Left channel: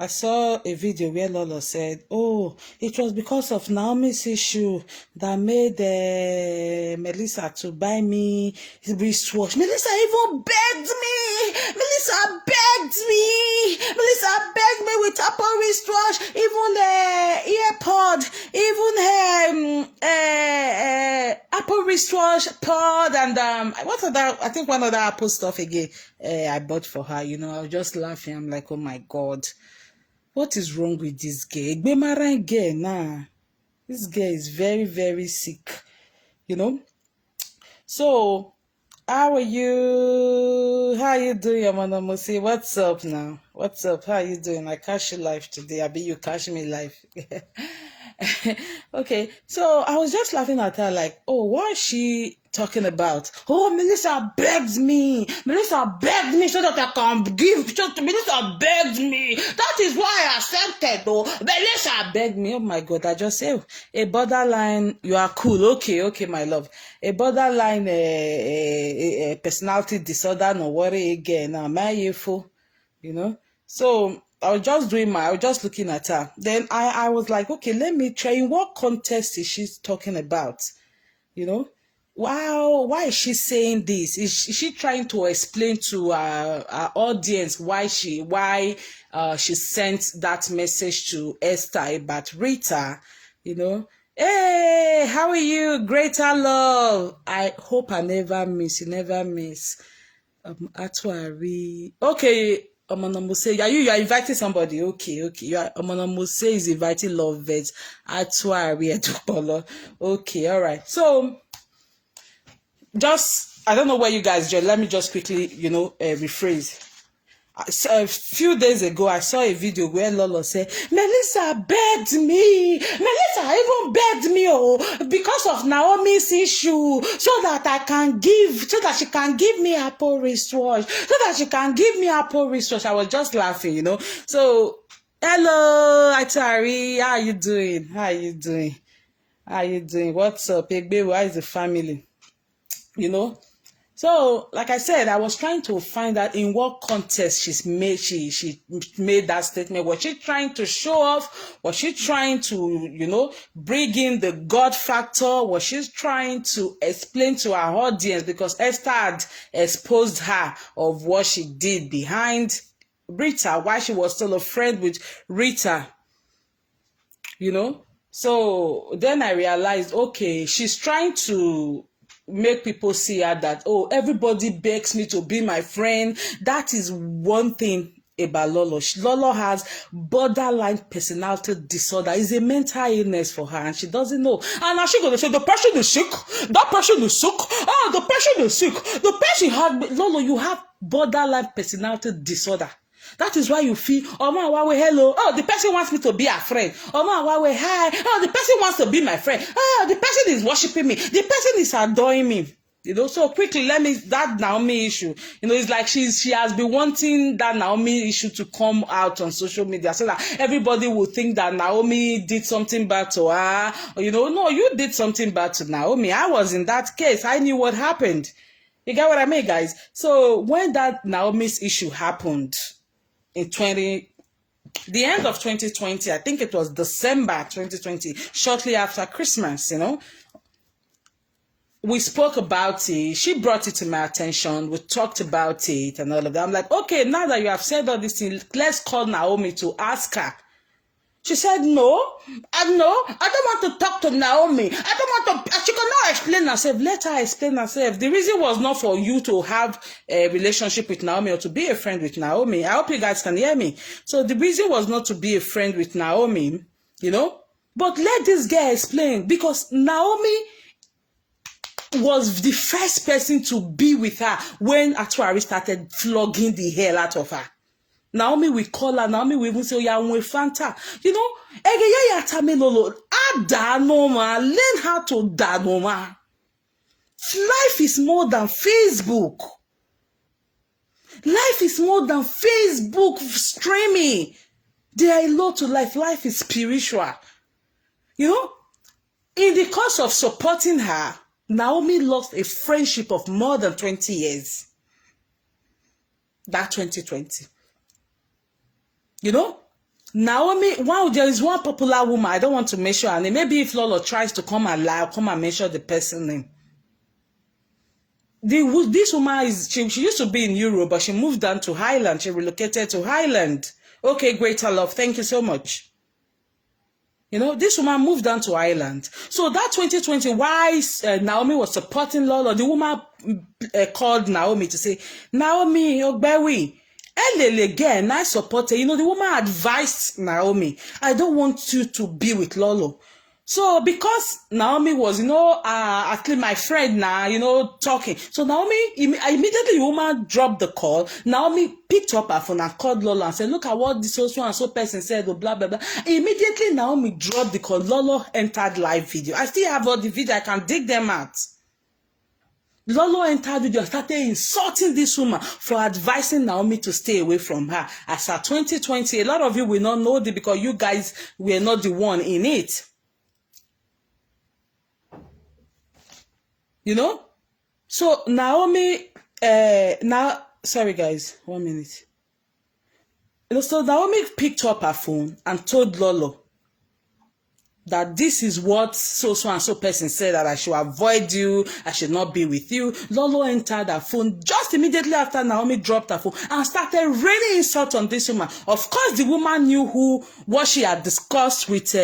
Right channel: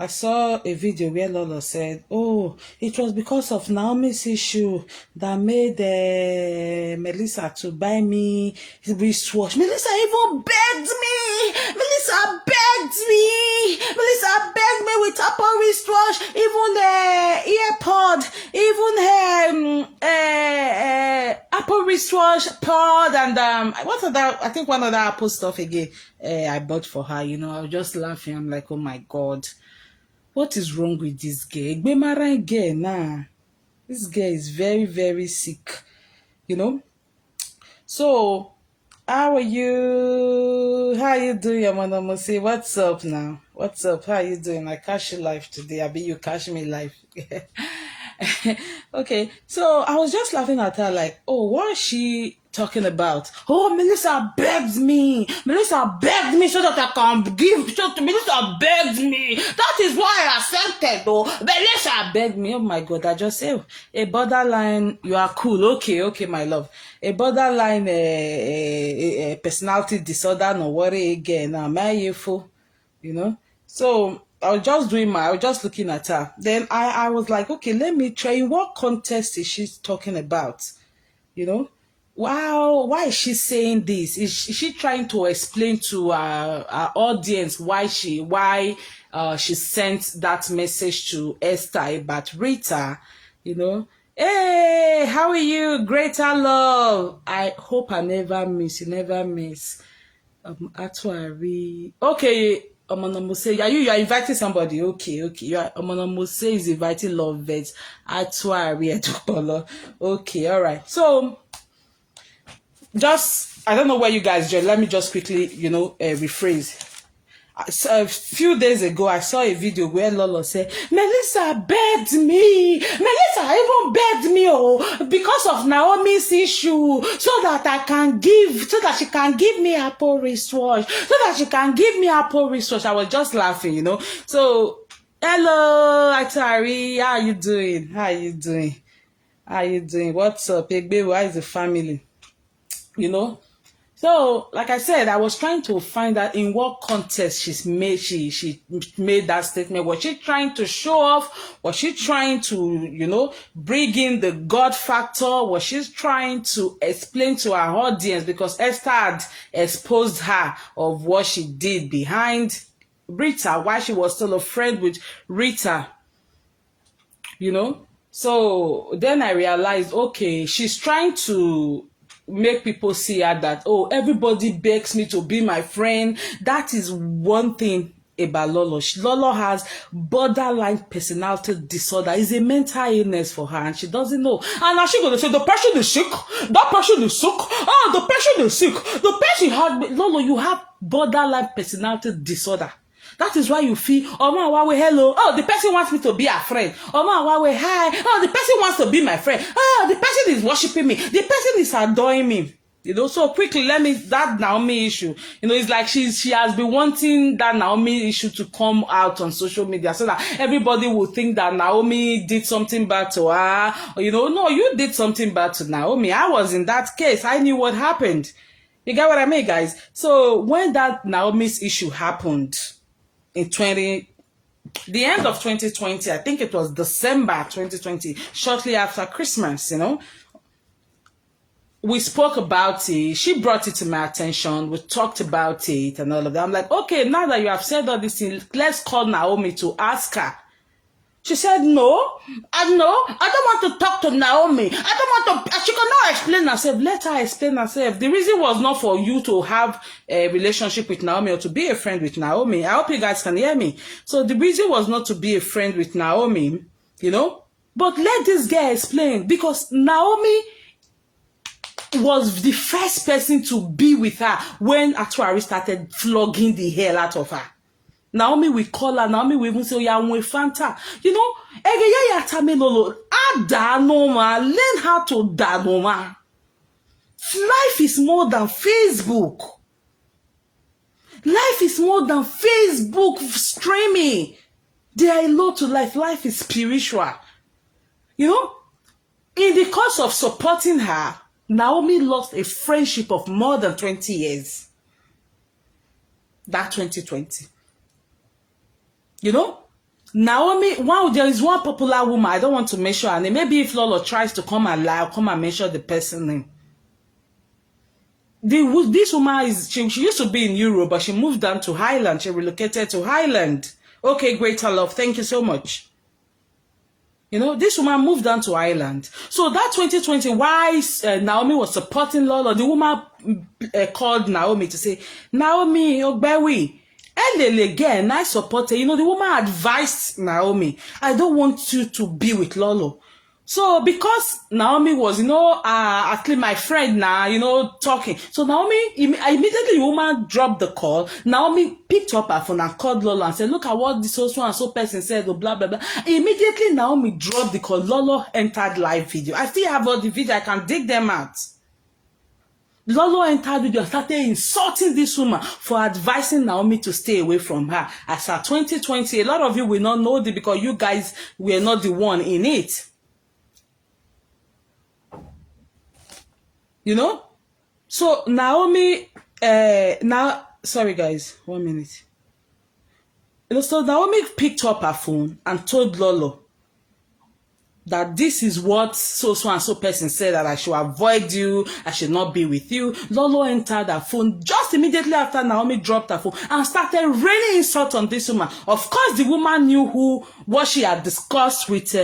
I saw a video where Lolo said, oh, it was because of Naomi's issue that made Melissa to buy me wristwatch. Melissa even begged me. Melissa begged me. Melissa begged me with Apple wristwatch, even earpod, even Apple wristwatch pod, and what other? I think one other Apple stuff again. I bought for her. You know, I was just laughing. I'm like, oh my God. What is wrong with this girl? This girl is very, very sick, you know. So, how are you? How are you doing, Amanamosi? What's up now? What's up? How are you doing? I catch you live today. I bet you catch me live. Okay, so I was just laughing at her like, oh, what is she talking about? Oh, Melissa begged me. Melissa begged me so that I can give. Melissa begged me. That is why I accepted, though. Melissa begged me. Oh my God, I just say, a borderline, you are cool. Okay, my love. A borderline personality disorder, no worry again. Am I you know? So I was just looking at her. Then I was like, okay, let me try. In what context is she talking about? You know? Wow, why is she saying this? Is she trying to explain to our audience why she sent that message to Esther about Rita? You know? Hey, how are you? Greater love. I hope I never miss. You never miss. Okay. Omonomose, you are inviting somebody. Okay. You are Omonomose is inviting love vets. Okay, all right. So I don't know where you guys join. Let me just quickly, rephrase. A few days ago, I saw a video where Lolo said, Melissa begged me. Melissa even begged me, because of Naomi's issue, so that she can give me Apple wristwatch, I was just laughing, So, hello, Atari. How you doing? What's up, Egbe? Why is the family? So, like I said, I was trying to find out in what context she made that statement. Was she trying to show off? Was she trying to, bring in the God factor? Was she trying to explain to our audience, because Esther had exposed her of what she did behind Rita, why she was still a friend with Rita, So then I realized, okay, she's trying to make people see her that, oh, everybody begs me to be my friend. That is one thing about Lolo. Lolo has borderline personality disorder. It's a mental illness for her, and she doesn't know. And now she's going to say, the person is sick. That person is sick. Oh, the person is sick. The person had, Lolo, you have borderline personality disorder. That is why you feel, hello. Oh, the person wants me to be a friend. Hi. Oh, the person wants to be my friend. Oh, the person is worshiping me. The person is adoring me. So quickly, that Naomi issue, it's like she has been wanting that Naomi issue to come out on social media so that everybody will think that Naomi did something bad to her. Or, no, you did something bad to Naomi. I was in that case. I knew what happened. You get what I mean, guys? So when that Naomi's issue happened, in the end of 2020, I think it was December 2020, shortly after Christmas, we spoke about it. She brought it to my attention. We talked about it and all of that. I'm like, okay, now that you have said all these things, let's call Naomi to ask her. She said, no, I don't want to talk to Naomi. I don't want to, she cannot explain herself. Let her explain herself. The reason was not for you to have a relationship with Naomi or to be a friend with Naomi. I hope you guys can hear me. So the reason was not to be a friend with Naomi, but let this girl explain, because Naomi was the first person to be with her when Atuari started flogging the hell out of her. Naomi will call her. Naomi will even say, Fanta. Learn how to danoma. Life is more than Facebook. Life is more than Facebook streaming. There are a lot to life. Life is spiritual. In the course of supporting her, Naomi lost a friendship of more than 20 years. That 2020. Naomi, wow, there is one popular woman, I don't want to mention her name. Maybe if Lolo tries to come and lie, I'll come and mention the person name. This woman is, she used to be in Europe, but she moved down to Highland. She relocated to Highland. Okay, greater love. Thank you so much. You know, this woman moved down to Ireland. So that 2020, why Naomi was supporting Lolo, the woman called Naomi to say, Naomi, Ogbewi, again, I support her. You know, the woman advised Naomi, I don't want you to be with Lolo. So because Naomi was, you know, actually my friend now, you know, talking. So Naomi, immediately the woman dropped the call. Naomi picked up her phone and called Lolo and said, look at what this so and so person said, blah, blah, blah. Immediately Naomi dropped the call. Lolo entered live video. I still have all the video. I can dig them out. Lolo entered video and started insulting this woman for advising Naomi to stay away from her. As for 2020, a lot of you will not know this because you guys were not the one in it. You know? So Naomi, sorry guys, 1 minute. So Naomi picked up her phone and told Lolo that this is what so and so person said, that I should avoid you, I should not be with you. Lolo entered her phone just immediately after Naomi dropped her phone and started raining insult on this woman. Of course, the woman knew what she had discussed with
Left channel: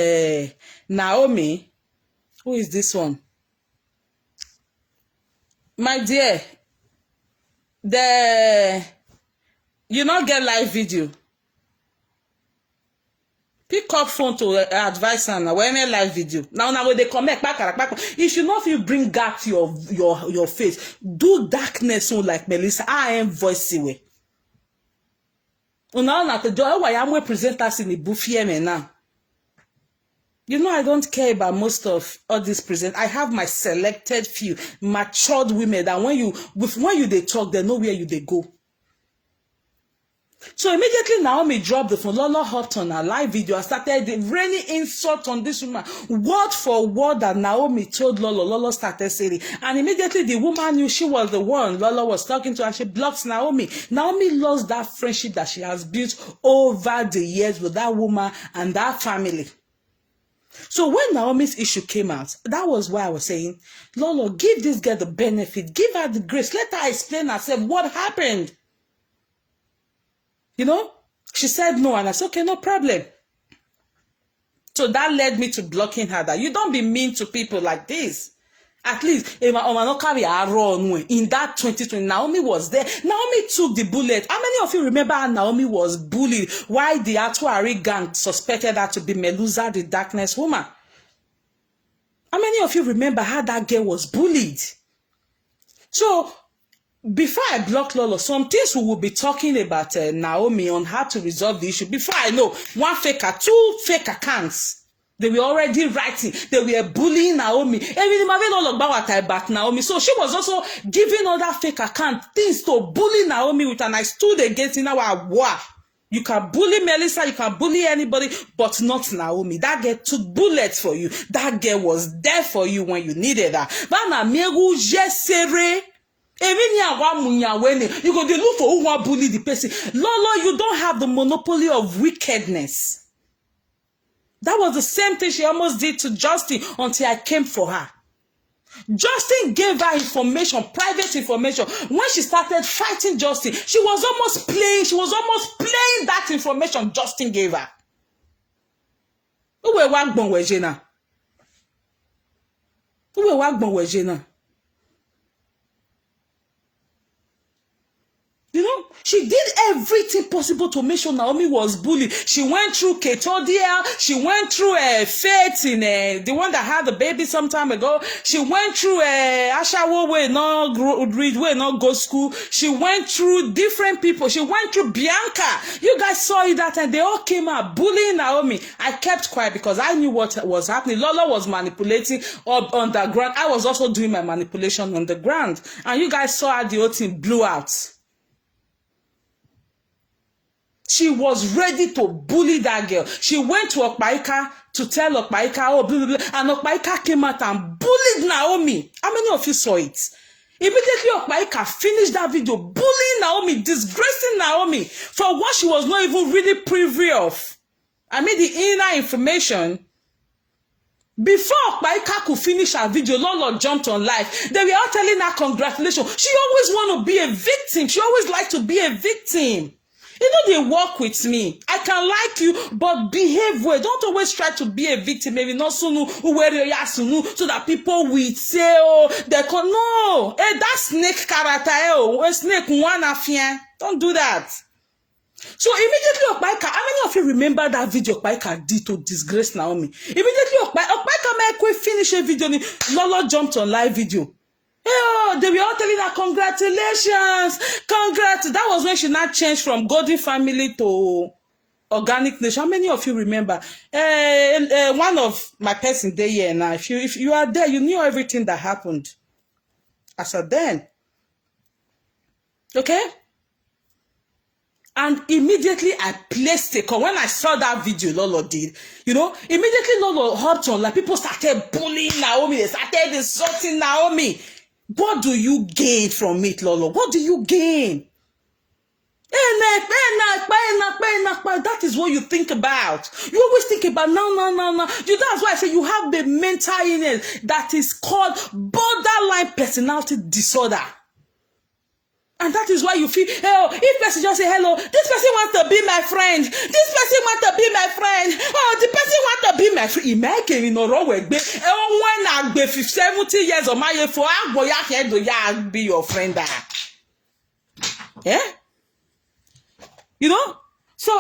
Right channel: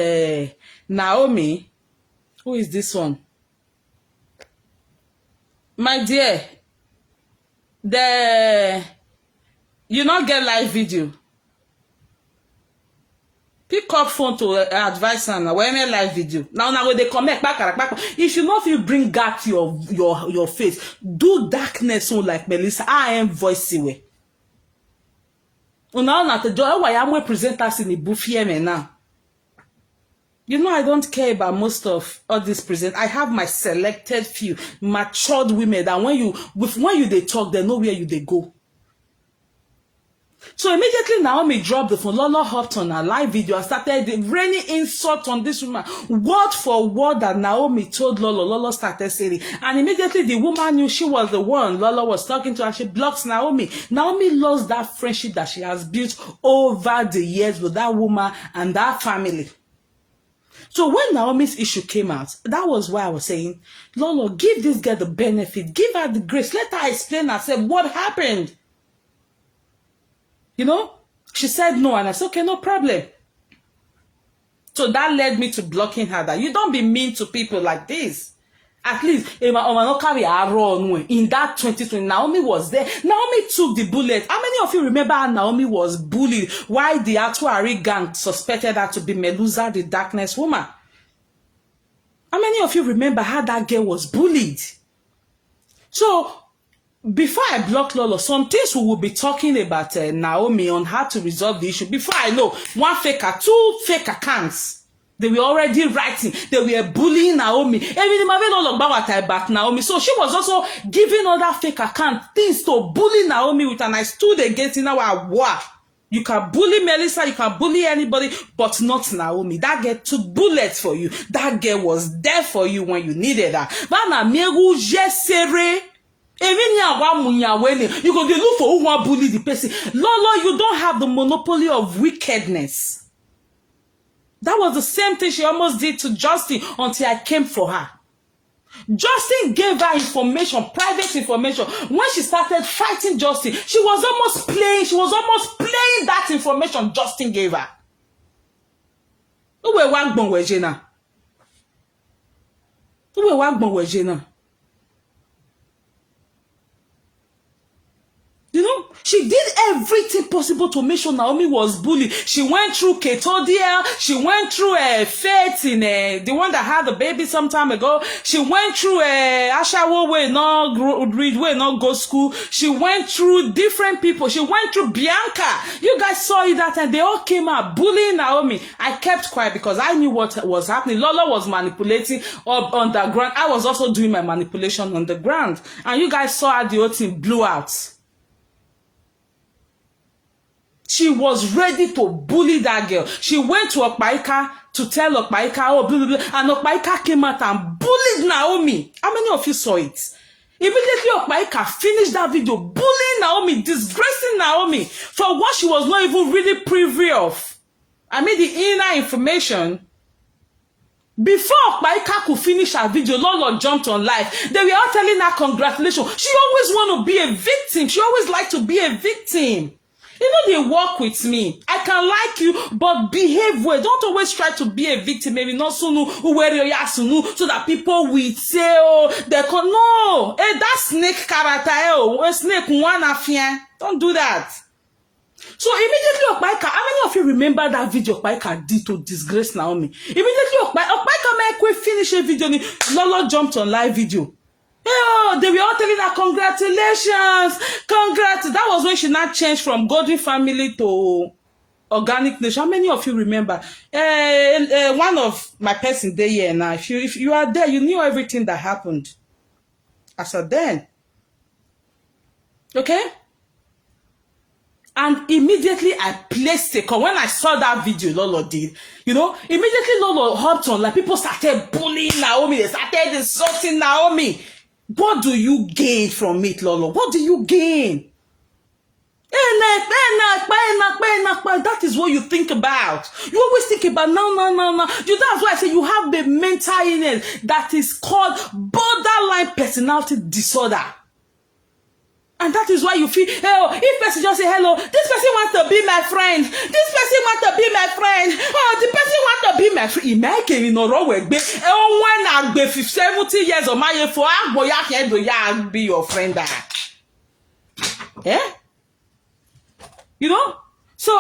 Naomi. Who is this one? My dear, you not get live video. Pick up phone to advise her now. When a live video. Now when they come back, if you know if you bring back your face, do darkness so like Melissa. I am voicey way. Now not the joy why I'm present us in the buffet now. You know, I don't care about most of all this present. I have my selected few matured women that when you they talk, they know where you they go. So immediately Naomi dropped the phone. Lolo hopped on her live video and started raining insult on this woman. Word for word that Naomi told Lolo, Lolo started saying. And immediately the woman knew she was the one Lolo was talking to, and she blocks Naomi. Naomi lost that friendship that she has built over the years with that woman and that family. So when Naomi's issue came out, that was why I was saying, Lolo, give this girl the benefit, give her the grace, let her explain herself what happened. You know, she said no, and I said, okay, no problem. So that led me to blocking her, that you don't be mean to people like this. At least, in that 2020, Naomi was there. Naomi took the bullet. How many of you remember how Naomi was bullied? Why the Atuari gang suspected her to be Melusa, the darkness woman? How many of you remember how that girl was bullied? So, before I block Lolo, some things we will be talking about Naomi on how to resolve the issue. Before I know, one faker, two fake accounts. They were already writing. They were bullying Naomi. About Naomi. So she was also giving other fake accounts things to bully Naomi with, and I stood against in our war. You can bully Melissa, you can bully anybody, but not Naomi. That girl took bullets for you. That girl was there for you when you needed her. You go to look for who want bully the person. Lolo, you don't have the monopoly of wickedness. That was the same thing she almost did to Justin until I came for her. Justin gave her information, private information. When she started fighting Justin, she was almost playing that information Justin gave her. Who were Wagbon Wejena? Who were Wagbon Wejena? You know, she did everything possible to make sure Naomi was bullied. She went through Ketodia. She went through Faith in the one that had the baby some time ago. She went through Ashawo way not read way not go school. She went through different people. She went through Bianca. You guys saw it that time. They all came out bullying Naomi. I kept quiet because I knew what was happening. Lola was manipulating up on the ground. I was also doing my manipulation on the ground. And you guys saw how the whole thing blew out. She was ready to bully that girl. She went to Okpaika to tell Okpaika, oh, blah, blah, blah, and Okpaika came out and bullied Naomi. How many of you saw it? Immediately, Okpaika finished that video bullying Naomi, disgracing Naomi for what she was not even really privy of. I mean the inner information. Before Paika could finish her video, Lolo jumped on live. They were all telling her congratulations. She always want to be a victim. She always like to be a victim. You know, they work with me. I can like you, but behave well. Don't always try to be a victim. Maybe not sunu, so that people will say, oh, they can. No. Hey, that snake character, oh, snake one affair. Don't do that. So immediately Okpaika, how many of you remember that video Okpaika did to disgrace Naomi? Immediately Okpaika made finish a video, Lolo jumped on live video. Oh, they were all telling her congratulations, congrats. That was when she now changed from Golden Family to Organic Nation. How many of you remember? One of my person there here now. If you are there, you knew everything that happened as of then. Okay? And immediately I placed a call. When I saw that video Lolo did, you know, immediately Lolo hopped on. Like people started bullying Naomi. They started insulting Naomi. What do you gain from it, Lolo? What do you gain? That is what you think about. You always think about no. That's why I say you have the mental illness that is called borderline personality disorder. And that is why you feel, oh, if person just say hello, this person wants to be my friend. This person wants to be my friend. Oh, the person wants to be my friend. Imagine you know wrong with when I be 70 years of my for I be your friend. Yeah? You know? So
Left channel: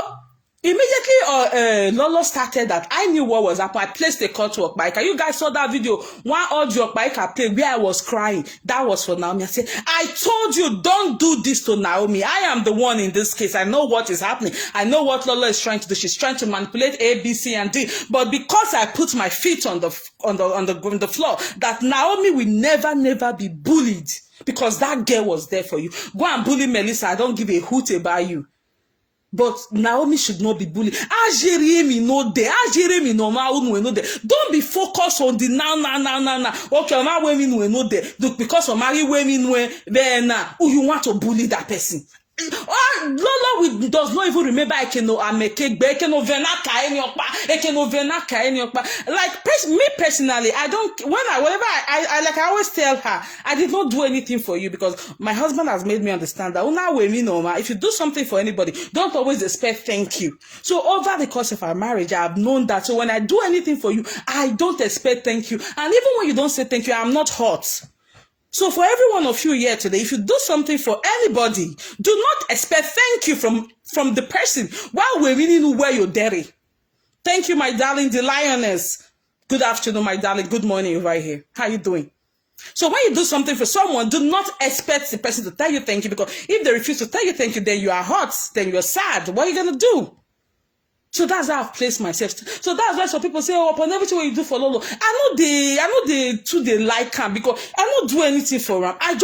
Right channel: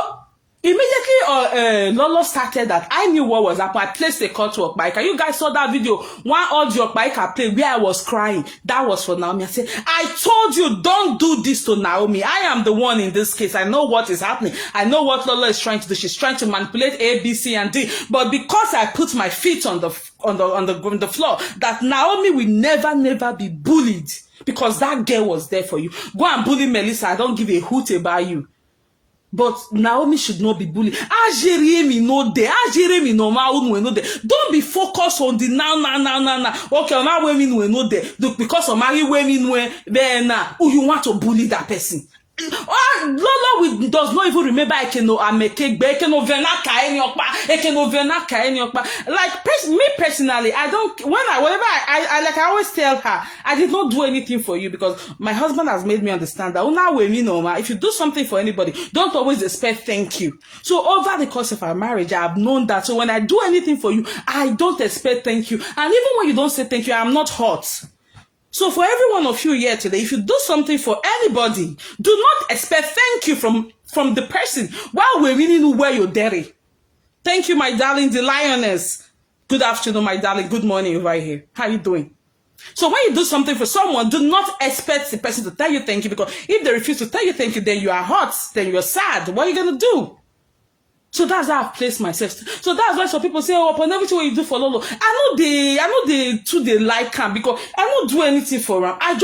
immediately Lolo started that. I knew what was happening. I placed a call to Okpaika. You guys saw that video. One audio Okpaika played where I was crying. That was for Naomi. I said, I told you, don't do this to Naomi. I am the one in this case. I know what is happening. I know what Lolo is trying to do. She's trying to manipulate A, B, C, and D. But because I put my feet on the floor, that Naomi will never be bullied. Because that girl was there for you. Go and bully Melissa. I don't give a hoot about you. But Naomi should not be bullied. Don't be focused on the now. Okay, now women will know there. Because of married women, then you want to bully that person. Lolo does not even remember like me personally, I don't I always tell her I did not do anything for you because my husband has made me understand that if you do something for anybody, don't always expect thank you. So over the course of our marriage, I have known that. So when I do anything for you, I don't expect thank you. And even when you don't say thank you, I'm not hurt. So for every one of you here today, if you do something for anybody, do not expect thank you from the person while we're really know where you're dirty. Thank you, my darling, the lioness. Good afternoon, my darling. Good morning right here. How you doing? So when you do something for someone, do not expect the person to tell you thank you, because if they refuse to tell you thank you, then you are hurt, then you're sad. What are you going to do? So that's how I've placed myself. So that's why some people say, oh, upon everything what you do for Lolo, I know they like him because I don't do anything for him. I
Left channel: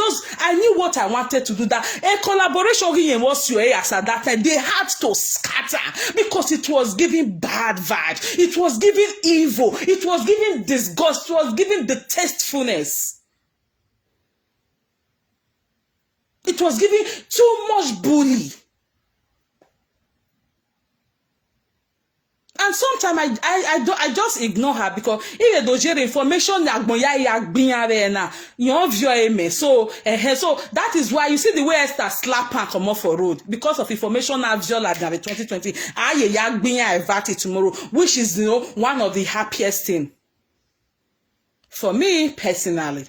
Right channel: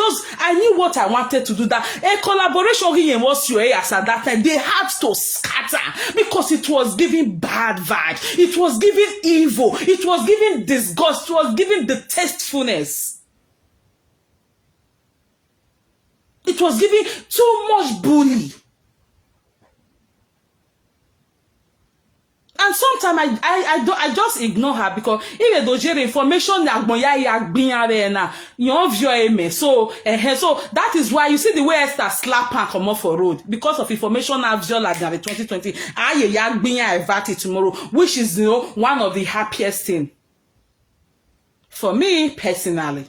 knew what I wanted to do. That a collaboration here was your ass at that time. They had to scatter because it was giving bad vibes. It was giving evil. It was giving disgust. It was giving detestfulness. It was giving too much bully. And sometimes I just ignore her because if they don't information so that is why you see the way Esther slap her come off for road because of information I've like the 2020 I tomorrow, which is one of the happiest thing for me personally.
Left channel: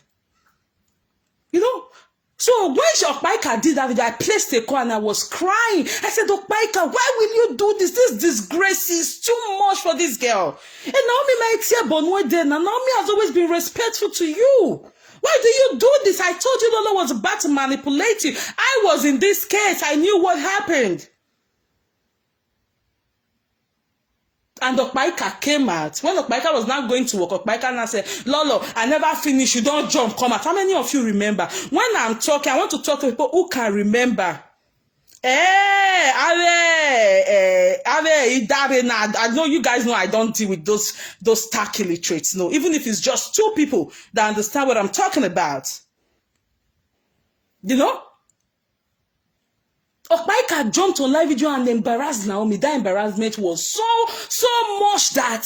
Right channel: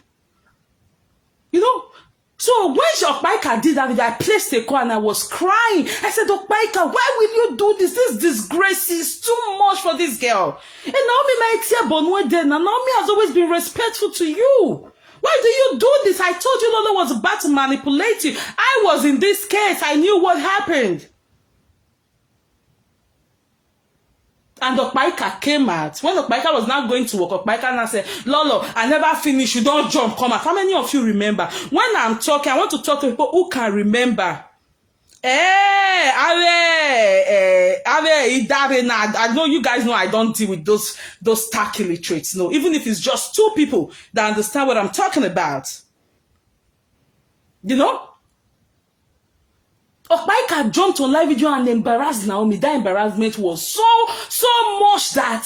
So when Okpaika did that video, I placed a call and I was crying. I said, Okpaika, why will you do this? This disgrace is too much for this girl. And Naomi has always been respectful to you. Why do you do this? I told you Lolo was about to manipulate you. I was in this case. I knew what happened. And Okpaika came out. When Okpaika was not going to work, Okpaika now said, Lolo, I never finished. You don't jump, come out. How many of you remember? When I'm talking, I want to talk to people who can remember. I know you guys know I don't deal with those tacky literates. No, even if it's just two people that understand what I'm talking about. Okpaika jumped on live video and embarrassed Naomi. That embarrassment was so much that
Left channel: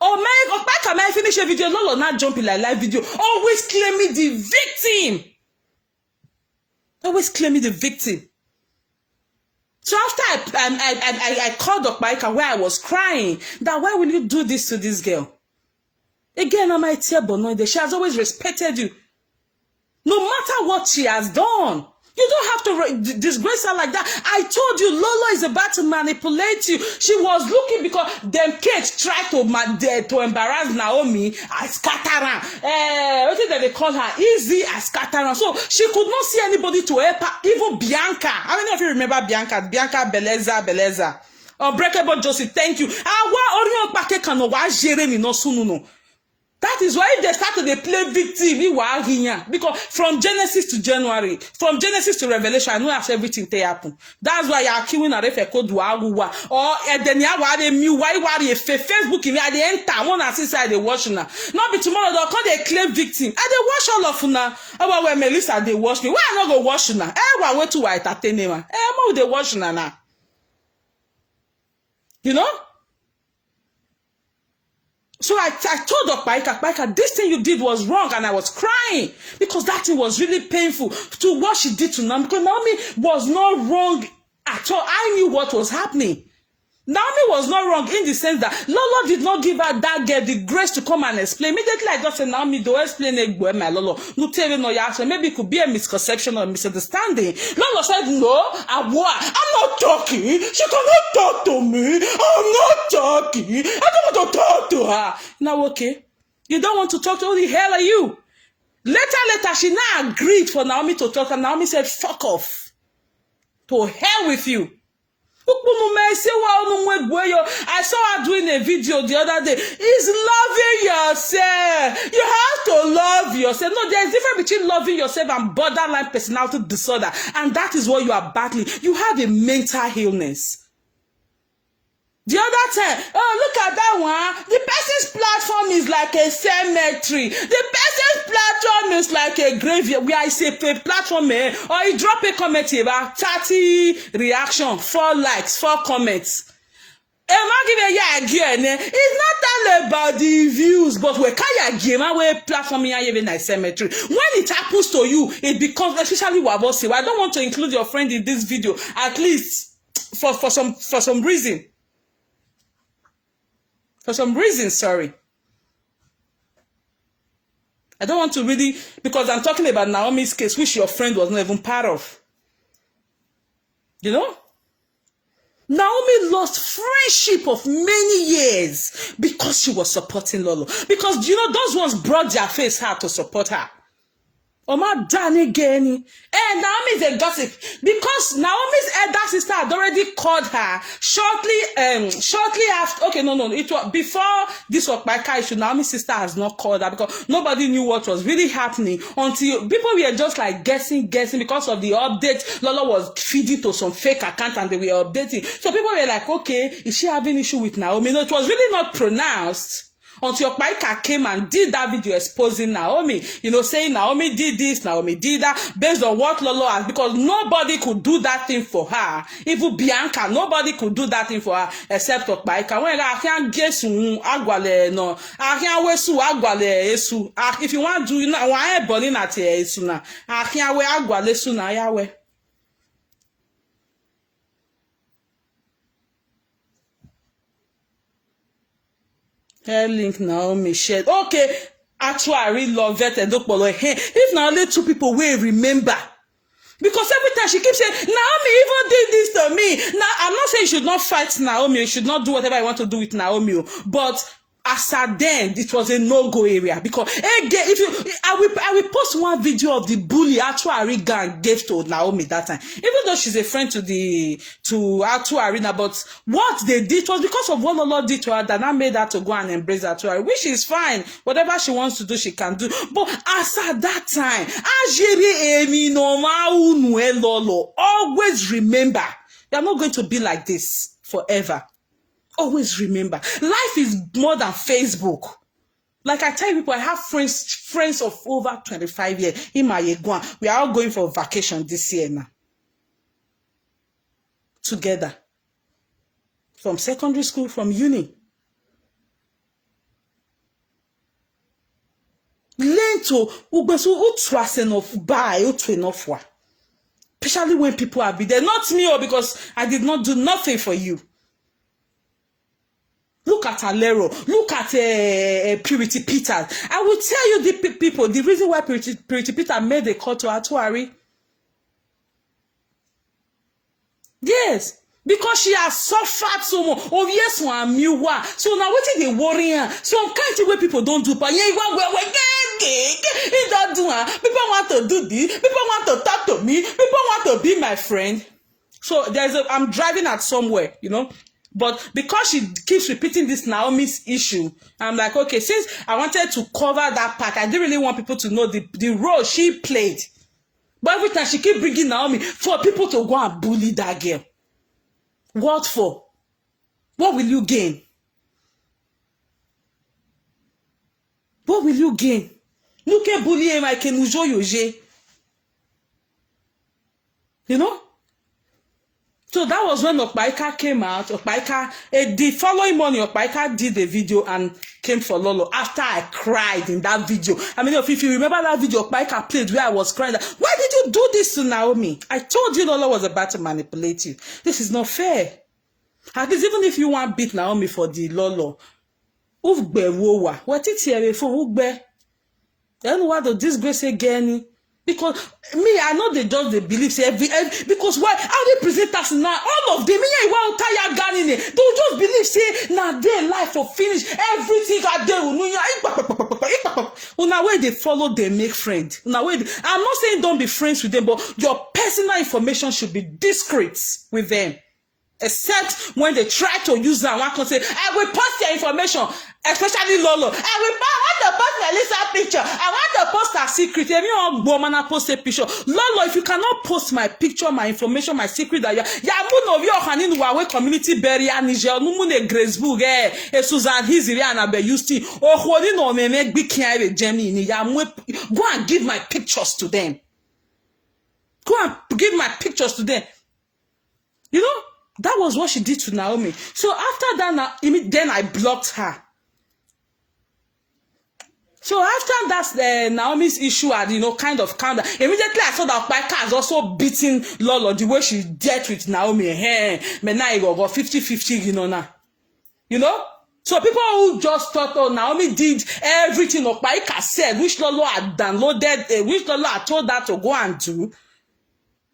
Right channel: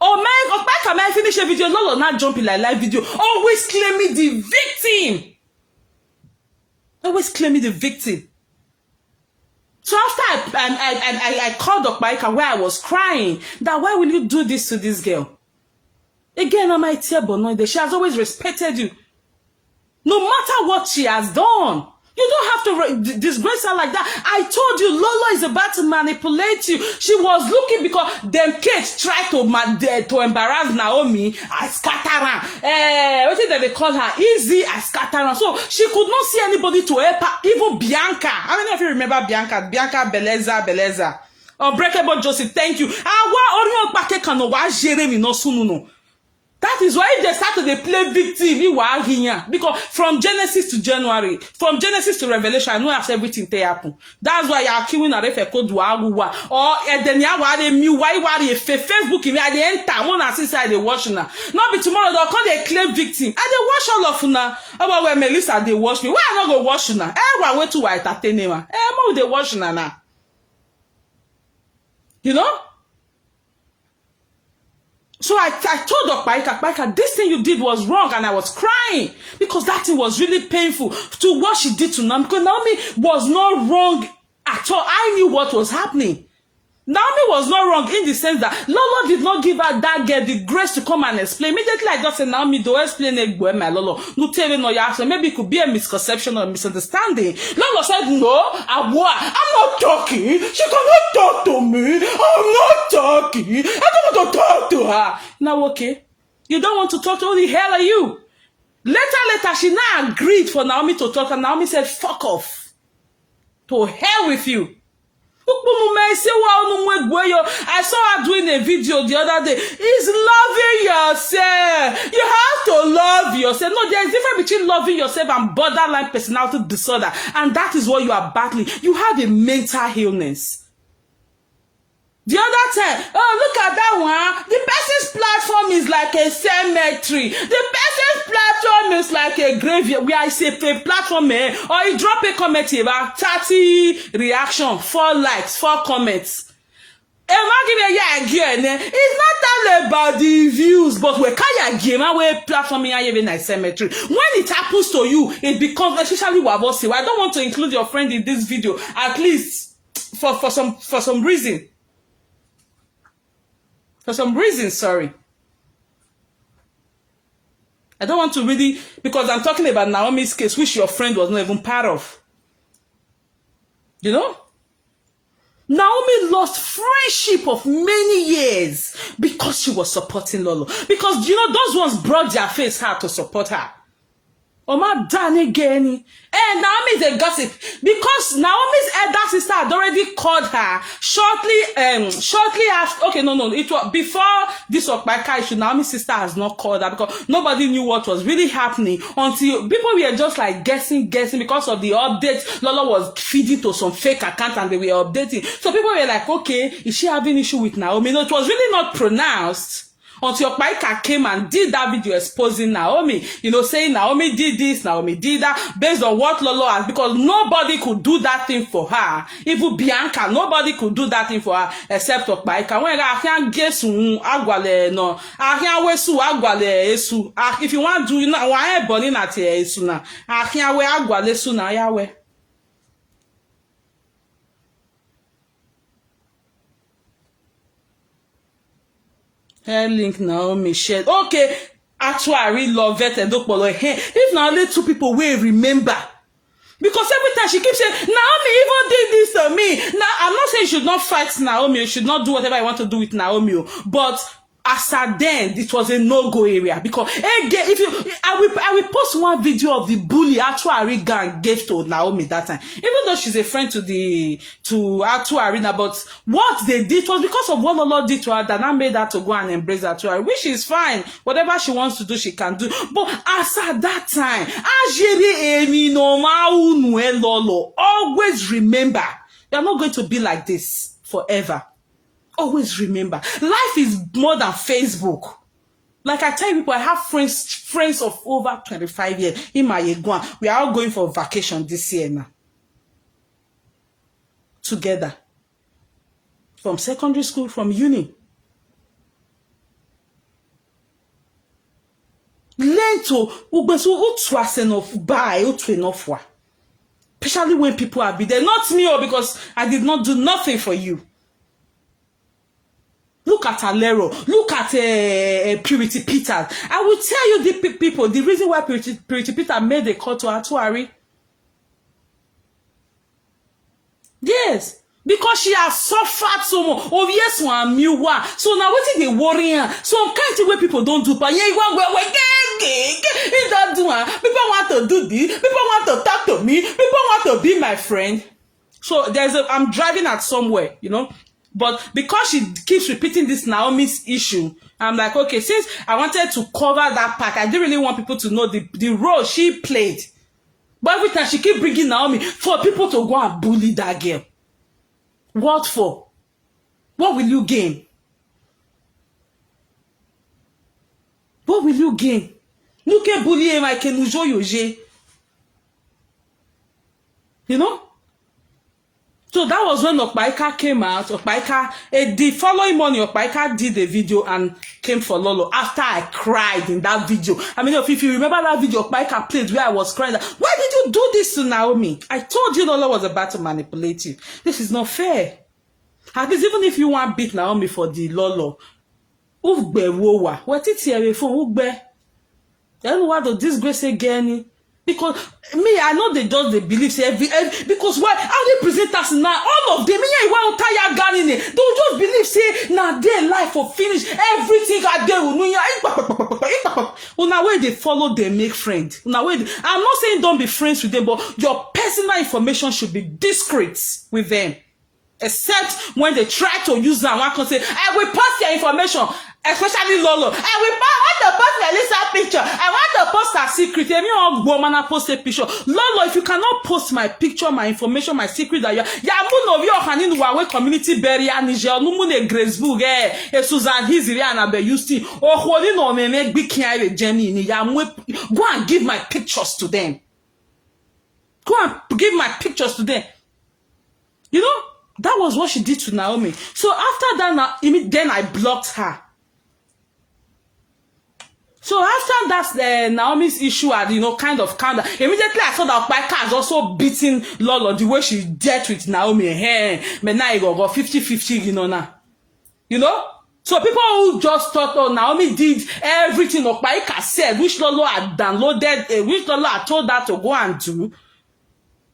Okpaika might finish a video, Lolo not jumping like live video, always claiming the victim. Always claiming the victim. So after I called Okpaika where I was crying, that why will you do this to this girl? Again, I might tell Bonoide, she has always respected you. No matter what she has done. You don't have to disgrace her like that. I told you, Lolo is about to manipulate you. She was looking because them kids tried to embarrass Naomi. I scatter her. What did they call her? Easy, I scatter her. So she could not see anybody to help her. Even Bianca. I don't know if you remember Bianca. Bianca Beleza. Unbreakable Joseph, thank you. That is why they started to play victim. Because from Genesis to January, from Genesis to Revelation, I know after everything they happen. That's why you are queuing a refe code or then you are new Facebook in me. They enter one assist they watch now. Not be tomorrow they'll call they claim victim. And they watch all of now. About when Melissa they watch me. Why I not go watch now? I wait to entertain them. How they watch now? You know? So I told Okpaika, this thing you did was wrong, and I was crying because that thing was really painful to what she did to Naomi. Because Naomi was not wrong at all. I knew what was happening. Naomi was not wrong in the sense that Lolo did not give her that girl the grace to come and explain. Immediately I just said, Naomi, don't explain it, my Lolo. No tell me no answer. Maybe it could be a misconception or misunderstanding. Lolo said, no, I'm not talking. She cannot talk to me. I'm not talking. I don't want to talk to her. Now, okay. You don't want to talk to her? Who the hell are you? Later, she now agreed for Naomi to talk, and Naomi said, fuck off. To hell with you. I saw her doing a video the other day. It's loving yourself. You have to love yourself. No, there's a difference between loving yourself and borderline personality disorder. And that is what you are battling. You have a mental illness. The other time, oh, look at that one. The person's platform is like a cemetery. The person's platform is like a graveyard. Where I say a platform, or you drop a comment here, 30 reaction, 4 likes, 4 comments. It's not all about the views, but we can't give away platform here even a cemetery. When it happens to you, it becomes, especially Wabose. I don't want to include your friend in this video, at least for some reason. For some reason, sorry. I don't want to really, because I'm talking about Naomi's case, which your friend was not even part of. You know? Naomi lost friendship of many years because she was supporting Lolo. Because, you know, those ones brought their face hard to support her. Oma Danny Geni. And Naomi is a gossip. Because Naomi's elder sister had already called her shortly after. Okay, no. It was before this Okpaika issue. Naomi's sister has not called her because nobody knew what was really happening until people were just like guessing because of the update. Lolo was feeding to some fake account and they were updating. So people were like, okay, is she having issue with Naomi? No, it was really not pronounced. Until Okpaika came and did that video exposing Naomi, you know, saying Naomi did this, Naomi did that, based on what Lolo has, because nobody could do that thing for her. Even Bianca, nobody could do that thing for her except Okpaika. When I can't guess agwale no, I can't wesu agwale esu. If you want to, you know, I ain't burning at esu na. I can't we agwale esu na yawe. Link Naomi shared. Okay, actually, I really love it. If now only 2 people will remember. Because every time she keeps saying, Naomi even did this to me. Now, I'm not saying you should not fight Naomi. You should not do whatever you want to do with Naomi. But as at then, it was a no-go area. Because if I will post one video of the bully Atu gang gave to Naomi that time. Even though she's a friend to Atu Arena, but what they did was because of what Lolo did to her that now made her to go and embrace Atu, which is fine. Whatever she wants to do, she can do. But as at that time, Lolo, always remember, you're not going to be like this forever. Always remember, life is more than Facebook. Like I tell people, I have friends of over 25 years in my Yeguan. We are all going for vacation this year now. together. From secondary school, from uni. Learn to especially when people are be there. Not me, because I did not do nothing for you. Look at Alero. Look at Purity Peter. I will tell you the people, the reason why Purity Peter made a call to Atuari. Yes. Because she has suffered so much. Oh, yes, one new one. So now what is the worry? Some kind of way people don't do, but yeah, you want don't do. People want to do this. People want to talk to me. People want to be my friend. So I'm driving at somewhere, you know. But because she keeps repeating this Naomi's issue, I'm like, okay, since I wanted to cover that part, I didn't really want people to know the role she played. But every time she keep bringing Naomi for people to go and bully that girl. What for? What will you gain? What will you gain? Look at bullying like Kenujo Yoje. You know? So that was when Okpaika came out. Okpaika, the following morning, Okpaika did a video and came for Lolo after I cried in that video. I mean, if you remember that video, Okpaika played where I was crying. Why did you do this to Naomi? I told you Lolo was about to manipulate you. This is not fair. At least even if you want to beat Naomi for the Lolo, Ugbe wowa. What it here for Ugbe? Then what the disgrace again? Because me, I know they believe say every because why how they present us now? All of them, me, I want to tire gun in it. Don't just believe say now their life for finish everything I do. Now where they follow, they make friends. Now where I'm not saying don't be friends with them, but your personal information should be discreet with them. Except when they try to use that one, can say, I will post your information, especially Lolo. I want to post Melissa picture. I want to post her secret. If you woman post a picture, Lolo, if you cannot post my picture, my information, my secret, that you of you can in Huawei community barrier Niger, no mune Gracebook, Susan Hiziri and Abe Yusti, or holding on me make big care Jenny. Go and give my pictures to them. Go and give my pictures to them. You know? That was what she did to Naomi. So after that, then I blocked her. So after that, Naomi's issue had, kind of calmed down. Immediately I saw that Okpaika has also beaten Lolo the way she dealt with Naomi. Hey, but now you got 50-50, now. So people who just thought, oh, Naomi did everything Okpaika said, which Lolo had downloaded, which Lolo had told her to go and do.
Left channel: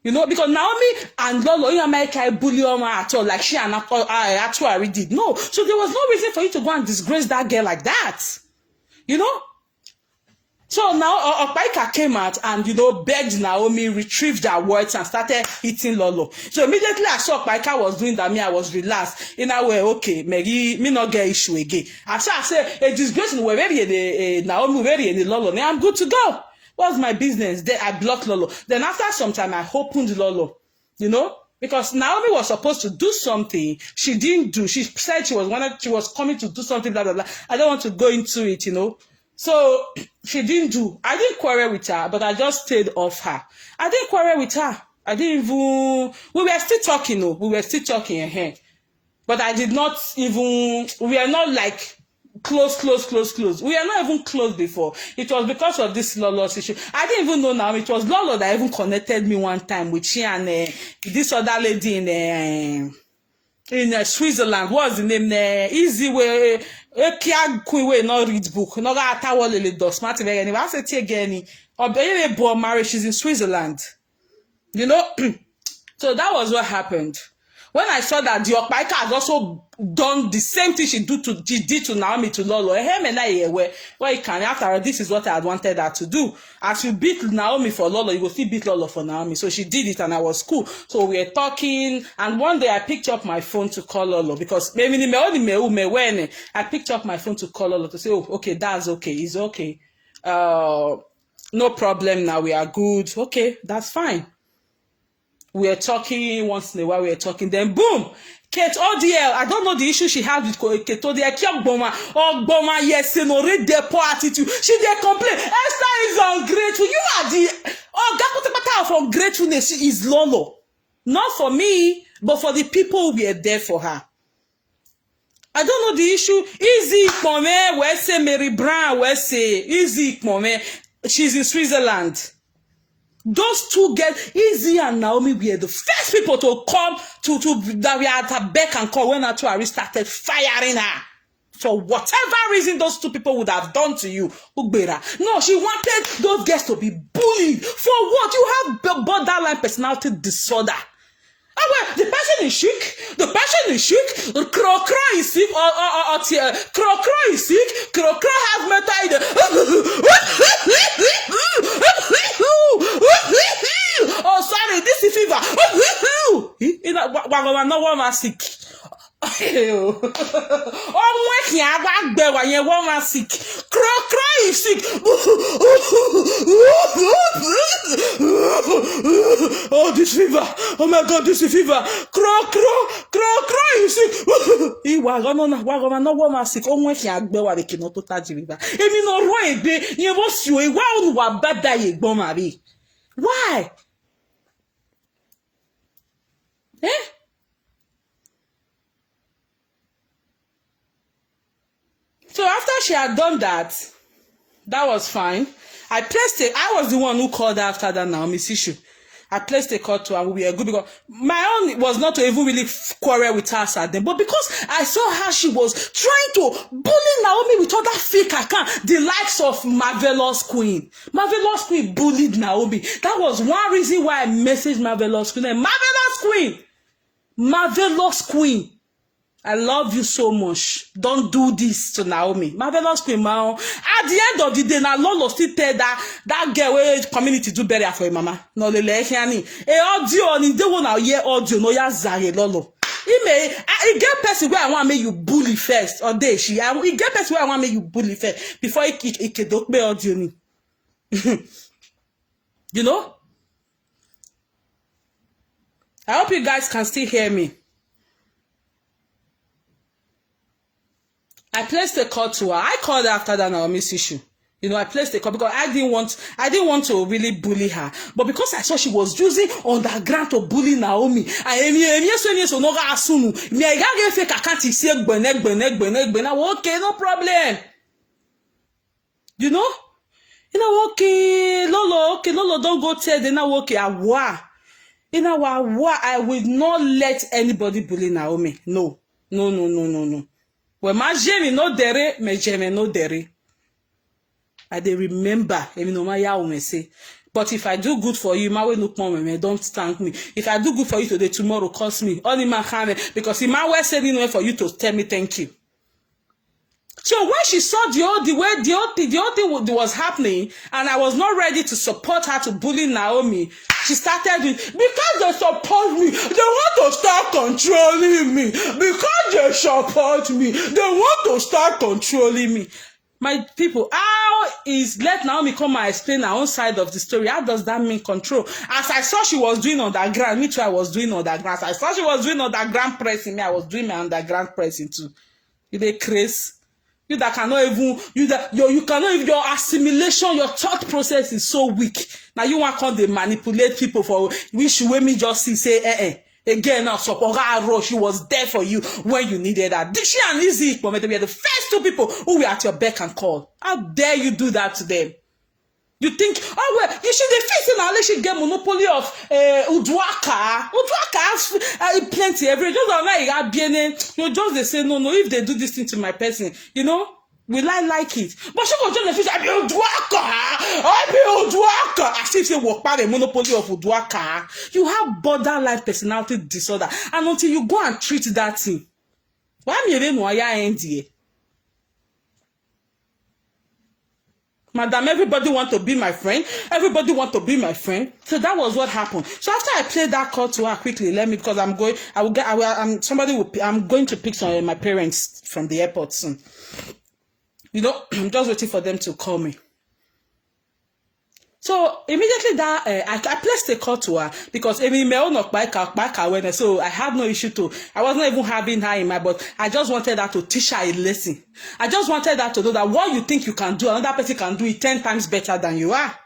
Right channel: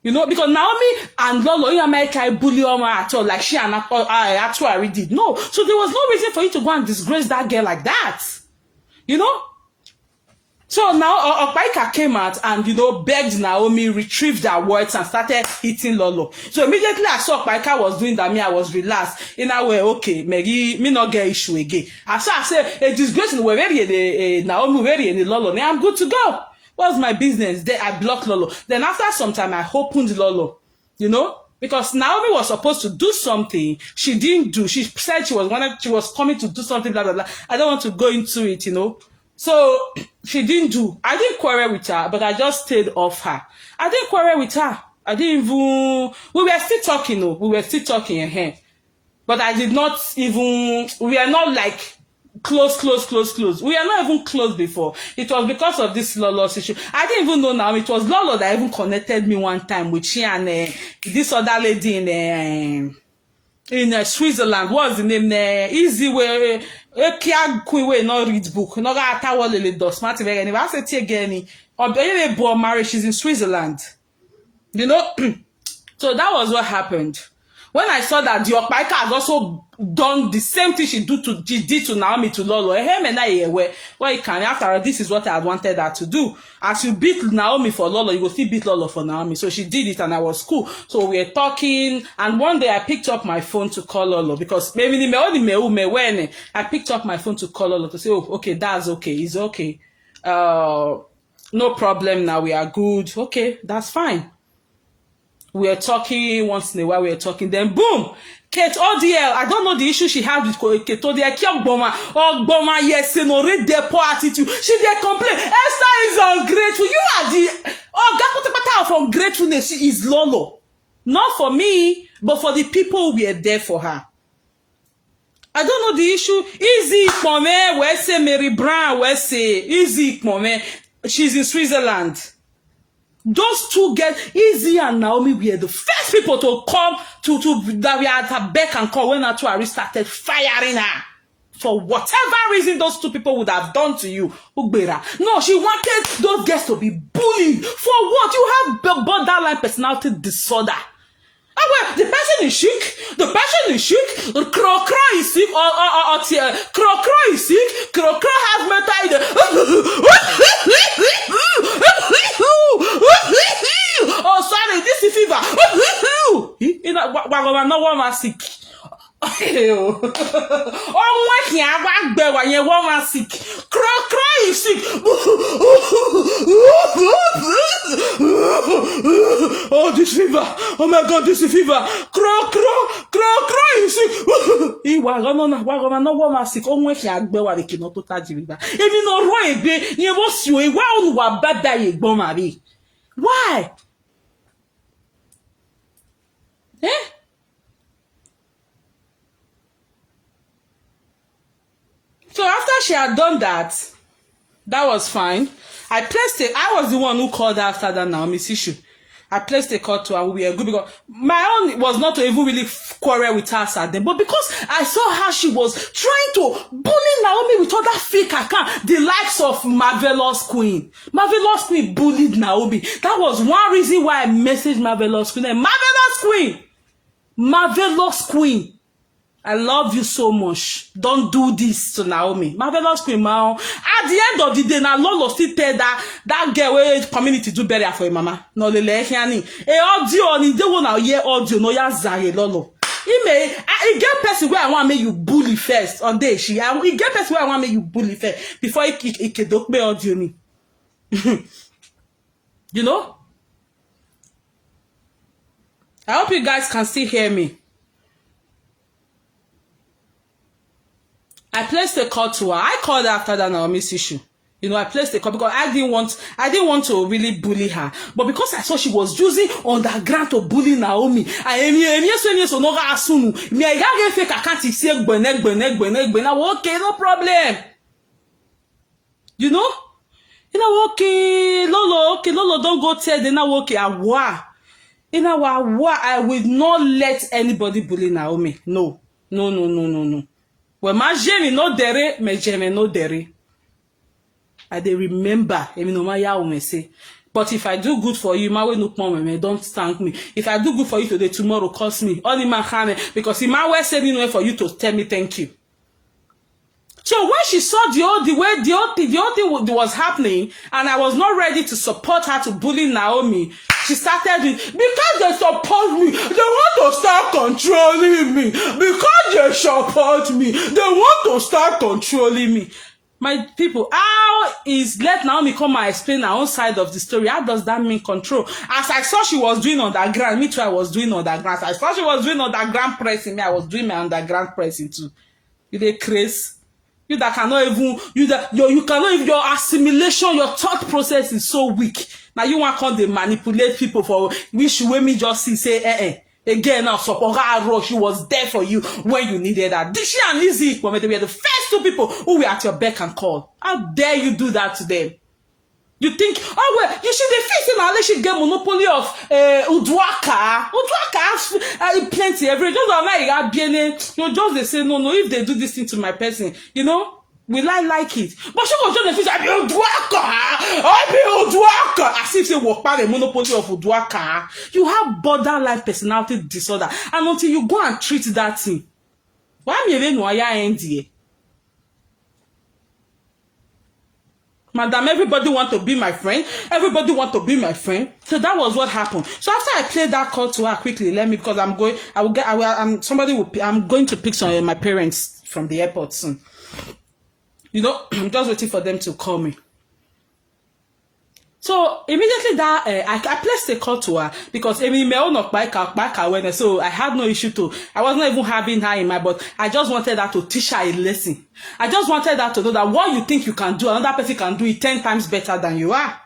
Because Naomi and Lolo in America bully her at all, like she and Atuari did. No. So there was no reason for you to go and disgrace that girl like that. So now Okpaika came out and, begged Naomi, retrieved her words and started hitting Lolo. So immediately I saw Okpaika was doing that, I was relaxed. In a way, okay, maybe me not get issue again. After I said, a disgrace in the Naomi, very in the Lolo, now I'm good to go. What's my business? Then I blocked Lolo. Then after some time, I opened Lolo, because Naomi was supposed to do something. She didn't do. She said she was coming to do something, blah, blah, blah. I don't want to go into it, So she didn't do. I didn't quarrel with her, but I just stayed off her. I didn't quarrel with her. I didn't even, we were still talking, we were still talking, but I did not even, we are not like, close. We are not even close before. It was because of this Lolo's issue. I didn't even know now. It was Lolo that even connected me one time with she and this other lady in Switzerland. What's the name? Easy way. Way not read book. Not that I want to do smart again. I said again. Or born marriage. She's in Switzerland. So that was what happened. When I saw that the Okpaika has also done the same thing she did to Naomi to Lolo, after this is what I had wanted her to do. As you beat Naomi for Lolo, you will still beat Lolo for Naomi. So she did it and I was cool. So we were talking and one day I picked up my phone to call Lolo because I picked up my phone to call Lolo to say, oh, okay, that's okay. It's okay. No problem now. We are good. Okay, that's fine. We are talking once in a while. We are talking. Then boom, Kate ODL. I don't know the issue she had with Kate ODL. Yes, read their poor attitude. She did complain. Esther is ungrateful. You are the that of ungratefulness is Lolo. Not for me, but for the people who were there for her. I don't know the issue. Easy for me. Where say Mary Brown? Where say easy for me? She's in Switzerland. Those two get Easy and Naomi were the first people to come to that we had her beck and call when her two started firing her. For whatever reason those two people would have done to you, Ugbera. No, she wanted those girls to be bullied. For what? You have borderline personality disorder. The person is sick. The person is sick. The crow is sick. Crow is sick. Crow has mental. Oh, sorry, this is fever. No one was sick. Oh, what can I do when you want to sick? Crow is sick. Oh, this fever. Oh my God, this is fever. Crow is sick. He was no one sick. Oh, what can I do when you cannot touch it? If you know why, you was you. Why bad that you go, Marie? Why? Eh? So after she had done that was fine. I was the one who called after that Naomi's issue. I placed a call to her. We were good because my own was not to even really quarrel with her at them, but because I saw how she was trying to bully Naomi with other fake account, the likes of Marvelous Queen. Marvelous Queen bullied Naomi. That was one reason why I messaged Marvelous Queen. Marvelous Queen! Marvelous Queen! I love you so much. Don't do this to Naomi. Marvelous Queen, man. At the end of the day, now Lolo still tell that girl where community do better for your mama. No, le hiani. Audio, ni de wona hear audio no ya zare Lolo. He get person where I want make you bully first. Or day she. He get person where I want make you bully first before he can dope me audio me. You know? I hope you guys can still hear me. I placed a call to her. I called her after that Naomi's issue. You know, I placed a call because I didn't want to really bully her. But because I saw she was using underground to bully Naomi, okay, no problem. You know, okay, Lolo, don't go tell them now, okay, I will not let anybody bully Naomi. No. Well, my Jamie no dere, my Jamie no dere. I dey remember, no matter what say. But if I do good for you, my way no come, don't thank me. If I do good for you today, tomorrow cost me. Only my hand, because in my way said anyway for you to tell me thank you. So when she saw the old thing was happening, and I was not ready to support her to bully Naomi, she started with, because they support me, they want to start controlling me. Because they support me, they want to start controlling me. My people, how is let Naomi come and explain her own side of the story? How does that mean control? As I saw she was doing underground, me too, I was doing underground. As I saw she was doing underground pressing, me, I was doing my underground pressing too. You dey crazy? You that cannot even, you cannot even, your assimilation, your thought process is so weak. Now you want to manipulate people for which way me just say, again, now support her, she was there for you when you needed her. She and Lizzie, they were the first two people who were at your beck and call. How dare you do that to them? You think, oh well, you should be facing unless you get monopoly of Udwaka. Udwaka has plenty every just you just they say no, if they do this thing to my person, you know, will I like it? But she was just the I be Udwaka. As if they walk by the monopoly of Udwaka. You have borderline personality disorder, and until you go and treat that thing, why me they know ya NDA? Madam, everybody want to be my friend. Everybody want to be my friend. So that was what happened. So after I played that call to her quickly, because I'm going to pick some of my parents from the airport soon. You know, I'm just waiting for them to call me. So immediately that I placed a call to her because so I had no issue to. I was not even having her in my, but I just wanted her to teach her a lesson. I just wanted her to know that what you think you can do, another person can do it 10 times better than you are,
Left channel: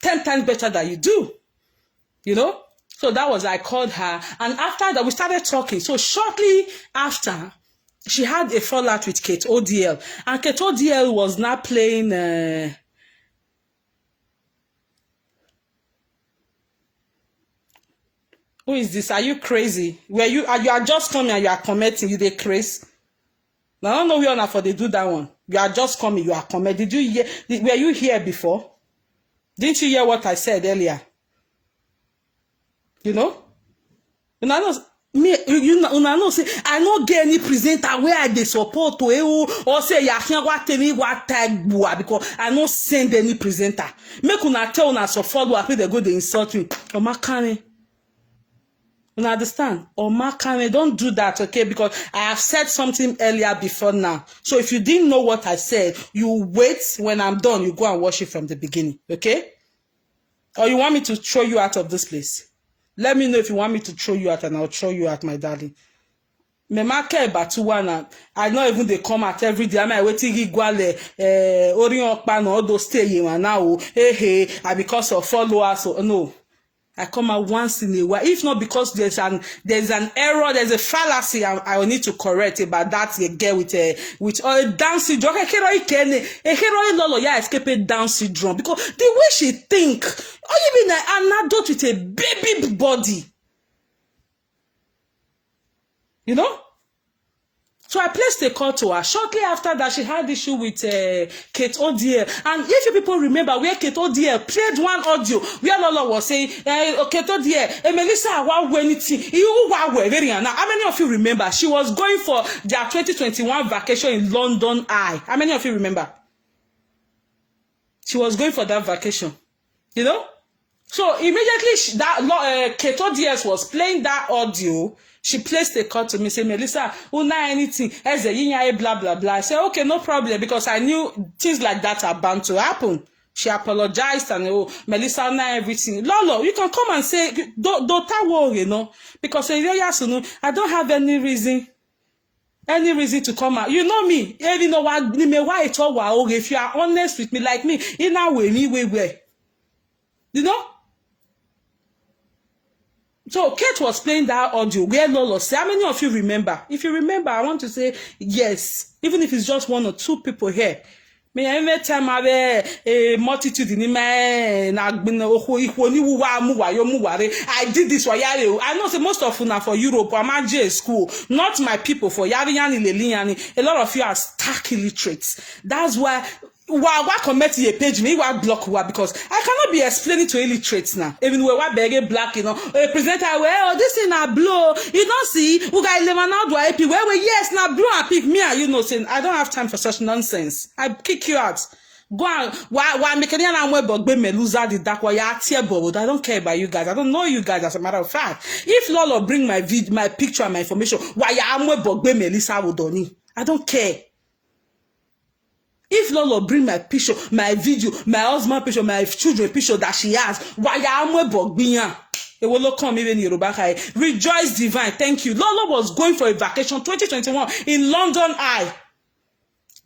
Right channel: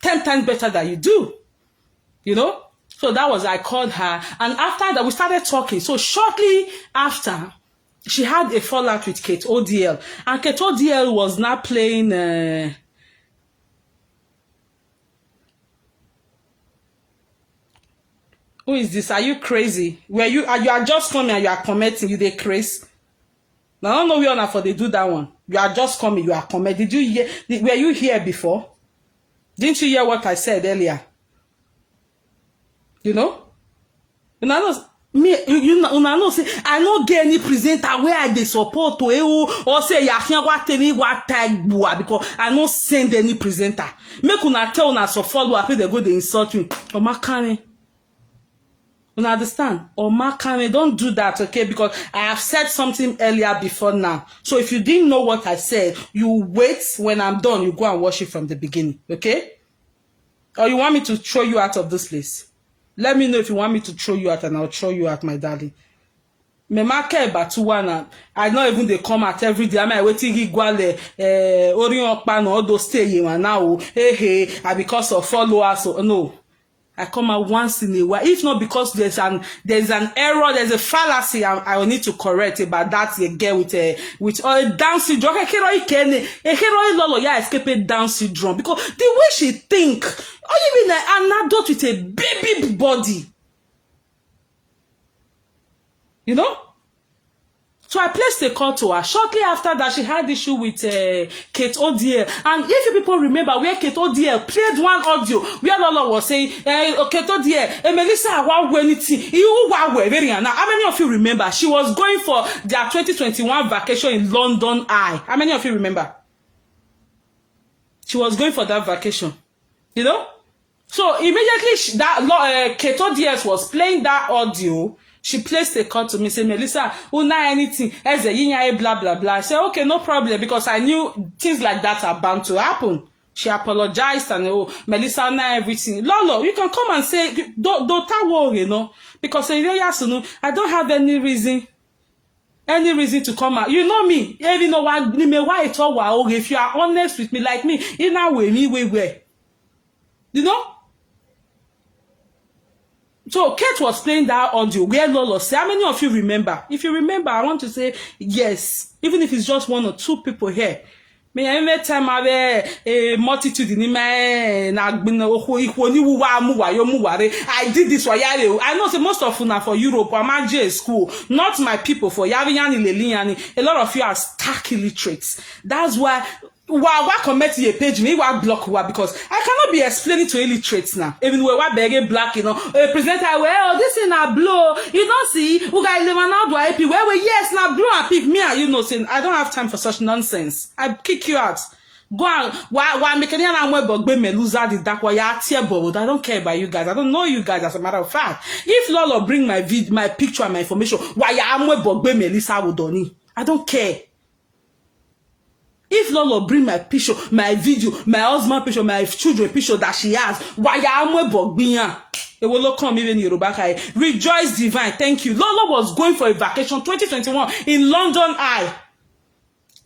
10 times better than you do. You know. So that was, I called her. And after that, we started talking. So shortly after, she had a fallout with Kate ODL. And Kate ODL was not playing... who is this? Are you crazy? You are just coming and you are commenting. You they crazy. I don't know where for they do that one. You are just coming. You are commenting. Did you hear? Were you here before? Didn't you hear what I said earlier? You know? And I know say I no get any presenter where I dey support to or say ya can what any what tag because I no send any presenter. Make una tell una so follow up they go they insult me. Omakane. You understand? Omakane, don't do that, okay? Because I have said something earlier before now. So if you didn't know what I said, you wait when I'm done, you go and watch it from the beginning, okay? Or you want me to throw you out of this place? Let me know if you want me to throw you out and I'll throw you out, my darling. I know even they come out every day. I'm waiting all those stay now. Hey, because of followers. So no. I come out once in a while. If not because there's an error, there's a fallacy I will need to correct about that girl with Down syndrome. Lolo, yeah, escape Down syndrome because the way she think, or even an adult with a baby body, you know. So I placed a call to her. Shortly after that, she had issue with Kate ODL. And if you people remember where Kate ODL played one audio, where Lolo was saying, Kate ODL, Melissa, I want anything. How many of you remember? She was going for their 2021 vacation in London Eye. How many of you remember? She was going for that vacation. You know? So immediately, Kate ODL was playing that audio. She placed a call to me, say, Melissa, una anything, as a blah, blah, blah. I said, okay, no problem, because I knew things like that are bound to happen. She apologized and, Melissa, una everything. Lolo, you can come and say, don't worry, you know, because I don't have any reason to come out. You know me, even though if you are honest with me, like me, in a way, you know? So Kate was playing that audio where Lolo said, how many of you remember? If you remember, I want to say yes, even if it's just one or two people here. Me every time I have a multitude in me, I did this for Yari. I know most of you are for Europe. I'm at J school, not my people for Yari Leliani. A lot of you are stark illiterates. That's why. Why comment a page me? Why block? Why? Because I cannot be explaining to illiterates now. Even when we're begging black, you know, a presenter, well, this is not blue. You don't see, who guy never know do I pick? Well, yes, now blue I pick me. You know, saying I don't have time for such nonsense. I kick you out. Go on. Why making an web me loser the dark why I don't care about you guys. I don't know you guys as a matter of fact. If Lolo bring my picture and my information, why I'm web me Lisa Wodoni. I don't care. If Lolo bring my picture, my video, my husband picture, my children picture that she has, why am I bogbiya? It will come even Yoruba. Rejoice divine, thank you. Lolo was going for a vacation 2021 in London Eye.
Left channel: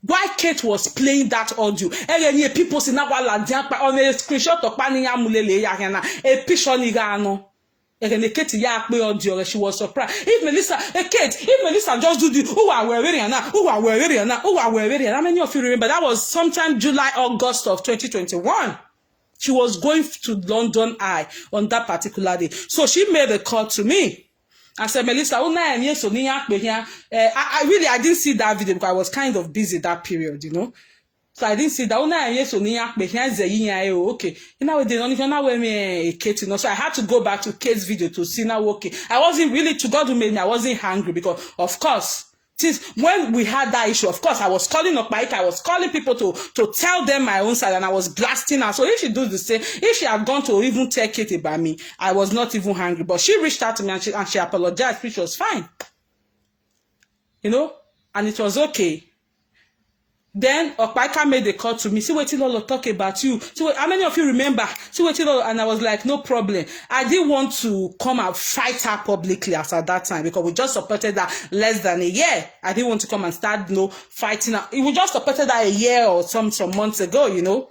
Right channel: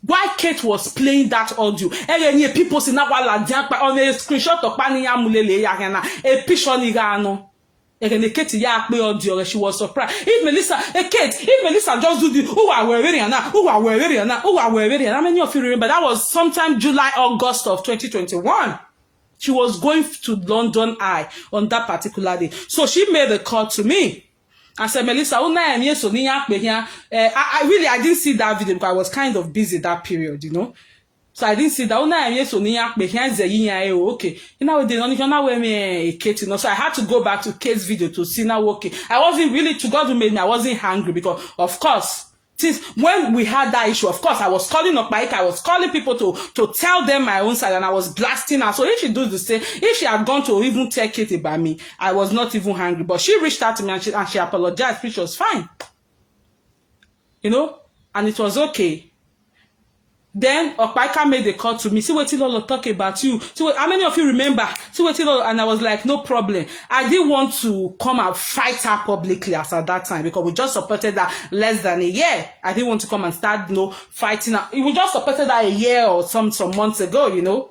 Why Kate was playing that audio? And people say now on a screenshot of Paniya Mulele a picture ni she was surprised. If Melissa just do the who are wearing how many of you remember that was sometime July, August of 2021? She was going to London Eye on that particular day. So she made a call to me. I said, Melissa, I didn't see that video because I was kind of busy that period, you know. So I didn't see that. Okay. You know, they don't wear me Kate, you know. So I had to go back to Kate's video to see now. Okay. I wasn't really, to God who made me, I wasn't hungry because, of course, since when we had that issue, of course, I was calling up Mike, I was calling people to tell them my own side, and I was blasting her. So if she does the same, if she had gone to even tell Kate about me, I was not even hungry. But she reached out to me and she apologized, which was fine. You know, and it was okay. Then Opaika made a call to me. See what Lolo talk about you. See how many of you remember? See what Lolo, and I was like, no problem. I didn't want to come and fight her publicly as at that time because we just supported her less than a year. I didn't want to come and start, you know, fighting her. We just supported her a year or some months ago, you know.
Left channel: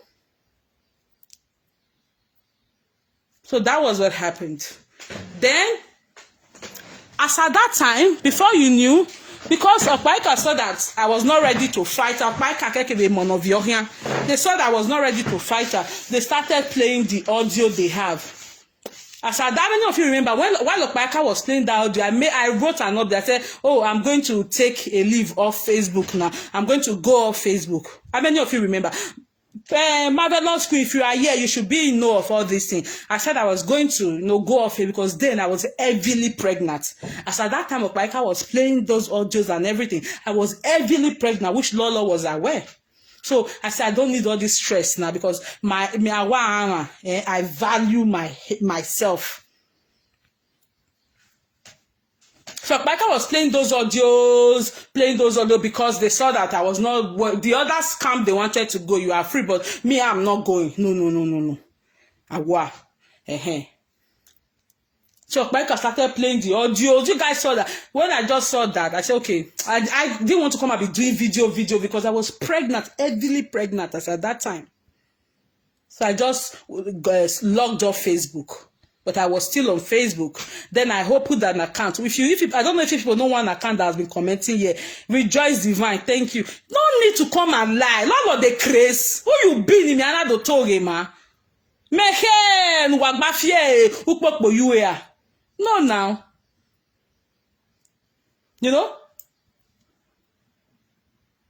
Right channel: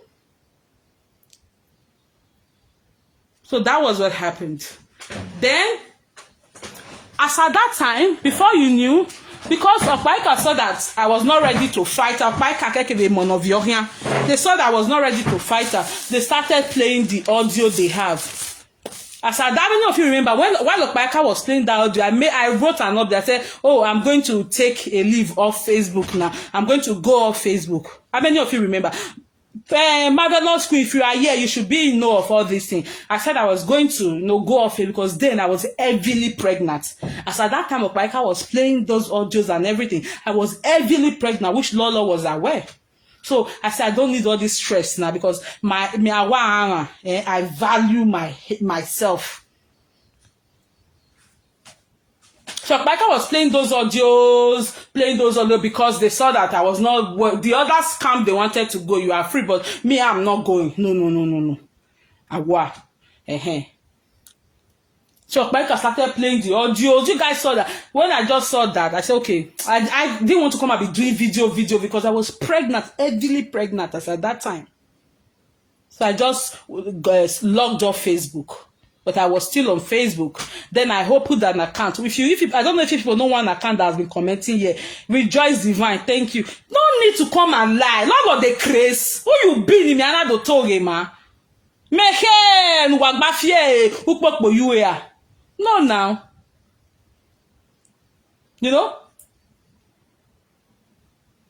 So that was what happened. Then, as at that time, before you knew, because Opaika saw that I was not ready to fight her, they saw that I was not ready to fight her. They started playing the audio they have. As I many of you remember, while Opaika was playing that audio, I wrote an update. I said, oh, I'm going to take a leave off Facebook now. I'm going to go off Facebook. How many of you remember? Marvelous Queen, if you are here, you should be in know of all these things. I said I was going to go off it because then I was heavily pregnant. As at that time, Opaika was playing those audios and everything. I was heavily pregnant, which Lolo was aware. So I said, I don't need all this stress now because I value myself. So Opaika was playing those audios because they saw that I was not, well, the other scam they wanted to go, you are free, but me, I'm not going. No. Awa. So Opaika started playing the audios. You guys saw that. When I just saw that, I said, okay, I didn't want to come and be doing video because I was pregnant, heavily pregnant as at that time. So I just logged off Facebook. But I was still on Facebook. Then I opened an account. If I don't know if people know one account that has been commenting here. Rejoice Divine, thank you. No need to come and lie. Lord of the craze. Who you been in me? I don't tell you, man. Mehen wagbafie ukpokpo you here. No now. You know?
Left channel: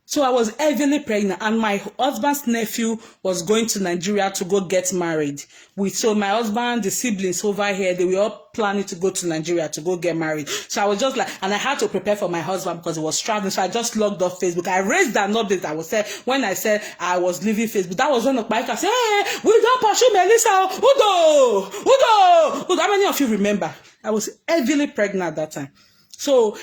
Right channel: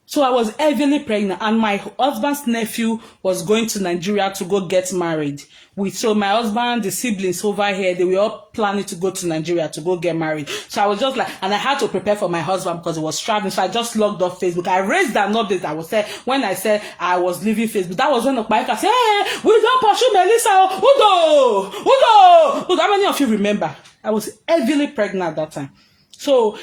So I was heavily pregnant, and my husband's nephew was going to Nigeria to go get married. So my husband, the siblings over here, they were all planning to go to Nigeria to go get married. So I was just like, and I had to prepare for my husband because he was traveling. So I just logged off Facebook. I raised that update. I was saying when I said I was leaving Facebook. That was when Opaika said, hey, we don't pursue Melissa. Udo. How many of you remember? I was heavily pregnant at that time. So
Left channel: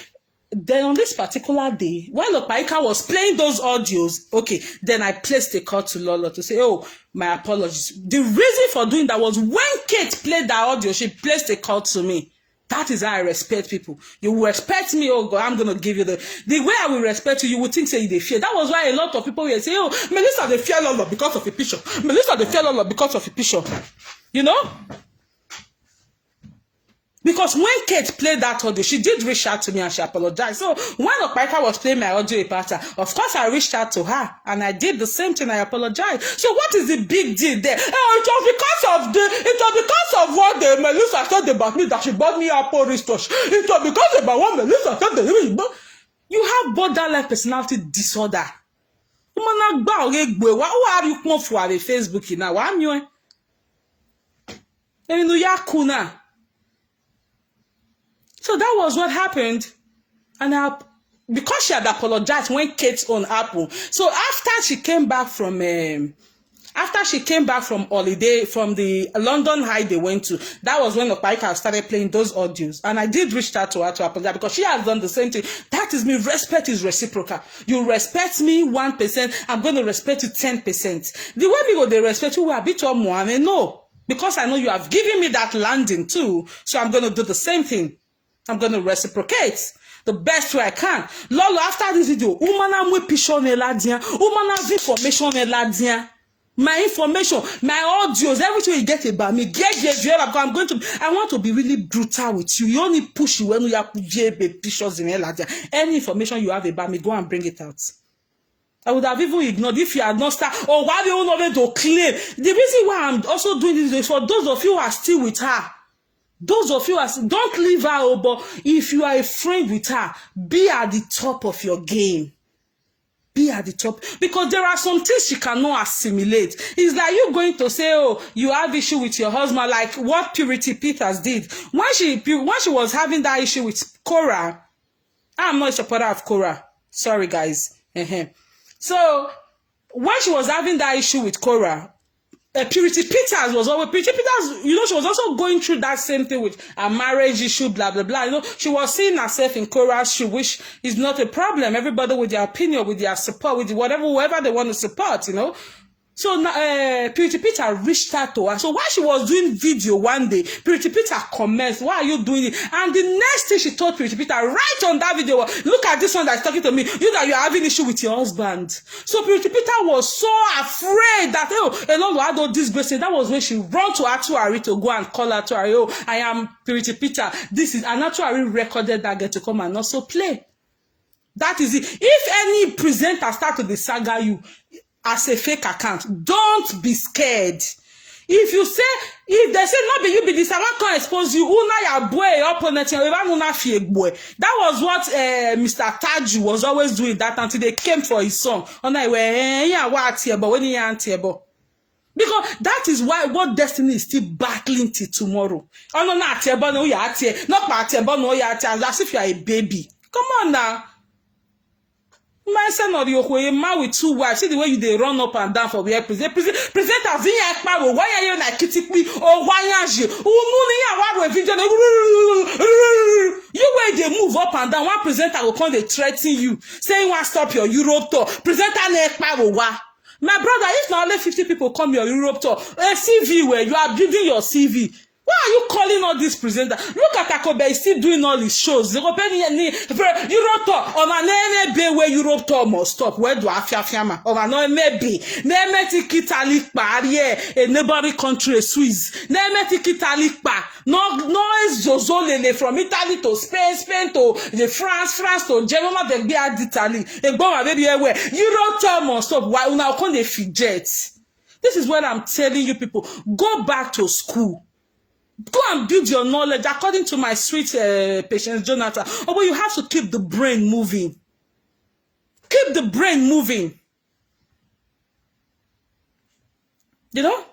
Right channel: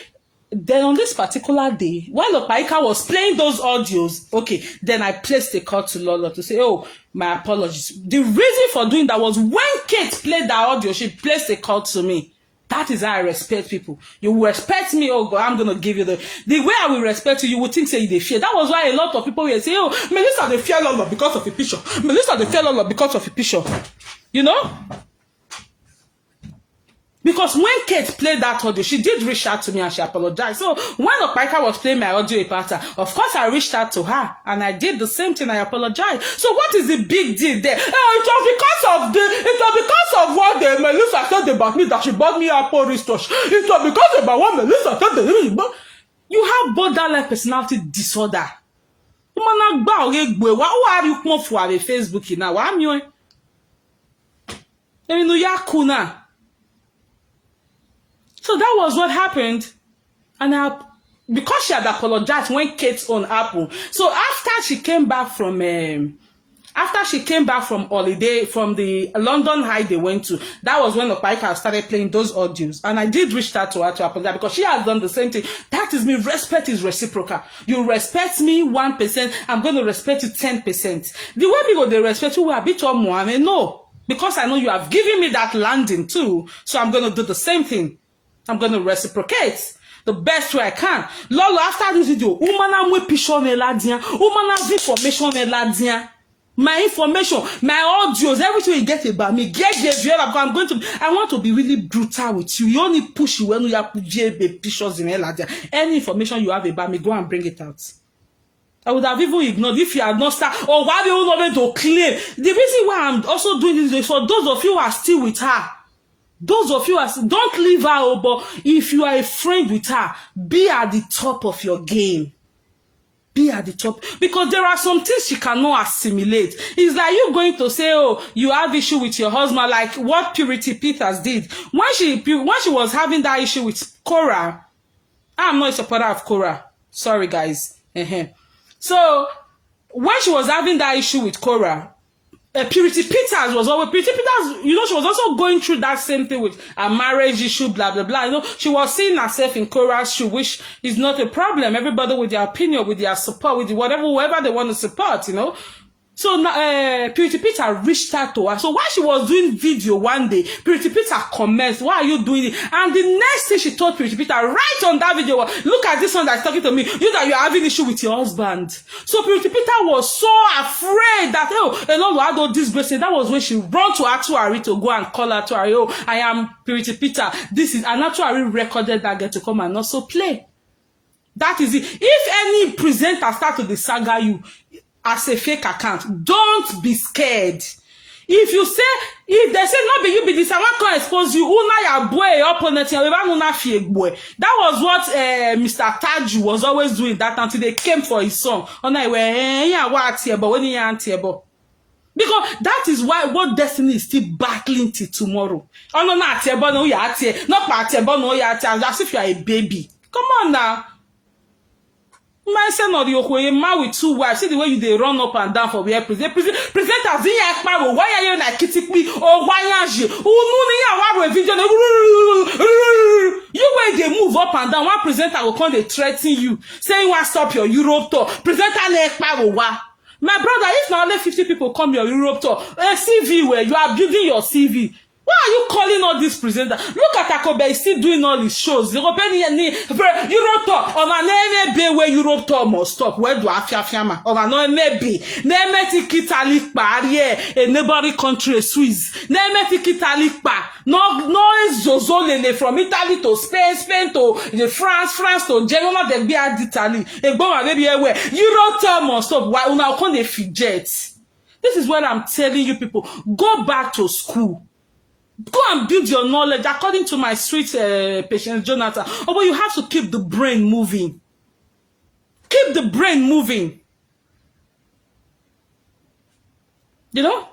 then on this particular day, while Opaika was playing those audios, okay, then I placed a call to Lolo to say, oh, my apologies. The reason for doing that was when Kate played that audio, she placed a call to me. That is how I respect people. You respect me, oh God, I'm going to give you the way I will respect you, you would think say they fear. That was why a lot of people will say, oh, Melissa, they fear Lolo because of a picture. Melissa, they fear Lolo because of a picture. You know? Because when Kate played that audio, she did reach out to me and she apologized. So when Opaika was playing my audio pattern, of course I reached out to her and I did the same thing. I apologized. So what is the big deal there? Oh, it was because of what the Melissa said about me that she bought me Apple wristwatch. It was because about what Melissa said. You have borderline personality disorder. Who are you come for Facebook now? I'm you. So that was what happened. And because she had apologized when Kate's on Apple. So after she came back from holiday, from the London high they went to, that was when Opaika started playing those audios. And I did reach out to her to apologize because she has done the same thing. That is me. Respect is reciprocal. You respect me 1%, I'm going to respect you 10%. The way people they respect you will be to more. No. Because I know you have given me that landing too. So I'm going to do the same thing. I'm going to reciprocate the best way I can. Lolo, after this video, my information, my audios, everything you get about me, I want to be really brutal with you. You only push you when you have pictures in Eladia. Any information you have about me, go and bring it out. I would have even ignored if you had not started, or why you not going to claim. The reason why I'm also doing this is for those of you who are still with her. Those of you don't leave her, but if you are a friend with her, be at the top of your game. Be at the top. Because there are some things she cannot assimilate. Is that you going to say, oh, you have issue with your husband, like what Purity Peters did. When she was having that issue with Cora, I'm not a supporter of Cora. Sorry, guys. So, when she was having that issue with Cora, Purity Peters was always, Purity Peters, you know, she was also going through that same thing with a marriage issue, blah, blah, blah. You know, she was seeing herself in Cora's shoe, which is not a problem. Everybody with their opinion, with their support, with whatever, whoever they want to support, you know. So Pretty Peter reached out to her. So while she was doing video one day, Pretty Peter comments, why are you doing it? And the next thing she told Pretty Peter, right on that video, look at this one that's talking to me, you that you're having issue with your husband. So Pretty Peter was so afraid that, oh, Lolo had all this grace. That was when she ran to Actuary to go and call her to her, oh, I am Pretty Peter. This is, and Actuary recorded that girl to come and also play. That is it. If any presenter start to saga you as a fake account, don't be scared. If you say, if they say not be you be this, I want to expose you. Una ya boy opponent, that was what Mr. Taju was always doing that until they came for his song. But when he because that is why what Destiny is still battling till tomorrow. Oh no, not as if you are a baby. Come on now. My son or the man with 2 wives. See the way they run up and down for where presenters. Why are you like kitting me? Or why are you? You way they move up and down. One presenter will come, they threaten you, saying, "Want stop your Europe tour?" Presenter my brother, if now only 50 people come your Europe tour, a CV where you are building your CV. Why are you calling all these presenters? Look at Akobe, he's still doing all his shows. Europe tour, where Europe tour must stop. Where do I feel? Over no maybe. Nemetic Italy barrier, a neighboring country, Swiss. Nemetic Italy bar. No is Zozolene from Italy to Spain to the France to Germany, then be at Italy. A bomb maybe everywhere. Europe tour must stop. Why now can they fidget? This is what I'm telling you people. Go back to school. Go and build your knowledge according to my sweet Patience Jonathan. Oh, but you have to keep the brain moving. Keep the brain moving. You know?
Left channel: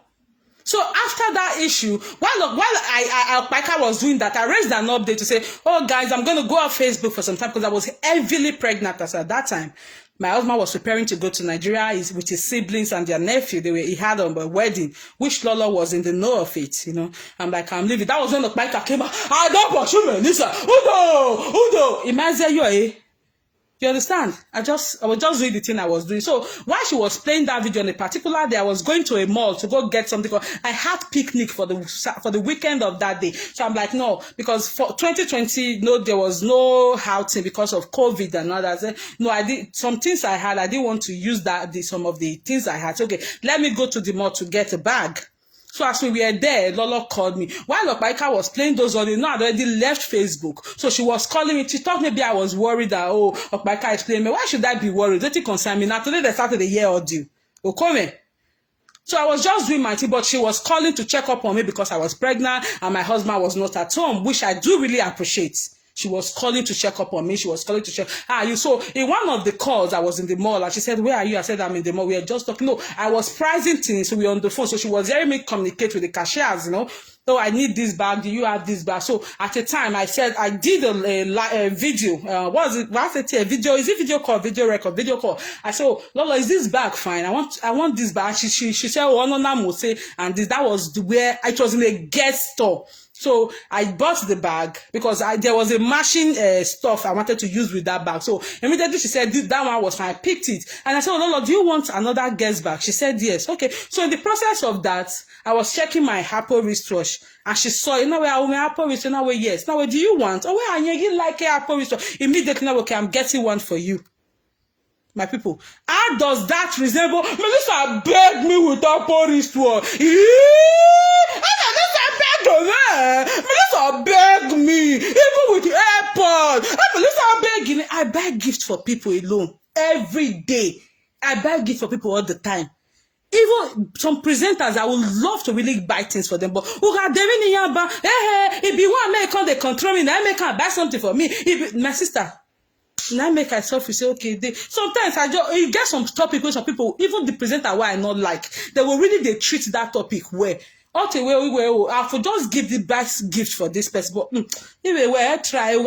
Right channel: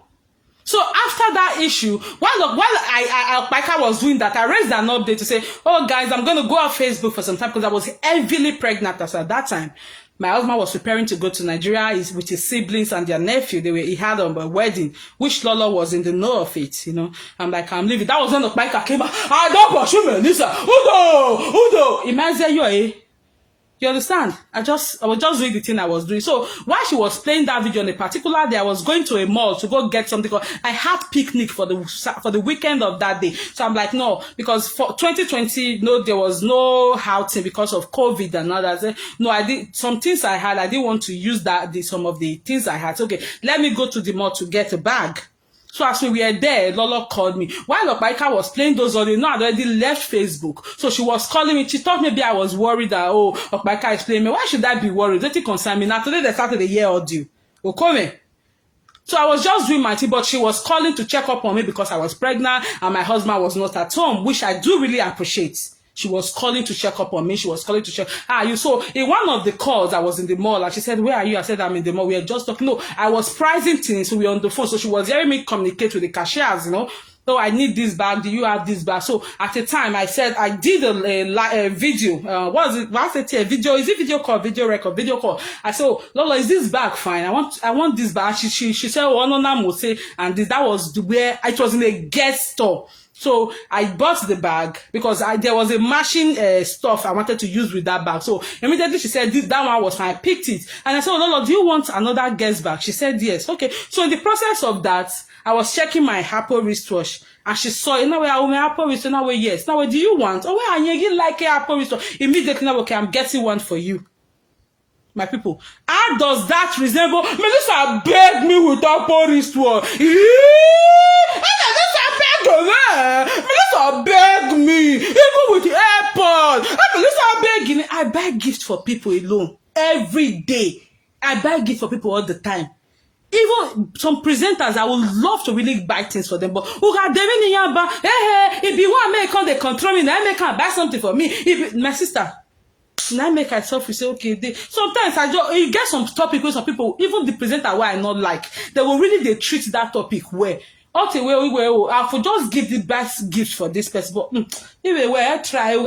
So after that issue, while I was doing that, I raised an update to say, oh guys, I'm going to go on Facebook for some time because I was heavily pregnant at that time. My husband was preparing to go to Nigeria with his siblings and their nephew. He had a wedding, which Lolo was in the know of it, you know. I'm like, I'm leaving. That was when the biker came out. I don't pursue me, Lisa. Udo. Imagine you, You understand? I was just doing the thing I was doing. So while she was playing that video on a particular day, I was going to a mall to go get something. I had picnic for the weekend of that day. So I'm like, no, because for 2020, no, there was no outing because of COVID and all that. No, I did some things I had. I didn't want to use some of the things I had. So, okay, let me go to the mall to get a bag. So as we were there, Lolo called me. While Opaika was playing those audio, no, I already left Facebook. So she was calling me. She thought maybe I was worried that, oh, Opaika is playing me. Why should I be worried? Let it concern me. Now today they started the year audio. Okay. So I was just doing my thing, but she was calling to check up on me because I was pregnant and my husband was not at home, which I do really appreciate. She was calling to check up on me. She was calling to check. You so in one of the calls, I was in the mall and she said, where are you? I said, I'm in the mall. We are just talking. No, I was pricing things. So we were on the phone. So she was hearing me communicate with the cashiers, you know. So I need this bag. Do you have this bag? So at the time I said, I did a video. What is it? What's it? A video? Is it video call? Video record? Video call? I said, oh, Lola, is this bag fine? I want this bag. She said, oh, no, no, say, and that was where it was in a guest store. So I bought the bag because there was a matching stuff I wanted to use with that bag. So immediately she said that one was fine. I picked it and I said, oh, Lolo, do you want another guest bag? She said yes. Okay. So in the process of that, I was checking my Apple wristwatch and she saw it. Now I Apple wristwatch. Now yes. Now do you want? Oh, well, you like an Apple wristwatch? Immediately now, okay, I'm getting one for you. My people, how does that resemble? Melissa begged me with Apple wristwatch. Melissa begged me, even with the AirPods. Melissa begging. I buy gifts for people alone every day. I buy gifts for people all the time. Even some presenters, I would love to really buy things for them, but if you want to make they control me, I make buy something for me. My sister. Now make myself you say okay. Sometimes you get some topic where some people, even the presenter why I not like, they will really treat that topic well. Okay, I for just give the best gift for this person, but try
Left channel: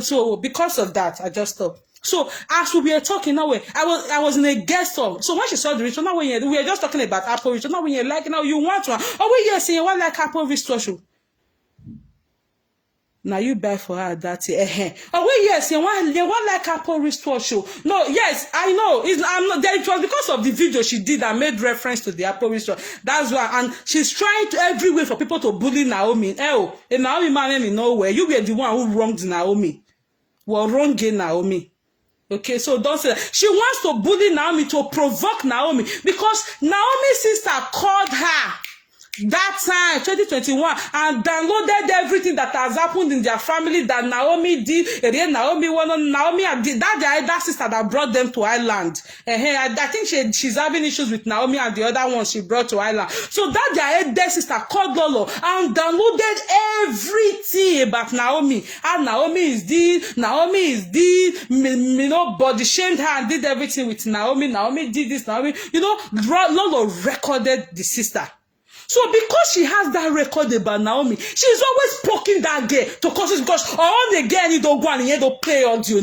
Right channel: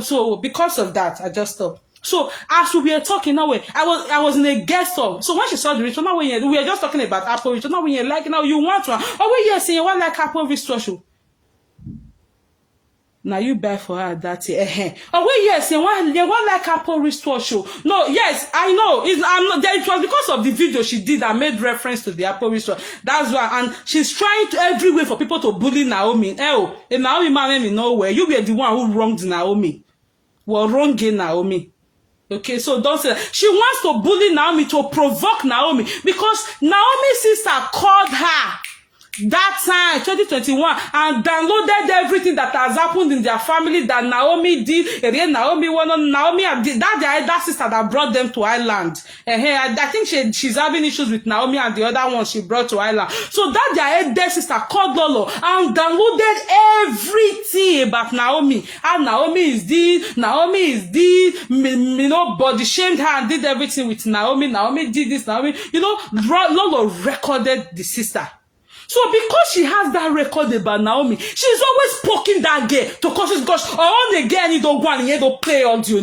so because of that, I just stopped. So as we were talking now, I was in a guest home. So when she saw the ritual, now we were just talking about Apple ritual. Now when you like now you want one. Oh yes, you want like Apple ritual. Now you buy for her that year. Oh wait, yes, they want like Apple wristwatch show. No, yes, I know. I'm not there. It was because of the video she did that made reference to the Apple wristwatch. That's why, and she's trying to every way for people to bully Naomi. Oh, and Naomi man in nowhere. You were the one who wronged Naomi. Well, wronging Naomi. Okay, so don't say that. She wants to bully Naomi to provoke Naomi because Naomi's sister called her that time 2021 and downloaded everything that has happened in their family that Naomi did. And then Naomi did that sister that brought them to Ireland. I think she's having issues with Naomi and the other one she brought to Ireland. So that their sister called Lolo and downloaded everything about Naomi. And Naomi is this, body shamed her and did everything with Naomi. Naomi did this, Naomi, Lolo recorded the sister. So because she has that record about Naomi, she's always poking that girl to cause gosh, all the girl need to go and you don't play audio.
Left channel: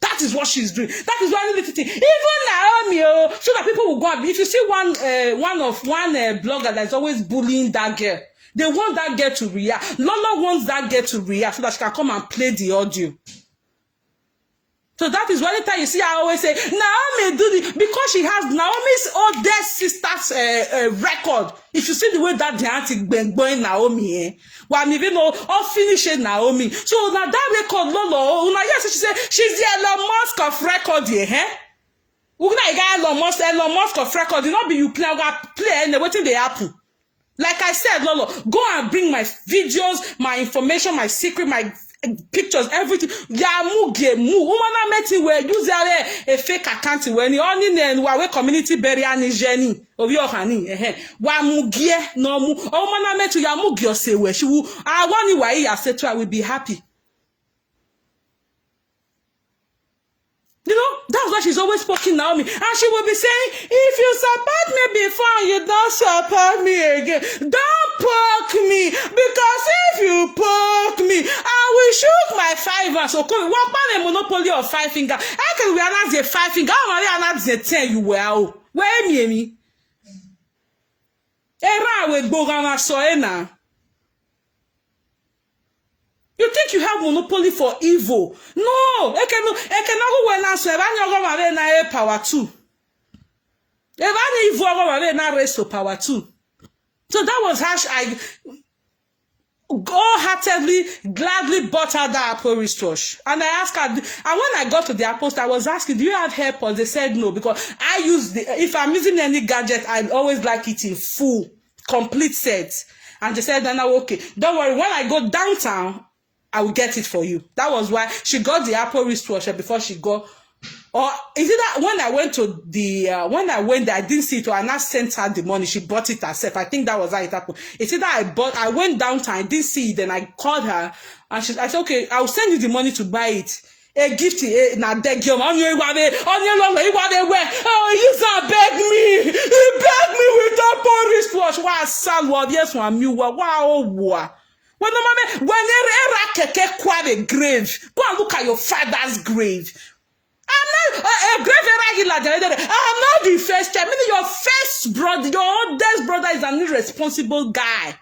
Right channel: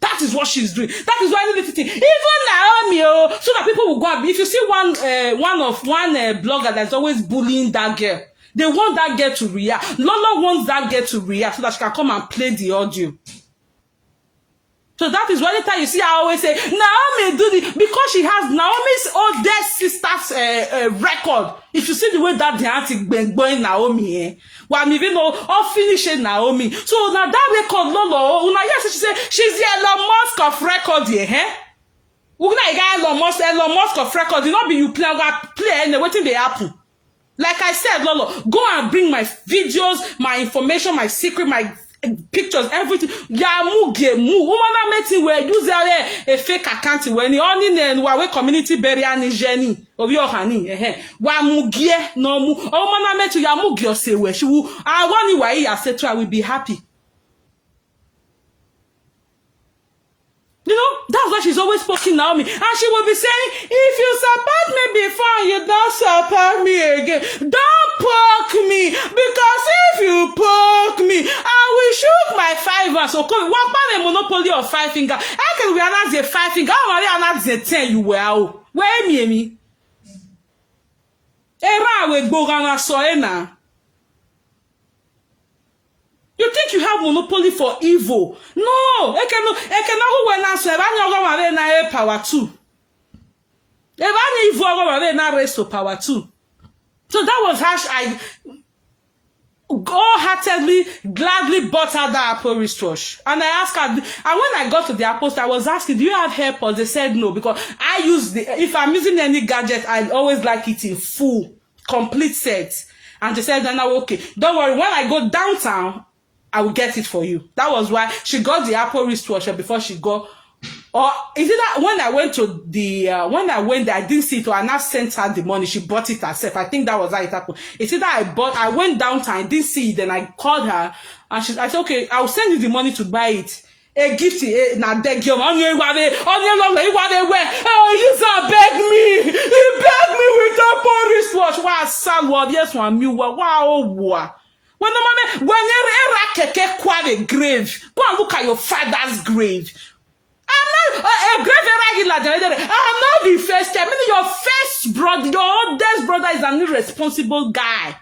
That is what she's doing. That is why I need to think. Even Naomi, so that people will go and if you see one blogger that's always bullying that girl, they want that girl to react. Lolo wants that girl to react so that she can come and play the audio. So that is why anytime you see I always say Naomi do this because she has Naomi's oldest sister's record. If you see the way that the auntie been going Naomi, well, even know all finishing Naomi. So now that record Lolo, yes, she said she's the Elon Musk of record here, Elon Musk of record. You know, be you play and waiting they happen. Like I said, Lolo, go and bring my videos, my information, my secret, my pictures, everything. Woman met where use a fake account when you only and we community burial ni Jenny of your honey. Wa mugie no mu. Woman met ya mugio say where she will. I want you etc. will be happy. That's why she's always poking Naomi. And she will be saying, if you support me before, you don't support me again. Don't poke me. Because if you poke me, I will shoot my 5 fingers. So, what about a monopoly of 5 fingers? I can realize the 5 fingers. I realize the 10 you were. Where me? Era will go on so now. You think you have monopoly for evil? No, I cannot when I say I have power too. If I evil, I have raise to power too. So that was how I wholeheartedly, gladly bought her that Apple wristwatch. And I asked her, and when I got to the Apple store, I was asking, do you have AirPods? They said no, because I use if I'm using any gadget, I always like it in full, complete set. And they said, no, okay, don't worry, when I go downtown, I will get it for you. That was why she got the Apple wristwatch before she got. Or is it that when I went to the when I went there, I didn't see it, or I now sent her the money. She bought it herself. I think that was how it happened. It's either I went downtown, I didn't see it, then I called her, and I said, okay, I'll send you the money to buy it. A gift, na deg you on your way. Oh, you beg me. He begged me with Apple wristwatch. Wow, salward, yes, one new wow. When you're a grave, go and look at your father's grave. I'm not a grave regular. I'm not the first time. Maybe your first brother, your oldest brother is an irresponsible guy.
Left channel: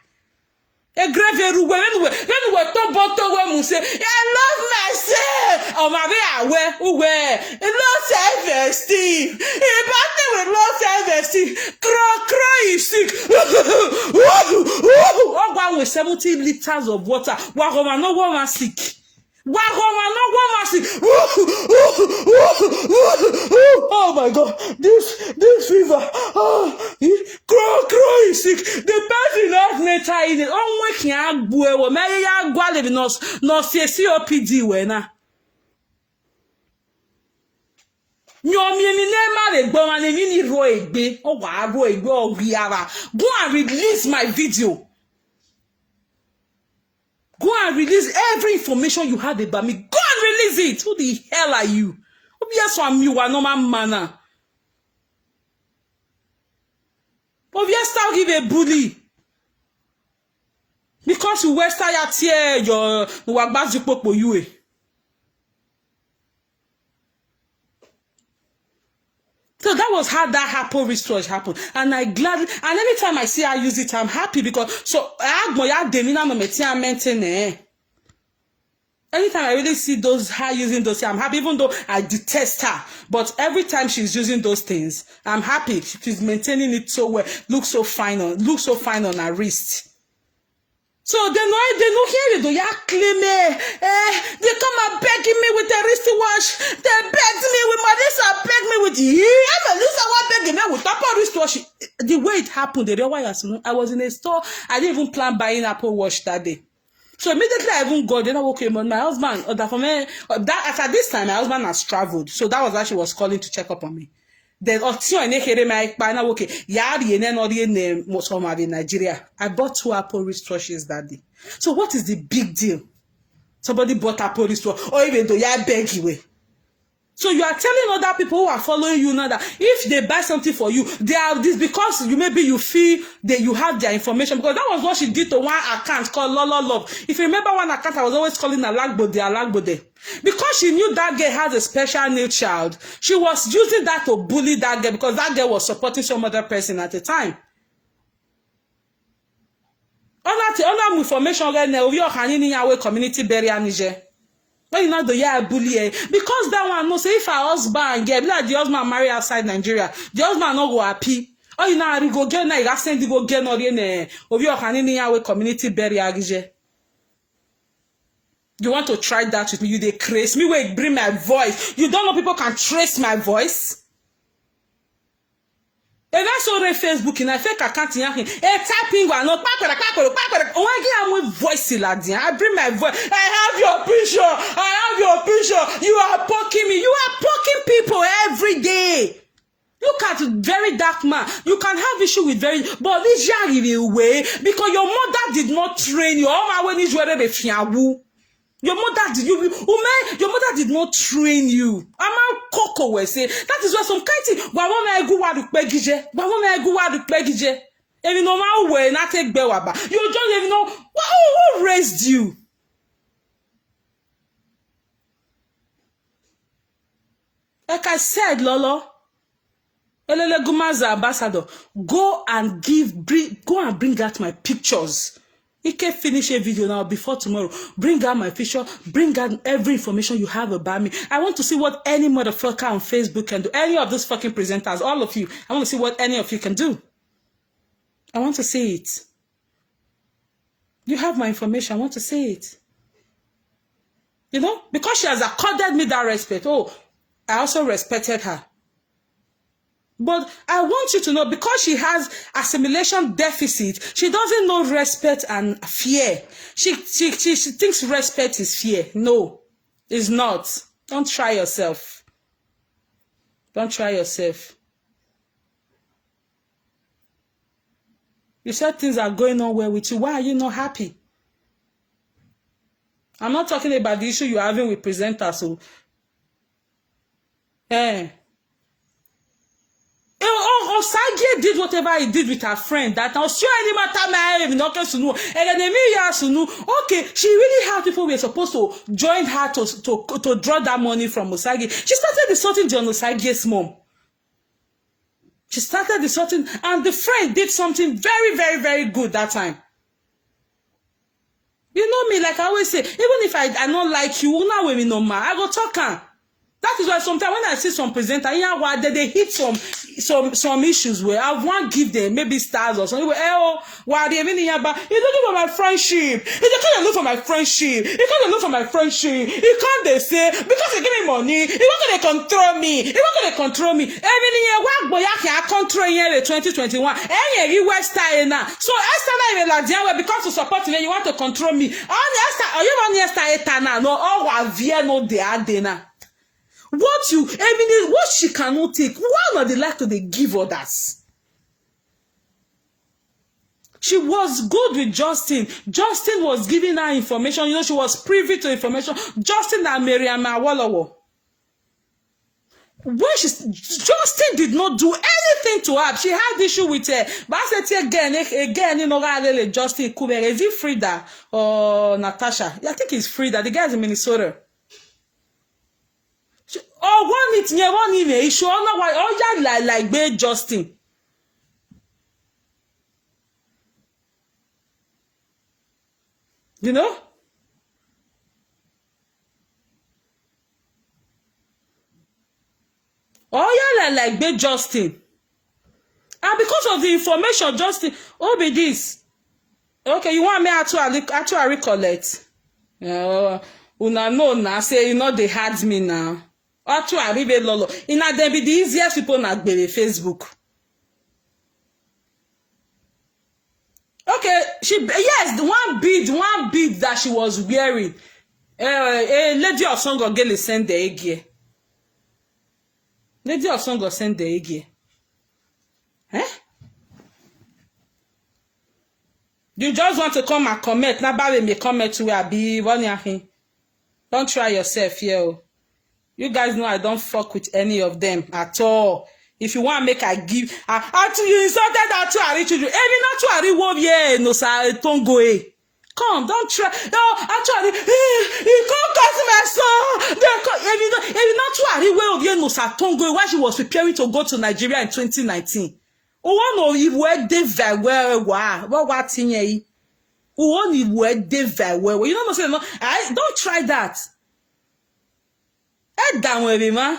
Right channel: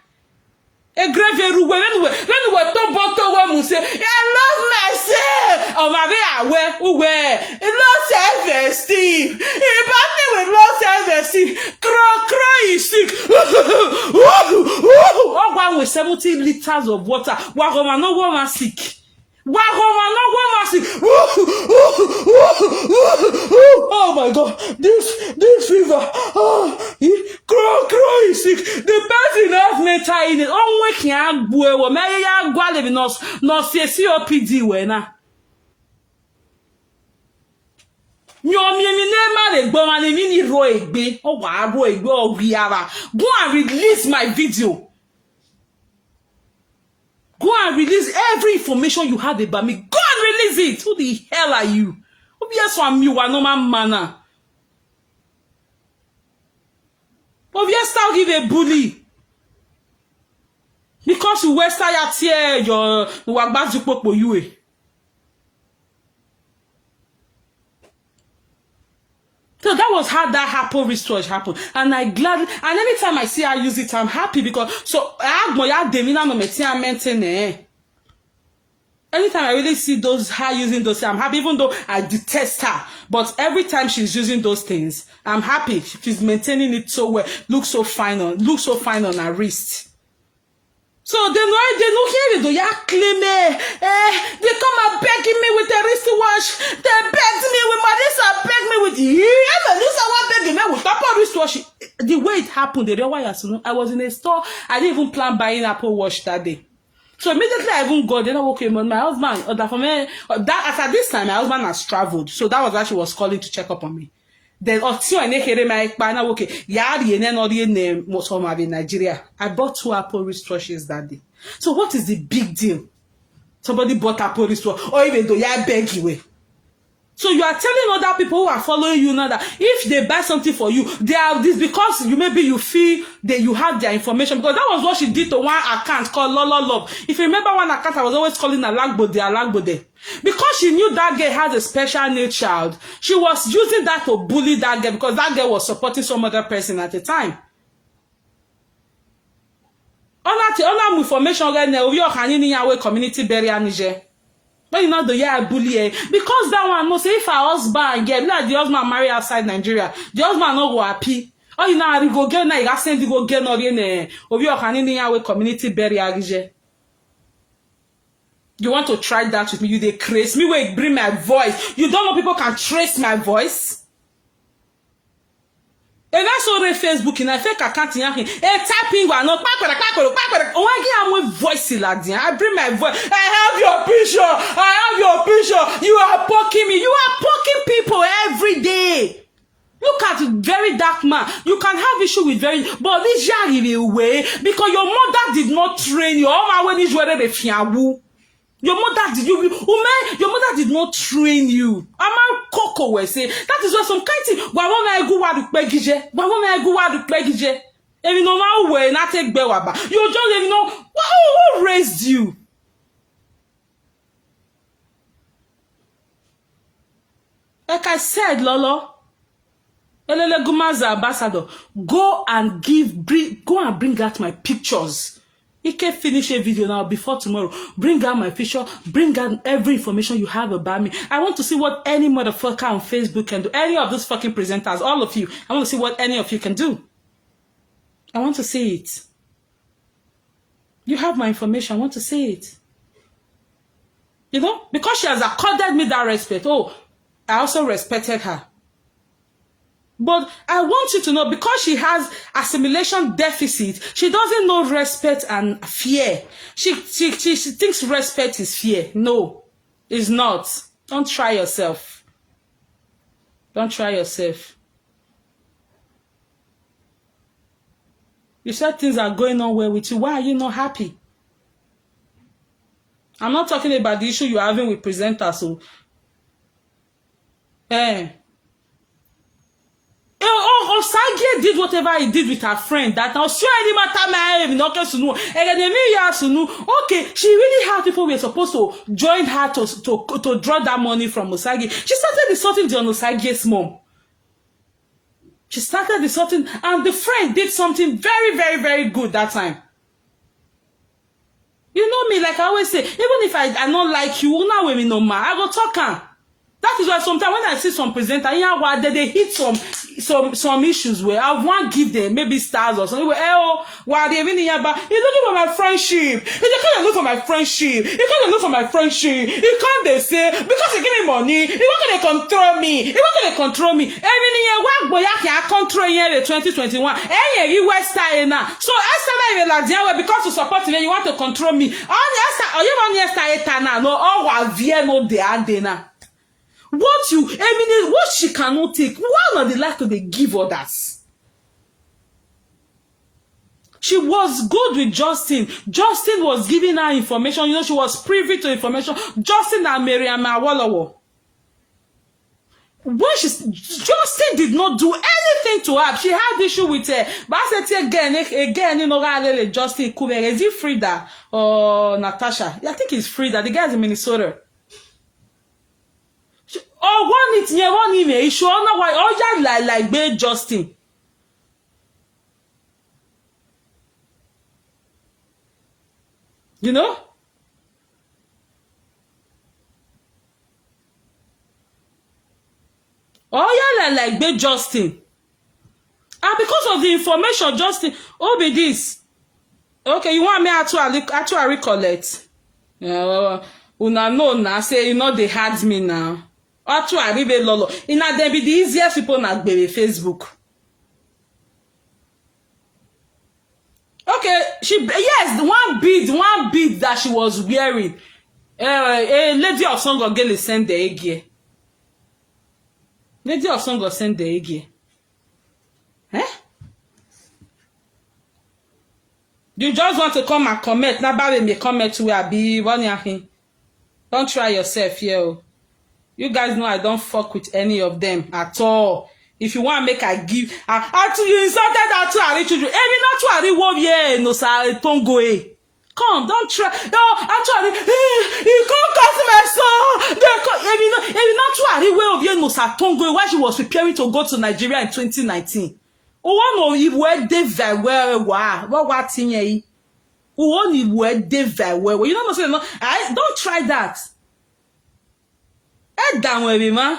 A grave when we say, I love myself. Oh my where? Low self-esteem. If I with low self-esteem, cry is sick. Oh, one with 70 liters of water. Wagoma no woman sick. Oh my God, this fever. Cry is sick. The person has mental in it. Oh, we can't go. May I go live no COPD wena. Go and release my video. Go and release every information you have about me. Go and release it. Who the hell are you? Obviously, you are no man. Obviously, I'll give a bully. Because you west side here, your wagbazi popo you. So that was how that Apple wristwatch happened. And I gladly, and anytime I see her use it, I'm happy because, so, I have my demina me maintain. Anytime I really see her using those things, I'm happy, even though I detest her. But every time she's using those things, I'm happy. She's maintaining it so well. Looks so fine on her wrist. So they know here they ya claim me. They come and begging me with a wristwatch. They begged me with Marisa, begged me with begging me with Apple wristwatch. The way it happened, the real why I was in a store. I didn't even plan buying Apple Watch that day. So immediately I even got, then I woke up, my husband, at this time, my husband has traveled. So that was why she was calling to check up on me. Then, in Nigeria. I bought 2 Apple wristwatches that day. So what is the big deal? Somebody bought Apple wristwatch, or even though I beg you. So you are telling other people who are following you now that if they buy something for you, they are this because maybe you feel that you have their information, because that was what she did to one account called Lolo. If you remember one account, I was always calling Alagbode. Because she knew that girl has a special needs child, she was using that to bully that girl because that girl was supporting some other person at the time. On information community burial Niger. But you know the year bully because that one no say if her husband get like the husband marry outside Nigeria, the husband no go happy. Oh you know I go get na you send go get no in community burial. You want to try that with me? You they trace me where bring my voice. You don't know people can trace my voice. And that's all the Facebook in a fake account in typing one no voice I bring my voice. I have your picture. You are poking me. You are poking people every day. Look at very dark man. You can have issue with very, but this year way because your mother did not train you. Your mother did not train you. Ama Coco will say that is what some kind thing. Why won't I go out to Pegije? Why won't I go out to Pegije? And you know how way not take Bewaba. You just know who raised you. Like I said, Lolo, Elele Gumaza ambassador, go and bring out my pictures. You can finish a video now before tomorrow. Bring out my picture. Bring out every information you have about me. I want to see what any motherfucker on Facebook can do. Any of those fucking presenters, all of you. I want to see what any of you can do. I want to see it. You have my information. I want to see it. You know? Because she has accorded me that respect. Oh, I also respected her. But I want you to know, because she has assimilation deficit, she doesn't know respect and fear. She thinks respect is fear. No, it's not. Don't try yourself. Don't try yourself. You said things are going on well with you. Why are you not happy? I'm not talking about the issue you're having with presenters. So, Osage did whatever he did with her friend. That now sure any matter okay, she really had people who were supposed to join her to draw that money from Osage. She started insulting the Osage's mom. She started insulting, and the friend did something very, very, very good that time. You know me, like I always say, even if I don't like you, now when me no ma, I go talk her. That is why sometimes when I see some presenter, they hit some issues where I want to give them maybe stars or something. While they even here, but you don't know my friendship. You can't look for my friendship. You can't look for my friendship. You can't they say because you give me money, you're not gonna control me. You're not gonna control me. Every year, what boy I control here in 2021. Hey, you were style now. So I started like because you support me, you want to control me. No, all no they are there. What she cannot take, why not they like to they give others? She was good with Justin. Justin was giving her information. You know, she was privy to information. Justin and Miriam Awolowo. Justin did not do anything to her. She had issue with her. But I said again, you know, Justin Kuber. Is it Frida or Natasha? I think it's Frida. The guy is in Minnesota. Oh, one email. You sure know why? Oh, yeah, like Bay Justin. You know? like be Justin. And because of the information, Justin, oh be this. Okay, you want me to recollect? Una know now, say you know they had me now. To arrive Lolo. Ina they be the easiest people na be Facebook. Okay, yes, one bead that she was wearing. A lady of song of girl send the egg. Lady of song of send the egg. Eh? You just want to come and comment. Nobody may comment to where be one. Don't try yourself here. You guys know I don't fuck with any of them at all. If you want to make I give, you insulted that to our children. Even not to our word, yeah, no sir, don't go away. Come, don't try. No, actually, you can't cause my son. Even not to our word, yeah, no sir, don't go away. When she was preparing to go to Nigeria in 2019. One of you were they very well. What thing ye? One you were they very well. You don't know, don't try that. Head down with him, man.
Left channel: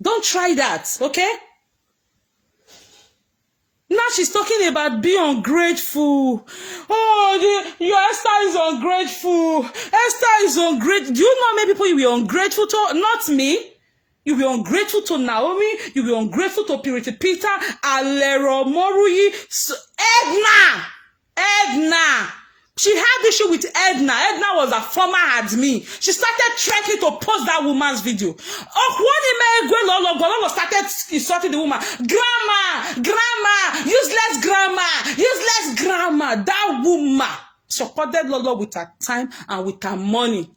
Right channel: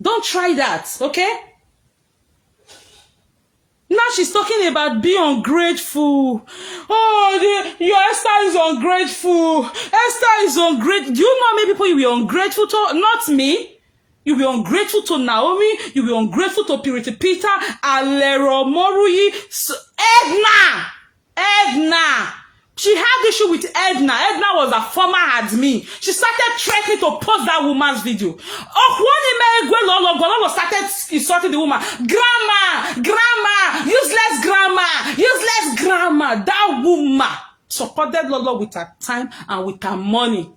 Don't try that, okay? Now she's talking about being ungrateful. Oh, your Esther is ungrateful. Esther is ungrateful. Do you know how many people you will be ungrateful to? Not me. You'll be ungrateful to Naomi. You'll be ungrateful to Purity Peter, Alero Moruyi, Edna. She had issue with Edna. Edna was a former admin. She started trying to post that woman's video. Lolo started insulting the woman. Grandma, useless grandma. That woman supported Lolo with her time and with her money.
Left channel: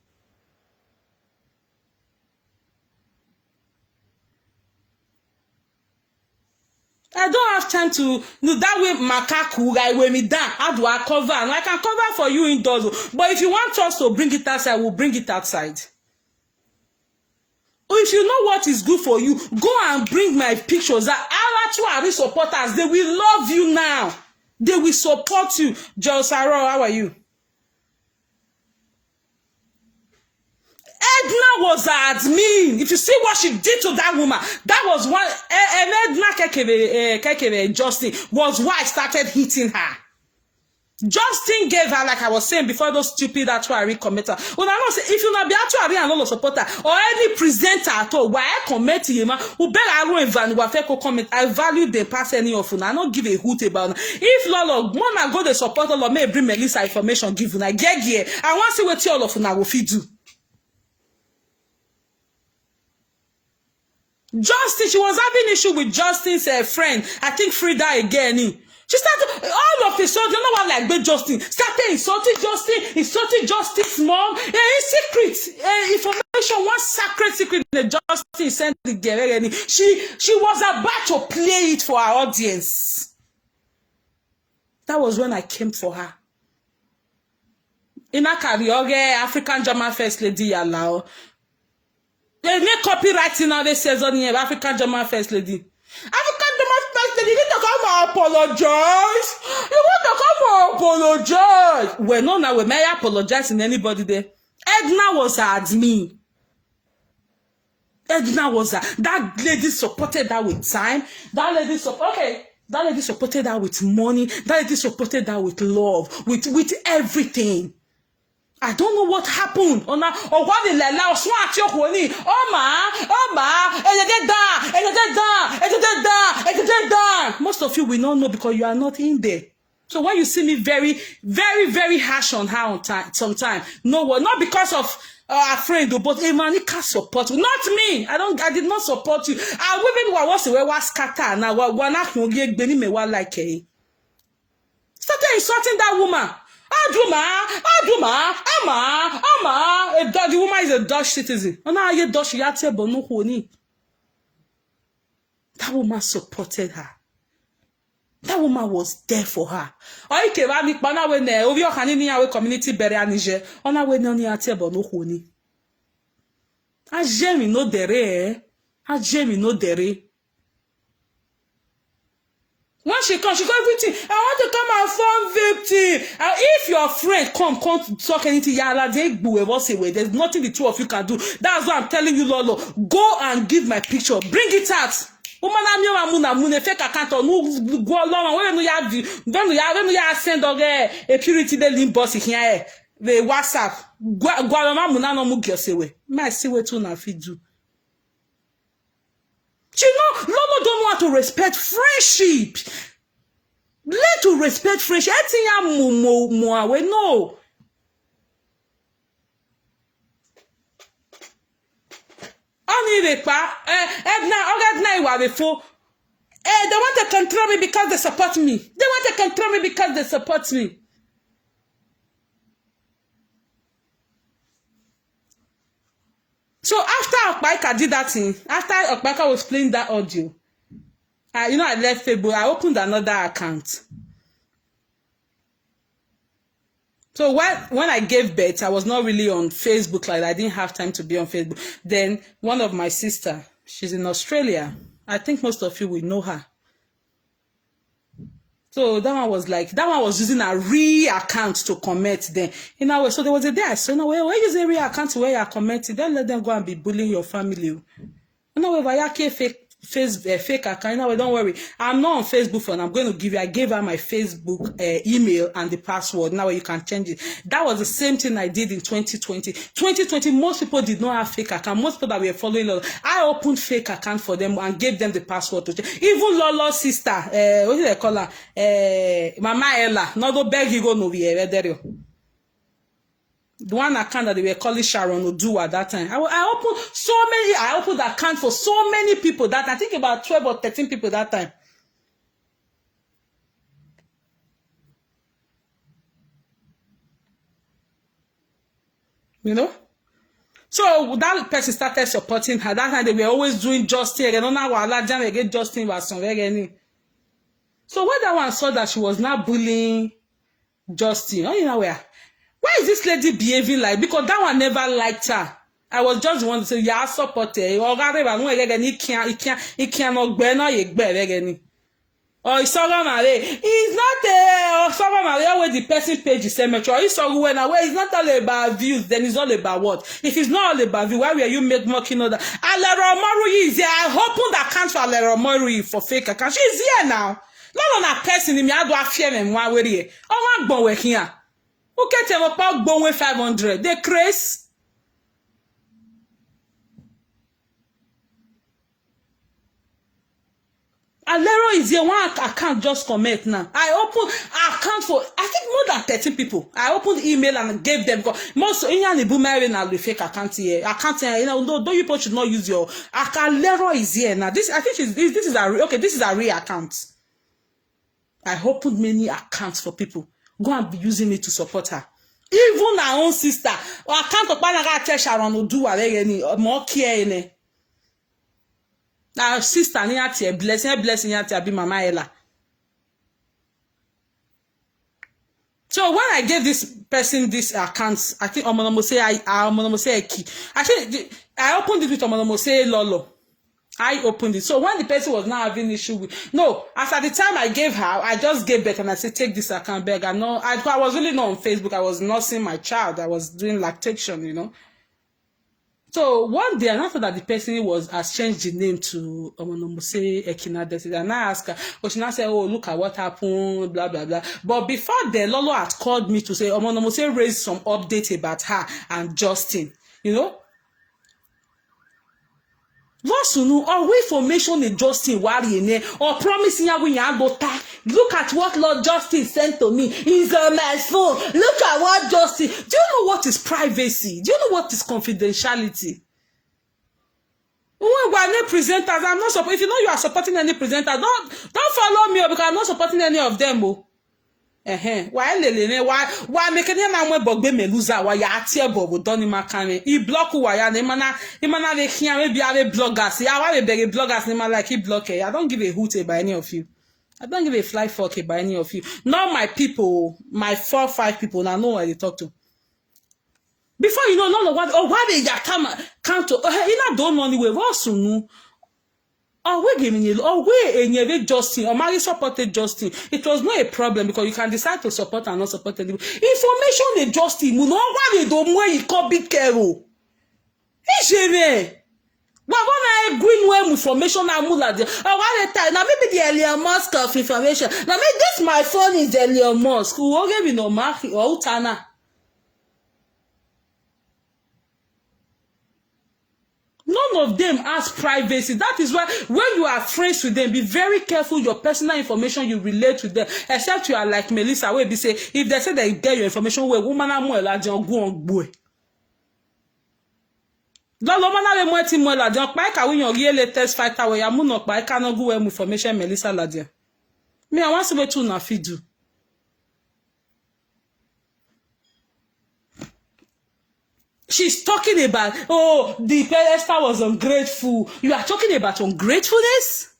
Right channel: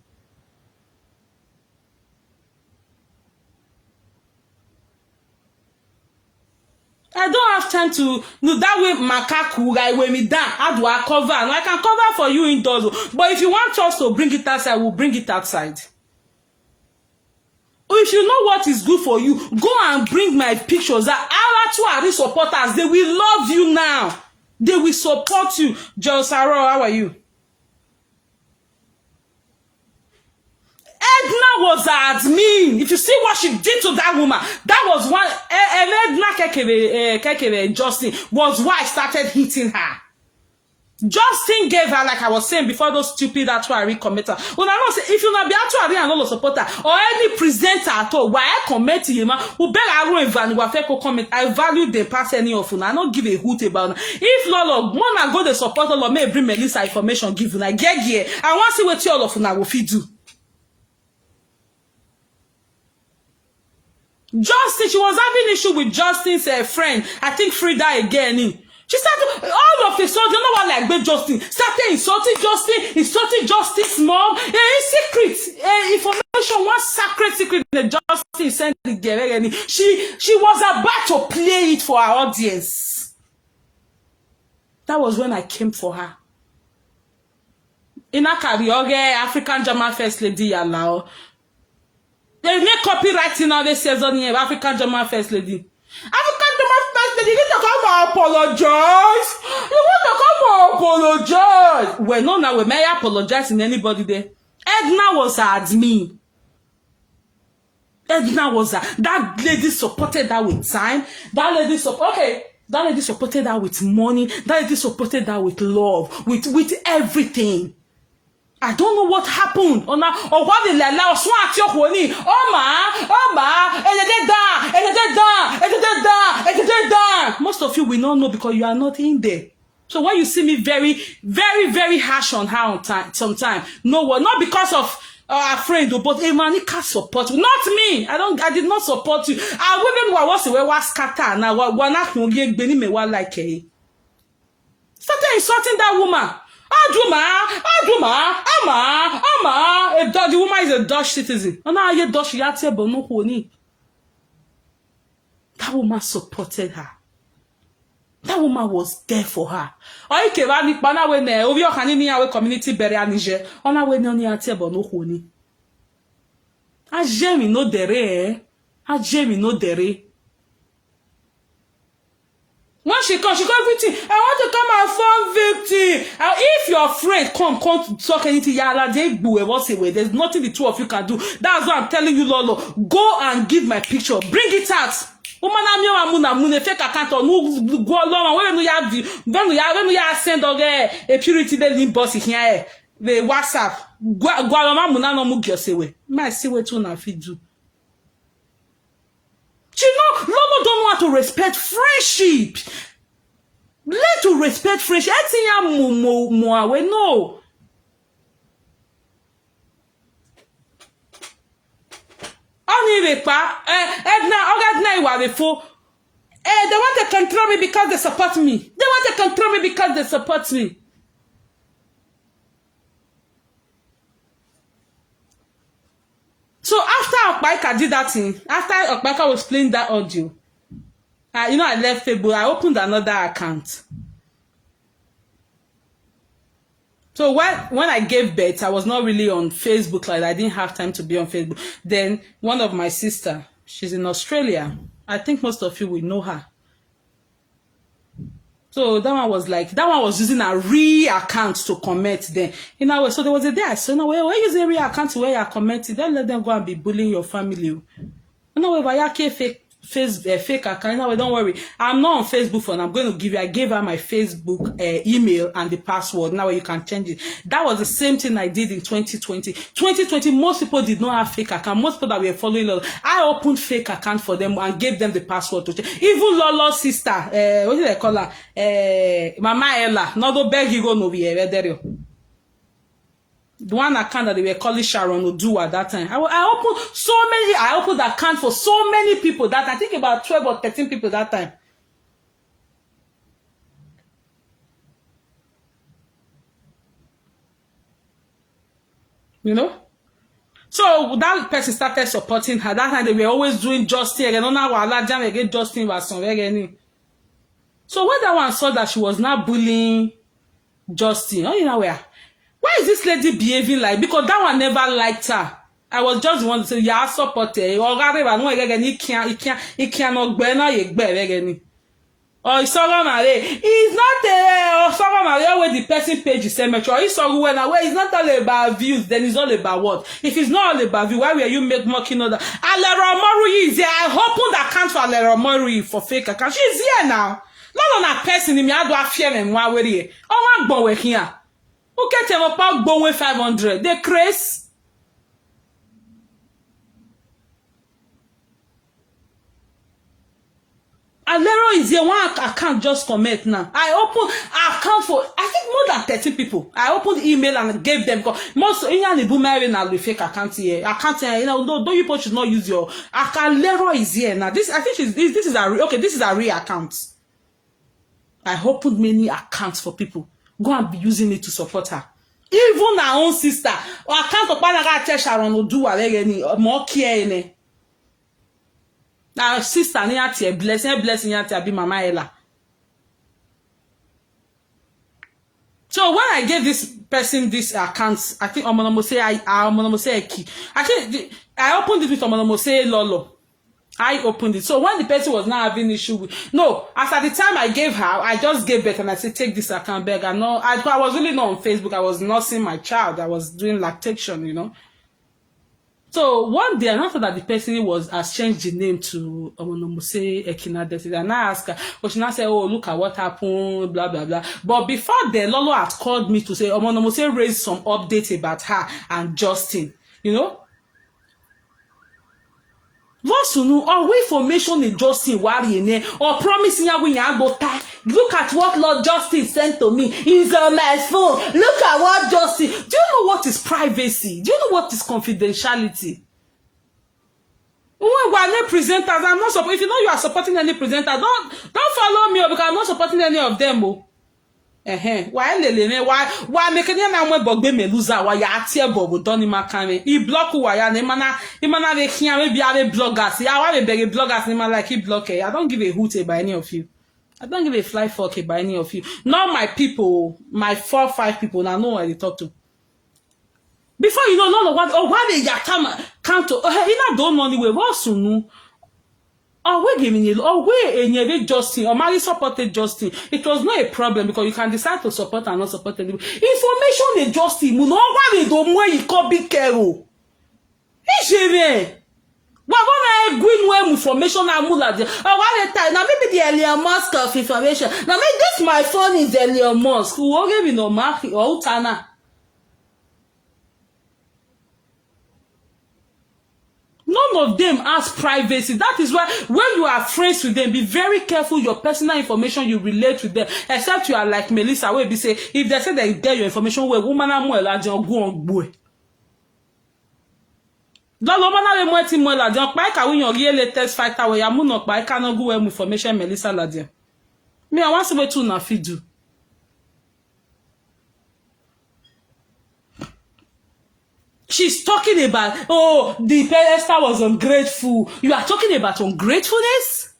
I don't have time to no that way makaku guy when me down. How do I cover? And I can cover for you indoors. But if you want us to bring it outside, we'll bring it outside. If you know what is good for you, go and bring my pictures. Our two supporters, they will love you now. They will support you. Josaro, how are you? Edna was an admin. If you see what she did to that woman, that was one. And Edna Justin was why I started hitting her. Justin gave her, like I was saying before, those stupid actuary commenter. When I don't say, if you not be actuary and Lolo supporter or any presenter at all, why I comment to you, man, who better I won't value what comment. I value the pass any of you. I don't give a hoot about it. If Lolo, one I go the support Lolo may bring Melissa information, give you. I get here. I want to see what all of you will feed you. Justin, she was having issue with Justin's friend. I think Frida again. She started all of a sudden, you know what like big Justin started insulting Justin's mom. In secret, information, one sacred secret that Justin sent the girl. She was about to play it for our audience. That was when I came for her. In a career, African German First Lady allow. They make copywriting now, they says on here, African German First Lady. African German First Lady, you need to come and apologize. You want to come and apologize. Well, no, now we may apologize in anybody there. Edna was her admin. Edna was her. That lady supported her with time. That lady supported her with money. That lady supported her with love, with everything. I don't know what happened. Or what they allow swat your honey. Most of you will not know because you are not in there. So when you see me very, very, very harsh on her sometimes, no one, not because of a friend, but a man can't support you. Not me. I did not support you. I women was scatter now. Started insulting that woman. The woman is a Dutch citizen. That woman supported her. That woman was there for her. Community bury Niger. When she comes, she got victim. I want to come and form victim. And if you're afraid, come to talk anything. There's nothing the two of you can do. That's why I'm telling you, Lolo. Go and give my picture. Bring it out. Fake account no go along when you send a purity the link boss here. The WhatsApp. Go along no mug yourself. My see what you na fit do. You know, Lolo don't want to respect friendship. Learn to respect friendship. I think no. Only they want to control me because they support me. They want to control me because they support me. So after Okpaika did that thing, after Okpaika was playing that audio, you know, I left Facebook, I opened another account. So when I gave birth, I was not really on Facebook, like I didn't have time to be on Facebook. Then one of my sister, she's in Australia. I think most of you will know her. So that one was using a real account to comment then. You know, so there was a day I said, no, where use a real account where you're commenting, don't let them go and be bullying your family. You know, if I can't fake account, no, don't worry. I'm not on Facebook for now. I'm going to give you, I gave her my Facebook email and the password. Now you can change it. That was the same thing I did in 2020. 2020, most people did not have fake account. Most people that were following Lolo, I opened fake account for them and gave them the password to change. Even Lolo's sister, what do they call her? Mama Ella, no do beg you go no be there. The one account that they were calling Sharon Odu at that time. I opened account for so many people that I think about 12 or 13 people that time. You know? So that person started supporting her. That time they were always doing Justin. They don't know what jam again Justin was somewhere. So when that one saw that she was not bullying Justin, you know where? Why is this lady behaving like? Because that one never liked her. I was just the one to say, yeah, support her. Or it's not where the person page is cemetery. It's not all about views, then it's all about what? If it's not all about views, why will you make mocking of that? Alero Mori is here. I opened the account for Alero Mori for fake account. She's here now. Not on a person in me. I do a fear and one way here. Oh, I'm going here. Who get them about going 500? They crazy. Alero is the one account just comment now. I opened account for I think more than 30 people. I opened email and gave them most the boomerang now the fake account here. Account here, you know, no you people should not use your account. Alero is here now. This I think this is a real account. I opened many accounts for people. Go and be using it to support her. Even her own sister. Or account for Panaga Sharon will do more care. Our sister, blessing be Mama Ella. So when I gave this person this account, I think I think I opened it with Lolo. I opened it. So when the person was not having issue with after the time I gave her, I just gave birth and I said, take this account back. I was really not on Facebook. I was nursing my child. I was doing lactation, you know. So one day, after that the person has changed the name to Ekina, and I asked her, but she now said, oh, look at what happened, blah, blah, blah. But before then, Lolo had called me to say, raised some updates about her and Justin, you know. Or information in Justin or promising her when you look at what Lord Justin sent to me. He's on my phone. Look at what Justin. Do you know what is privacy? Do you know what is confidentiality? When we're any presenters, I'm not supporting. If you know you are supporting any presenter, don't follow me because I'm not supporting any of them. Why making na we bogbe meluza wa ya atie bobo doni makame he block wa ya na imana de kian we bia bloggers ya wa be bloggers ni like he block I don't give a hoot about any of you. I don't give a fly fuck about any of you. Not my people, my 4-5 people now know what they talk to. Before you know what why they come to you don't know anyway what sunu Oh, we giving you, oh, we in Justin, or Mary supported Justin. It was not a problem because you can decide to support and not support anybody. Information in Justin, you know what don't want you can be careful. Well, when I agree with information, I'm like, I want to tell now maybe the Elon Musk of information. Now maybe this my phone is Elon Musk. Who will give you no mark or Tana? None of them has privacy. That is why when you are friends with them, be very careful your personal information you relate with them. Except you are like Melissa, where they say if they say that you get your information, where woman are more like go on boy. Don't know when I want to more like don't buy when your real latest fighter where you are not buy cannot go with information Melissa Ladia. Me I want to be too na do. She's talking about, oh, the Esther was ungrateful. You are talking about ungratefulness?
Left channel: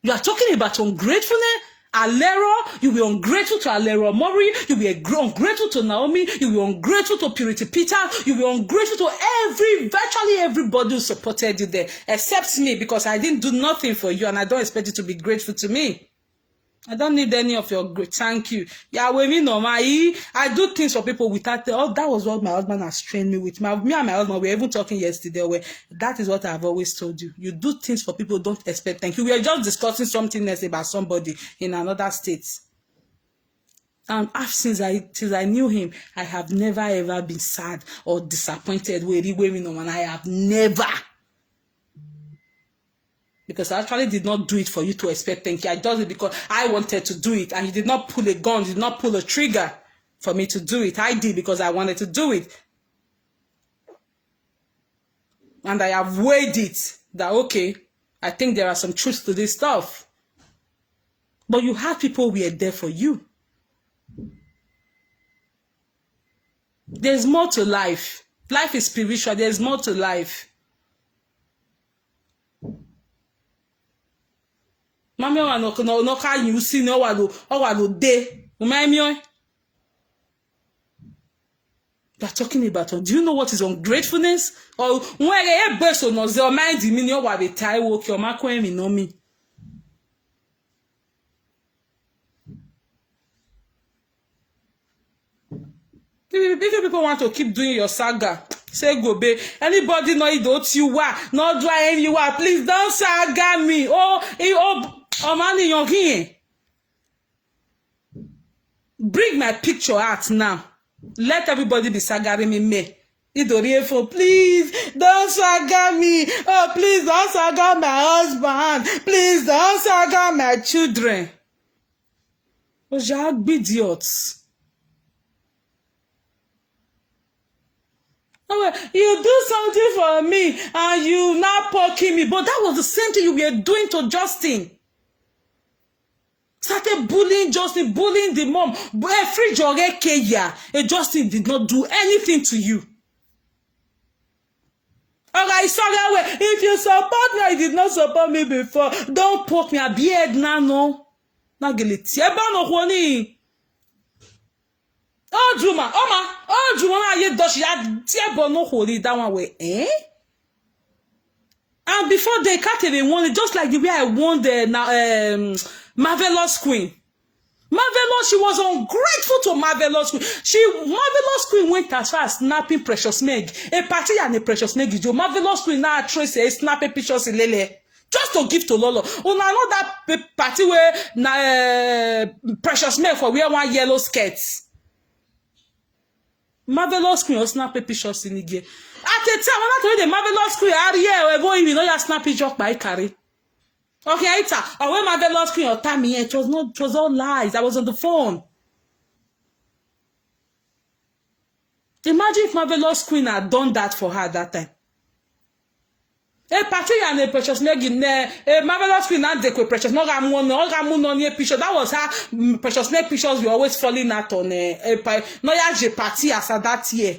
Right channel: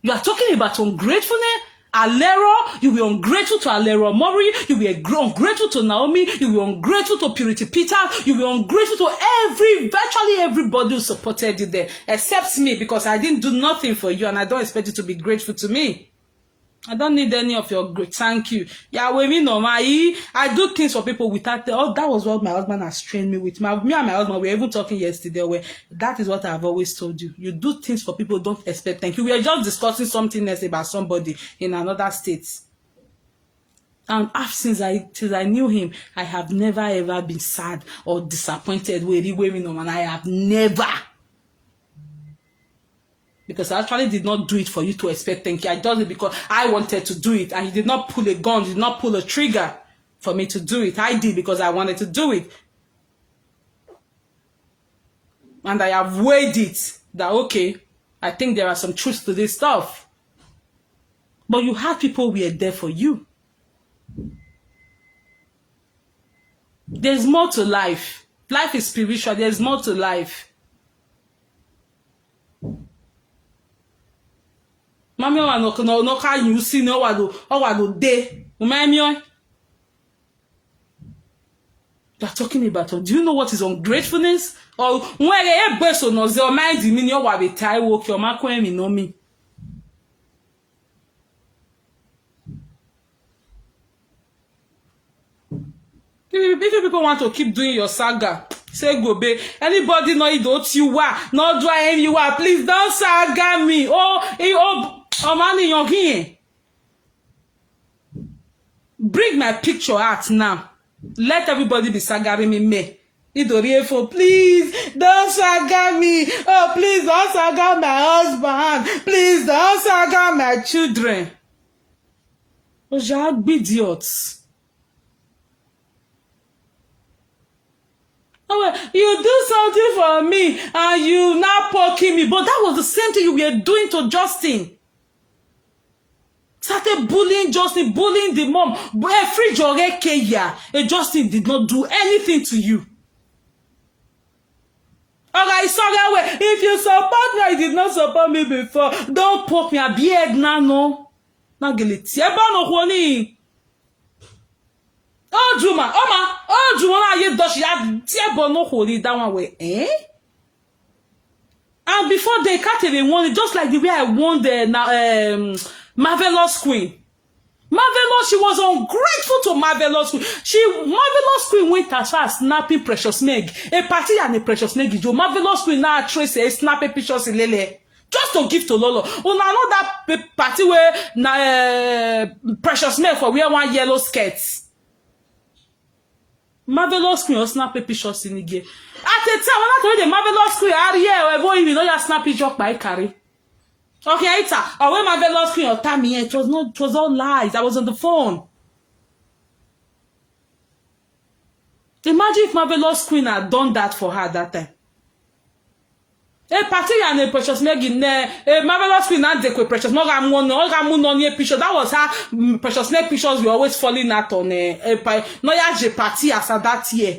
You are talking about ungratefulness? Alero, you were ungrateful to Alero Mori, you were ungrateful to Naomi, you were ungrateful to Purity Peter, you were ungrateful to virtually everybody who supported you there, except me, because I didn't do nothing for you and I don't expect you to be grateful to me. I don't need any of your great thank you. Yeah, with me no I do things for people without that was what my husband has trained me with. Me and my husband we were even talking yesterday where that is what I've always told you. You do things for people don't expect thank you. We are just discussing something else about somebody in another state. And since I knew him, I have never ever been sad or disappointed with the women and I have never. Because I actually did not do it for you to expect thank you. I did it because I wanted to do it. And you did not pull a gun, you did not pull a trigger for me to do it. I did because I wanted to do it. And I have weighed it that, okay, I think there are some truths to this stuff. But you have people who are there for you. There's more to life. Life is spiritual. There's more to life. Mami wa no ka you see no wa do day. You're talking about do you know what is ungratefulness? Or when a person knows your mind mean you wa be tie work your mark when me know me. If people want to keep doing your saga, say go be. Anybody know it don't you are not doing you are. Please don't saga me. Oh man, you're here. Bring my picture out now. Let everybody be sagaring me. Please don't saga me. Oh, please don't saga my husband. Please don't saga my children. Oh, you're idiots. Oh, you do something for me and you now poking me. But that was the same thing you were doing to Justin. Started bullying Justin, bullying the mom. Justin did not do anything to you. Alright, sorry, if you support me, I did not support me before. Don't poke me a beard now, no. Now get it. Oh, Juma, oh, Juma, you dosh ya tiabo no holy that one way, eh? And before they can't even won it, just like the way I won the Marvelous Queen. Marvelous, she was ungrateful to Marvelous Queen. Marvelous Queen went as far as snapping Precious Meg. A party and a Precious Meg. Marvelous Queen now trace a snapping pictures in Lele. Just to give to Lolo. I know that party where Precious Meg for wear one yellow skirts. Marvelous Queen or snap a picture in again. At the time, when I told the Marvelous Queen, I go even know your snappy joke by carry. Okay, it's a when Marvelous Queen or Tammy, it was all lies. I was on the phone. Imagine if Marvelous Queen had done that for her that time. A party and a Precious Meg in there, a Marvelous Queen and the Precious Meg on your picture. That was how Precious Meg pictures were always falling out on a no ya party as that year.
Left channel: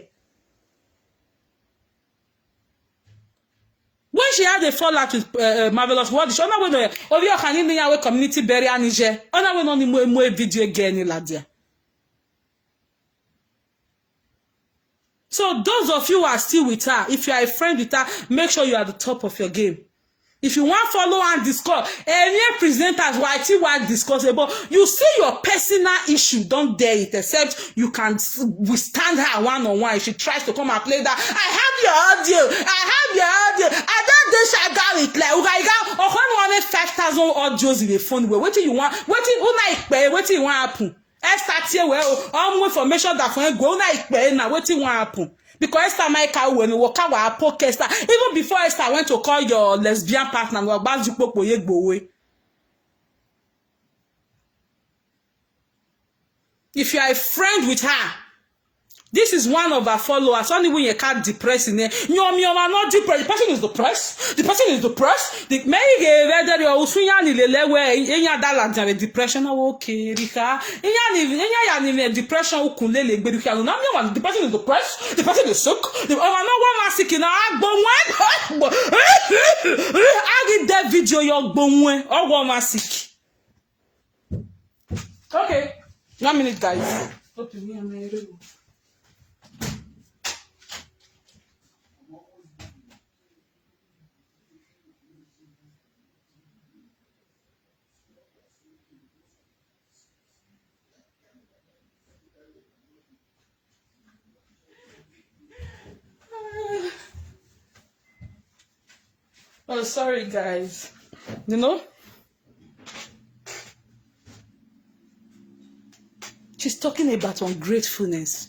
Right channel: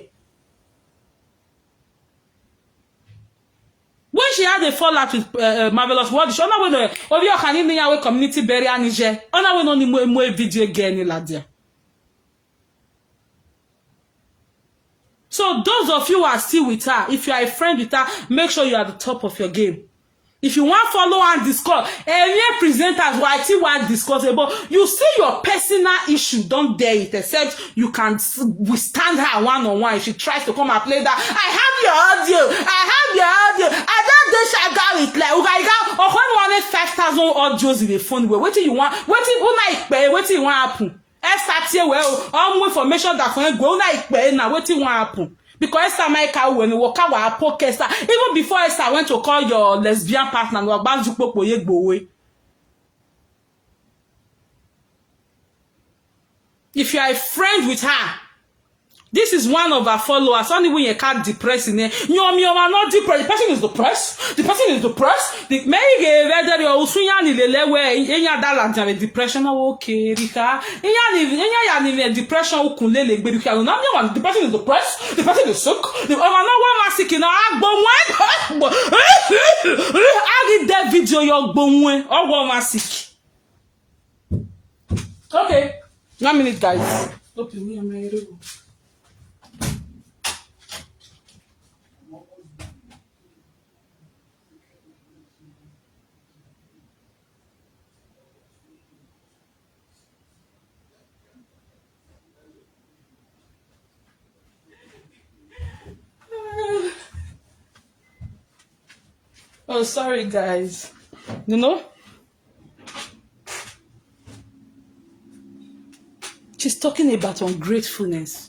When she had a fallout with Marvelous, what is she? Ona we no obi okani ni yawe community burial nije. Ona we no ni mo video again la dia. So those of you who are still with her, if you are a friend with her, make sure you are at the top of your game. If you want follow and discuss, any presenters why want discuss about you see your personal issue, don't dare it, except you can withstand her one-on-one if she tries to come and play that. I have your audio. I don't do shagari it like okay, or when 5,000 audios in the phone. What do you want? What do you want happen? I start here well, all information that when go like now. What do you want happen? Because Esther Michael when you walk out podcast, even before Esther went to call your lesbian partner, if you are a friend with her, this is one of our followers. Only when you can't depress in there. You are not depressed. The person is depressed. The person is depressed. The maybe whether you're also in depression. Okay, Rika. In depression, the person is depressed. The person is sick. I did that video. You're born or one sick. Okay, 1 minute, guys. Okay, me and my rebel. Oh, sorry, guys. You know? She's talking about ungratefulness.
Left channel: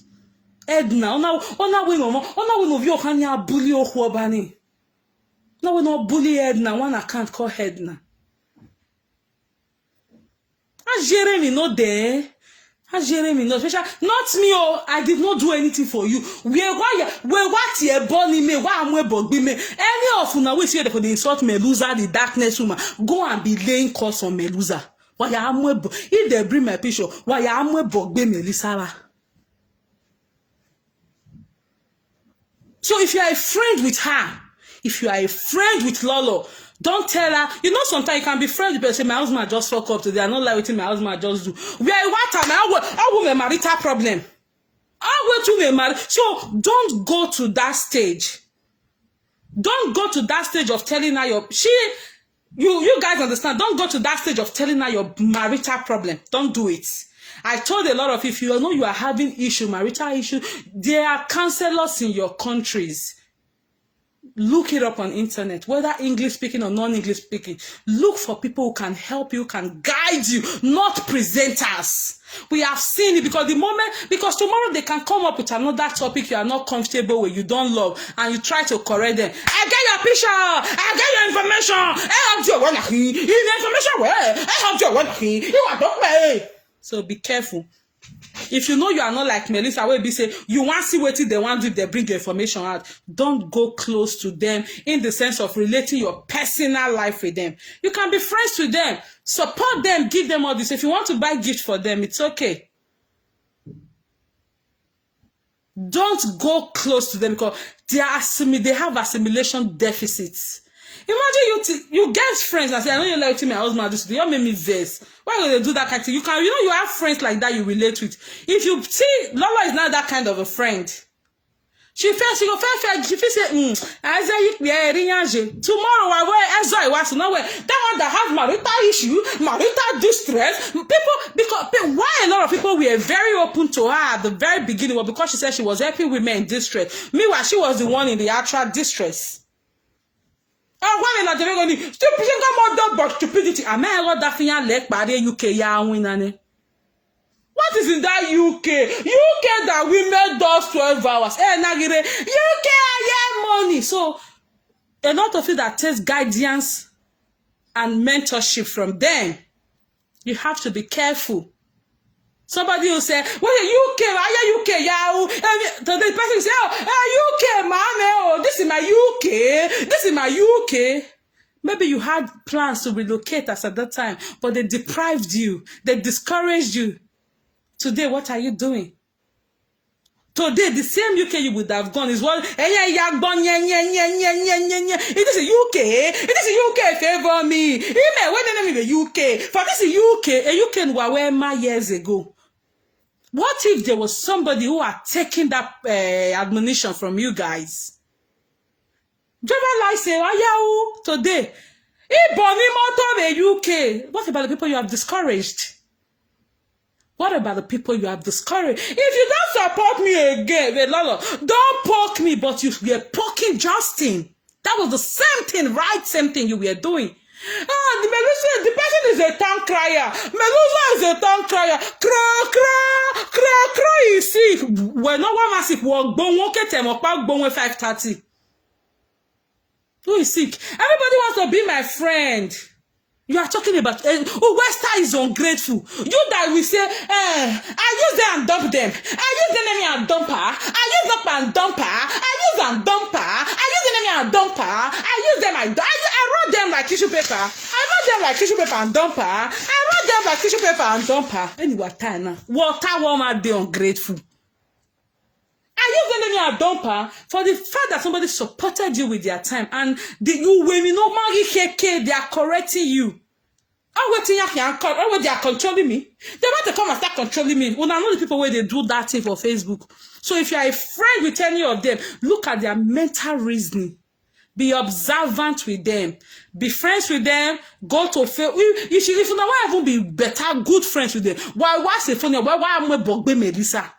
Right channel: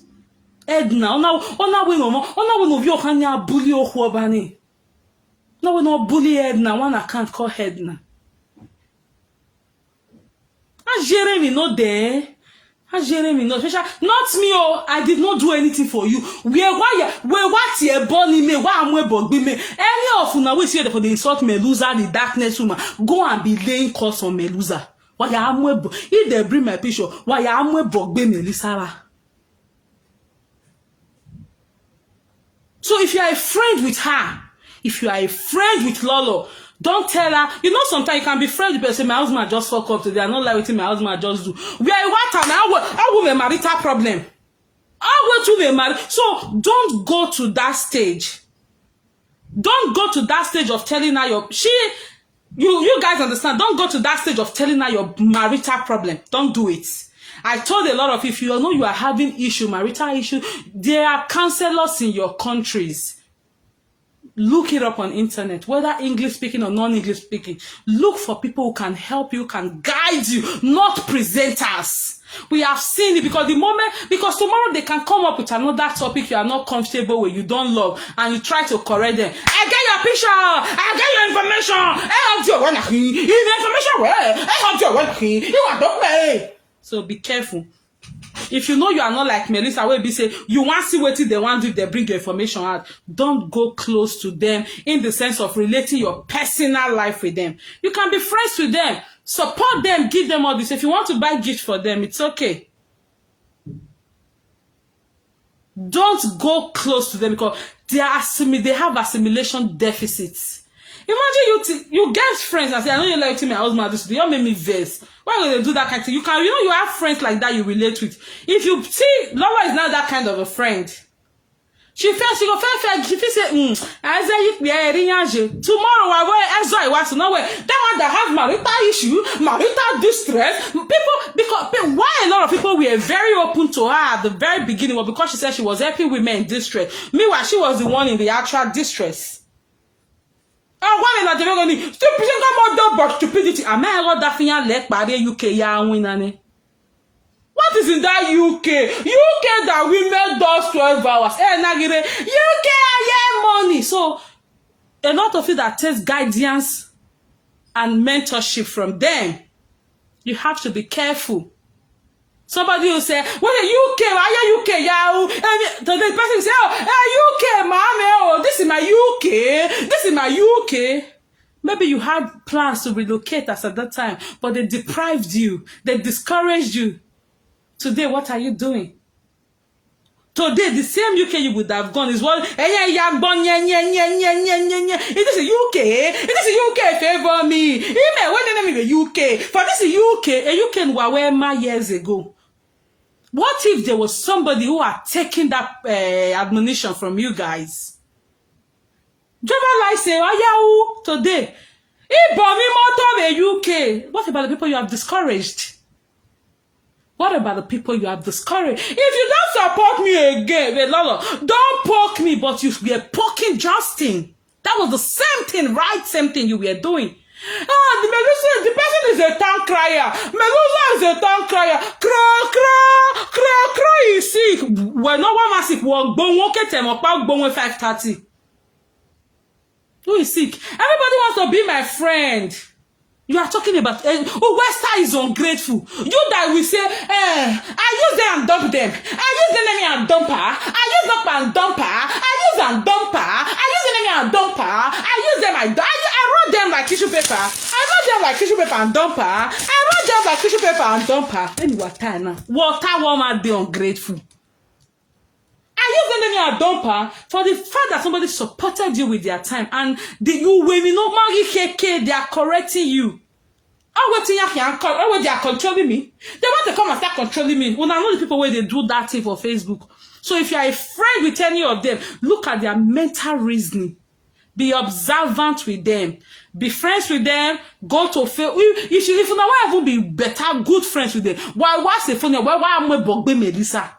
Edna, ona we hanya bully ohuobani. No, we no bully Edna. One I can't call Edna. Jeremy not there. Jeremy not special. Not me. Oh, I did not do anything for you. We what you born me. Why am we born me? Any of you we see for the insult Melusa, the darkness woman. Go and be laying curse on Melusa. Why am we? If they bring my picture, why am we born me Melissa? So if you are a friend with her, if you are a friend with Lolo, don't tell her. You know, sometimes you can be friends with person. My husband just fuck up today. I don't like what my husband just do. We are what time? I will a marital problem. I will to be married. So don't go to that stage. Don't go to that stage of telling her you guys understand. Don't go to that stage of telling her your marital problem. Don't do it. I told a lot of if you know you are having marital issue, there are counselors in your countries. Look it up on internet, whether English speaking or non-English speaking. Look for people who can help you, can guide you, not presenters. We have seen it because tomorrow they can come up with another topic you are not comfortable with, you don't love, and you try to correct them. I get your picture, I get your information, I help you when information where I help you when you are not way. So be careful. If you know you are not like Melissa, will be say you want to see what they want if they bring the information out. Don't go close to them in the sense of relating your personal life with them. You can be friends with them, support them, give them all this. If you want to buy gifts for them, it's okay. Don't go close to them because they have assimilation deficits. Imagine you get friends and say, I know you like my husband this. You make me vex. Why would they do that kind of thing? You have friends like that you relate with. If you see, Laura is not that kind of a friend. She say, I say, tomorrow I was that one that have marital issue, marital distress. People, why a lot of people were very open to her at the very beginning was because she said she was helping women in distress. Meanwhile, she was the one in the actual distress. Stupidity. What is in that UK? UK that women does 12 hours. UK money. So a lot of it that takes guidance and mentorship from them. You have to be careful. Somebody will say, well, UK, why are UK? Yeah, the person say, oh, UK, mommy, this is my UK. This is my UK. Maybe you had plans to relocate us at that time, but they deprived you. They discouraged you. Today, what are you doing? Today, the same UK you would have gone is one. It is UK. It is UK favor me. What the name is the UK? For this is UK. A UK Wawema years ago. What if there was somebody who had taken that admonition from you guys? Driver license, today. UK. What about the people you have discouraged? What about the people you have discouraged? If you don't support me again, Lolo, don't poke me, but you were poking Justin. That was the same thing, right? Same thing you were doing. The person is a town crier. Melusa is a town crier. Cry is sick. When no one is sick, walk bon, 5:30. Who is sick? Everybody wants to be my friend. You are talking about, Wester is ungrateful. You that will say, I use them and dump them. I use them and dump her. I use them and dump her. I use and dump her. I use them and dump her. I use them, I wrote them like tissue paper. I wrote them like tissue paper and dump her. I wrote them like tissue paper and dump her. Then you are tired now. Water warmer, they ungrateful. I use them and dump her for the fact that somebody supported you with their time and you when you know they are correcting you. They are controlling me. They want to come and start controlling me. When I know the people where they do that thing for Facebook. So if you are a friend with any of them, look at their mental reasoning. Be observant with them. Be friends with them. Go to Facebook. If you know why I will be better, good friends with them. Why say funny? Why am I bogbe Melissa?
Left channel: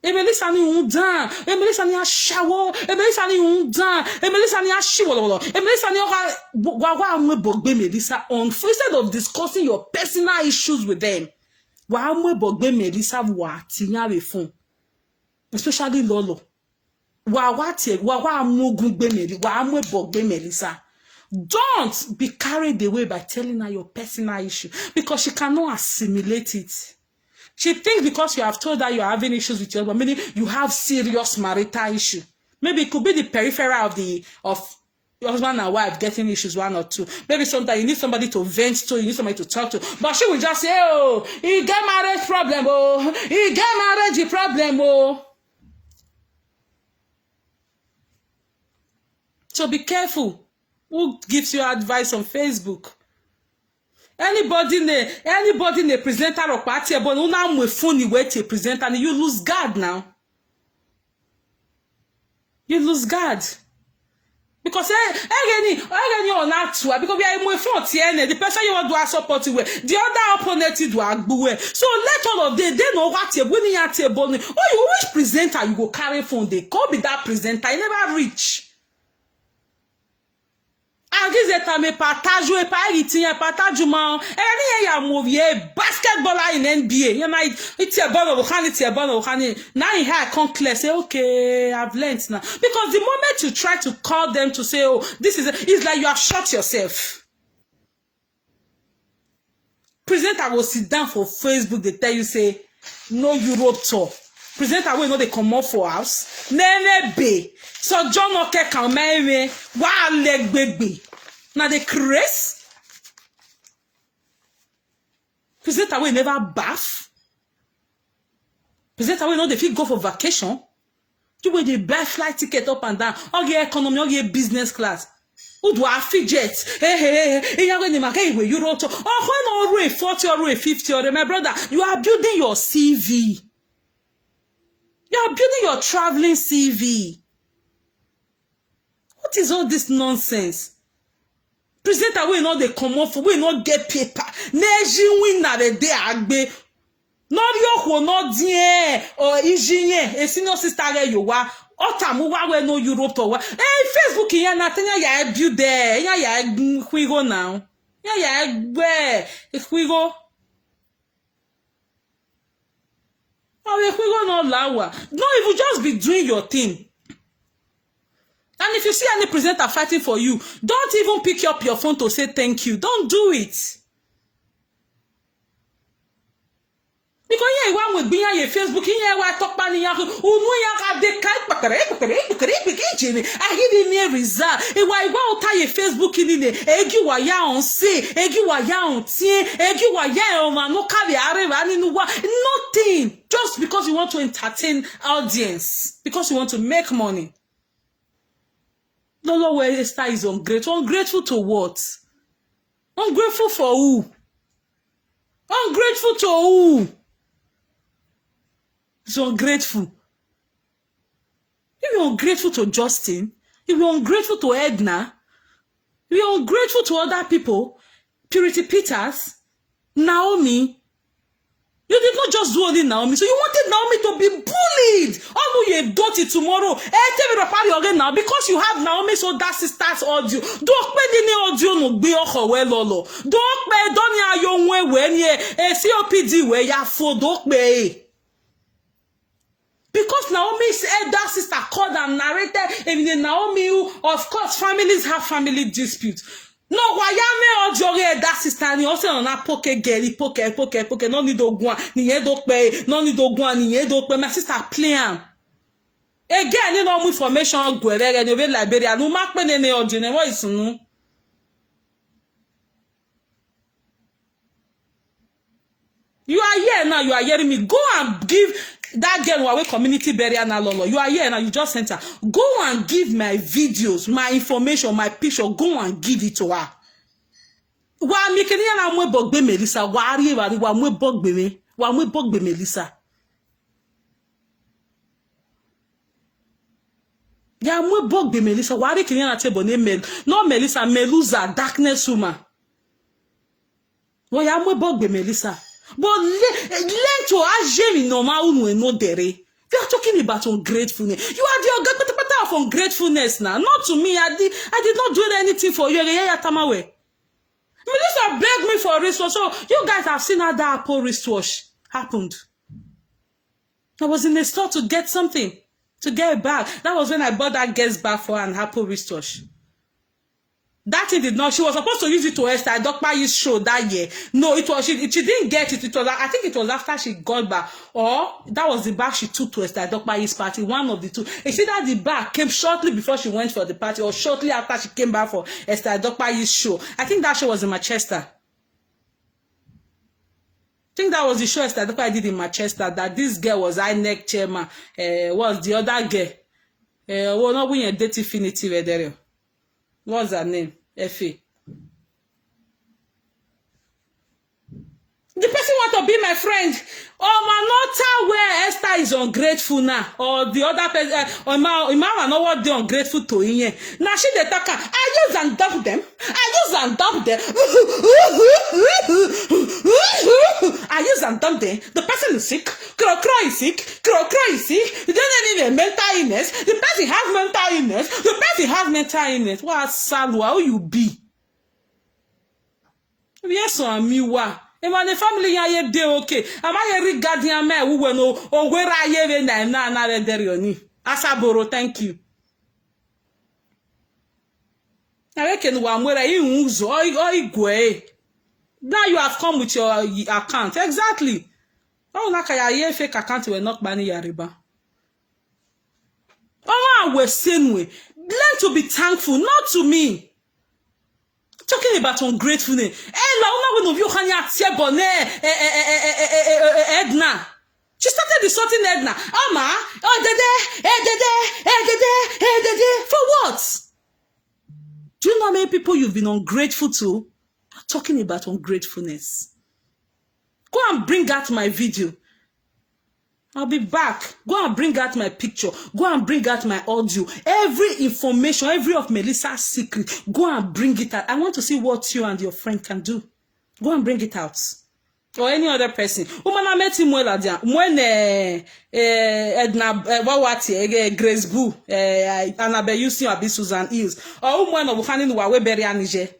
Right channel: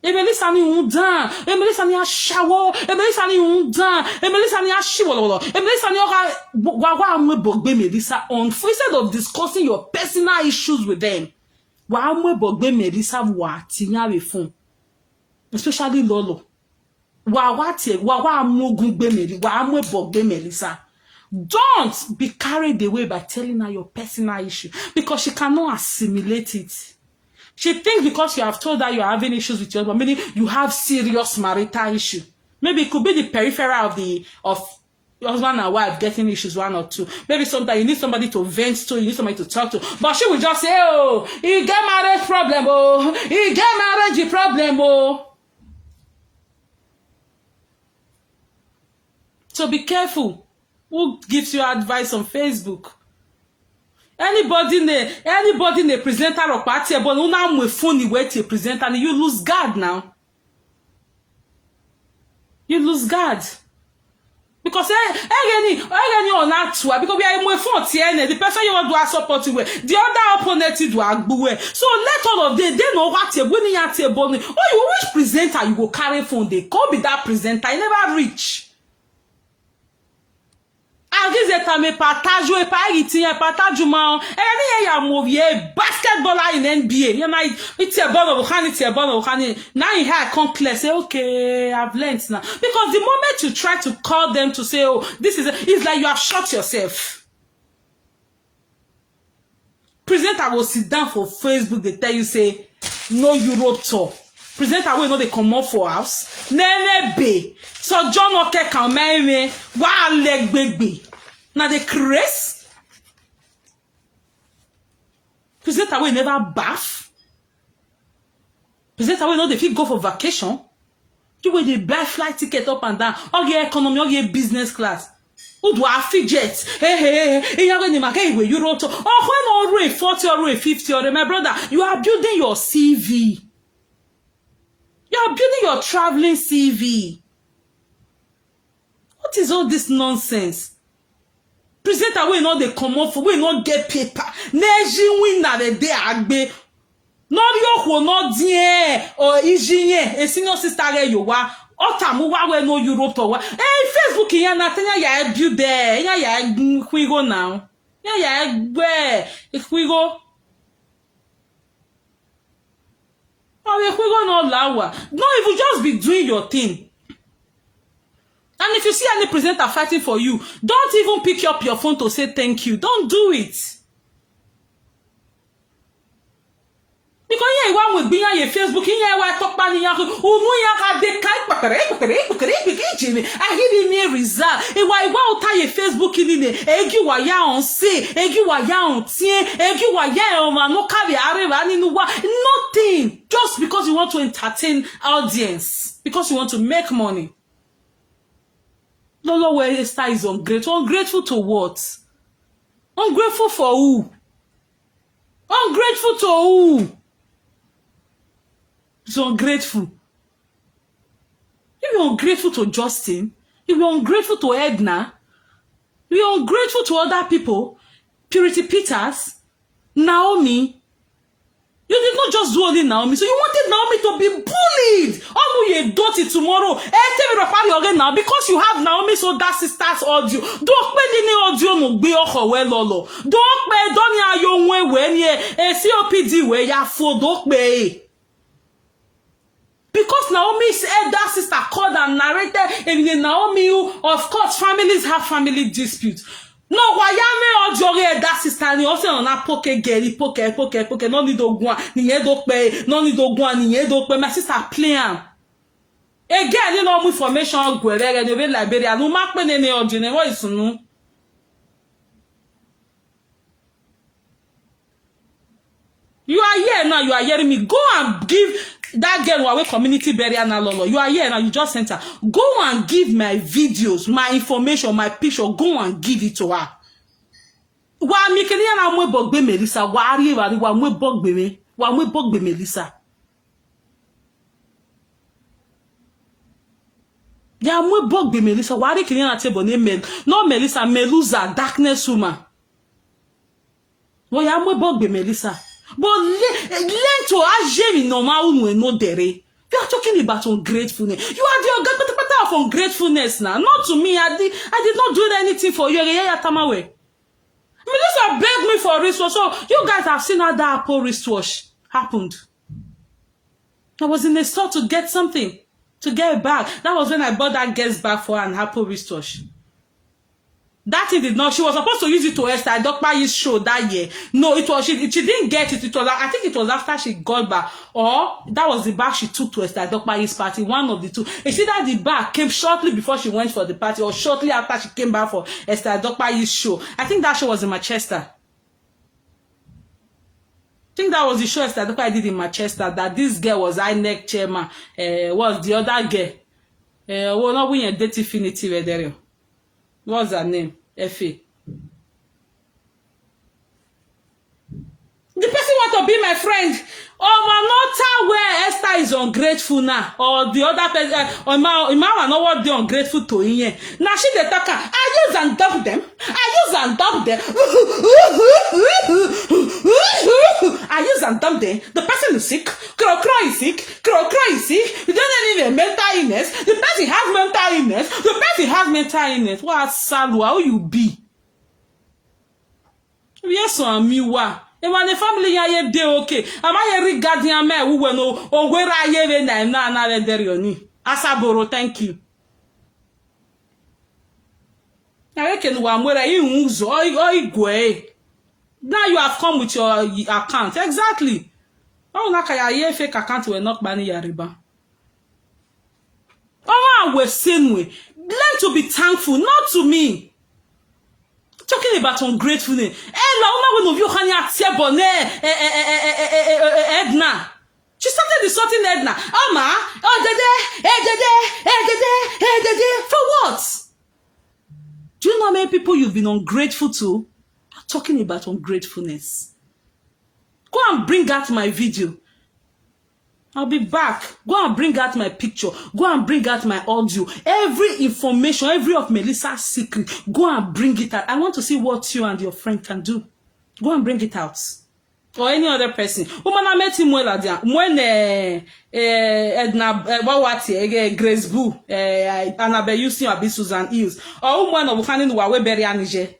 Melissa ni undan, Melissa ni ashawo, Melissa ni undan, Melissa ni ashiwolo, Melissa ni wa amwe bogbe Melissa on instead of discussing your personal issues with them. Wa amwe bogbe Melissa wa tinya we phone. Especially Lolo. Wa amugbe Melissa, wa amwe bogbe Melissa. Don't be carried away by telling her your personal issue because she cannot assimilate it. She thinks because you have told her you're having issues with your husband, meaning you have serious marital issue. Maybe it could be the peripheral of your husband and wife getting issues, one or two. Maybe sometimes you need somebody to vent to, you need somebody to talk to. But she will just say, oh, you get marriage problem, oh, you get marriage problem, oh. So be careful who gives you advice on Facebook. Anybody in a presenter of party, but now we phone way to present and you lose guard now. You lose guard. Because any on that too, because we are more phone the person you want to support you with, the other opponent you do agbuwe. So let all of them, they know what you're winning at your body. Oh, you which presenter you go carry phone, they can't be that presenter, I never reach. Me partage ou pas itinye partage man eri ya movie basketballer in NBA you know it's a ball of now you hear come clear say okay I've learned now because the moment you try to call them to say oh this is it's like you have shot yourself. Presenter will sit down for Facebook, they tell you say no Europe tour. Presenter will know they come up for us nene be so John okay can me wa leg baby. Now the craze. Presenter will never bath. Presenter will know they fit go for vacation. You will they buy flight ticket up and down. Or your economy, or your business class. Who do I fidget? Hey, you're going to make it with Euro. Oh, when already 40 or 50 or my brother, you are building your CV. You are building your traveling CV. What is all this nonsense? Presenter we know they come off, we not get paper. Neji win na the day agbe. No yo who not die or ijinye a senior sister you wa. Otamu wa we no Europe to wa. Hey Facebook ya na tanya ya build there. Ya kwigo now. Ya gbe kwigo. Oh kwigo no lawa. No, if you just be doing your thing. And if you see any presenter fighting for you, don't even pick up your phone to say thank you. Don't do it. Because here one will be on your Facebook, here I talk about the I hear the result. And why won't I Facebook in the Egi waya on say, Egi waya on tie, Egi waya on no carry nothing. Just because you want to entertain audience, because you want to make money. Lolo where Esther is ungrateful. Ungrateful to what? Ungrateful for who? Ungrateful to who? So ungrateful. You be ungrateful to Justin. You be ungrateful to Edna. You're ungrateful to other people. Purity Peters, Naomi. You did not just do only Naomi, so you wanted Naomi to be bullied. Oh, you dirty tomorrow. Tell me again now because you have Naomi's older sister's audio. Don't pay the audio no be Lolo. Don't pay Donia your way when ye COPD where ya for don't pay. Because Naomi's elder sister called and narrated, and Naomi, of course, families have family disputes. No, why ya me or that sister ni also on a poke girly, poke, no need to go, ni do pay, no need to go, ni do pay. My sister playing. Again, you know, information go there and the Liberia. No mark me any or what is no. You are here now, you are hearing me. Go and give that girl who community burial now, Lolo. You are here now, you just sent her. Go and give my videos, my information, my picture. Go and give it to her. Wa mi kini na mwe bogbe Melissa. Wa ari wa mwe bogbe me. Wa mwe bogbe Melissa. Ya mwe bogbe Melissa. Wa ari kini na table name no Melissa, Meluza, darkness woman. Wa ya mwe bogbe Melissa. But learn to agir in normal no dere. They are talking about ungratefulness. You are the part of ungratefulness now. Not to me. I did not do anything for you. Melissa begged me for a wristwatch. So you guys have seen how that Apple wristwatch happened. I was in the store to get something, to get a bag. That was when I bought that guest bag for her and Apple wristwatch. That thing did not. She was supposed to use it to Esther Dokpayi's show that year. No, it was she didn't get it. It was I think it was after she got back, or that was the bag she took to Esther Dokpayi's party. One of the two. It's either the bag came shortly before she went for the party, or shortly after she came back for Esther Dokpayi's show. I think that show was in Manchester. I think that was the show Esther Dokpayi did in Manchester. That this girl was INEC chairman. Was the other girl? Well, not when you date Infinity there. What's her name? Effie. The person want to be my friend. Oh, not where Esther is ungrateful now, or the other person. Or my know what they ungrateful to him. Now she the talker. I use and dump them. I use and dump them. I use and dump them. The person is sick. Crow is sick. Crow is sick. You don't need a mental illness. The person has mental illness. The person has mental illness. What Salwa? How you be? Yes, I'm you are. And when the family ya de okay, am I regarding a man who will know or where I hear na na derioni? Asaboro, thank you. I reckon one where you use or go. Now you have come with your account. Exactly. Oh, na kaya fake account will not ban yariba. Oh, we're saying we learn to be thankful, not to me. Talking about ungratefulness. One of you Edna. She started insulting Edna. Ama, for what? Do you know how many people you've been ungrateful to? I'm talking about ungratefulness. Go and bring out my video. I'll be back. Go and bring out my picture. Go and bring out my audio. Every information, every of Melissa's secret. Go and bring it out. I want to see what you and your friend can do. Go and bring it out. Or any other person. Woman, I met him well when Edna Wawati, Grace Boo, Annabelle Houston, Abi Susan Hills. Or woman of Hanin Wawe Berry Anije.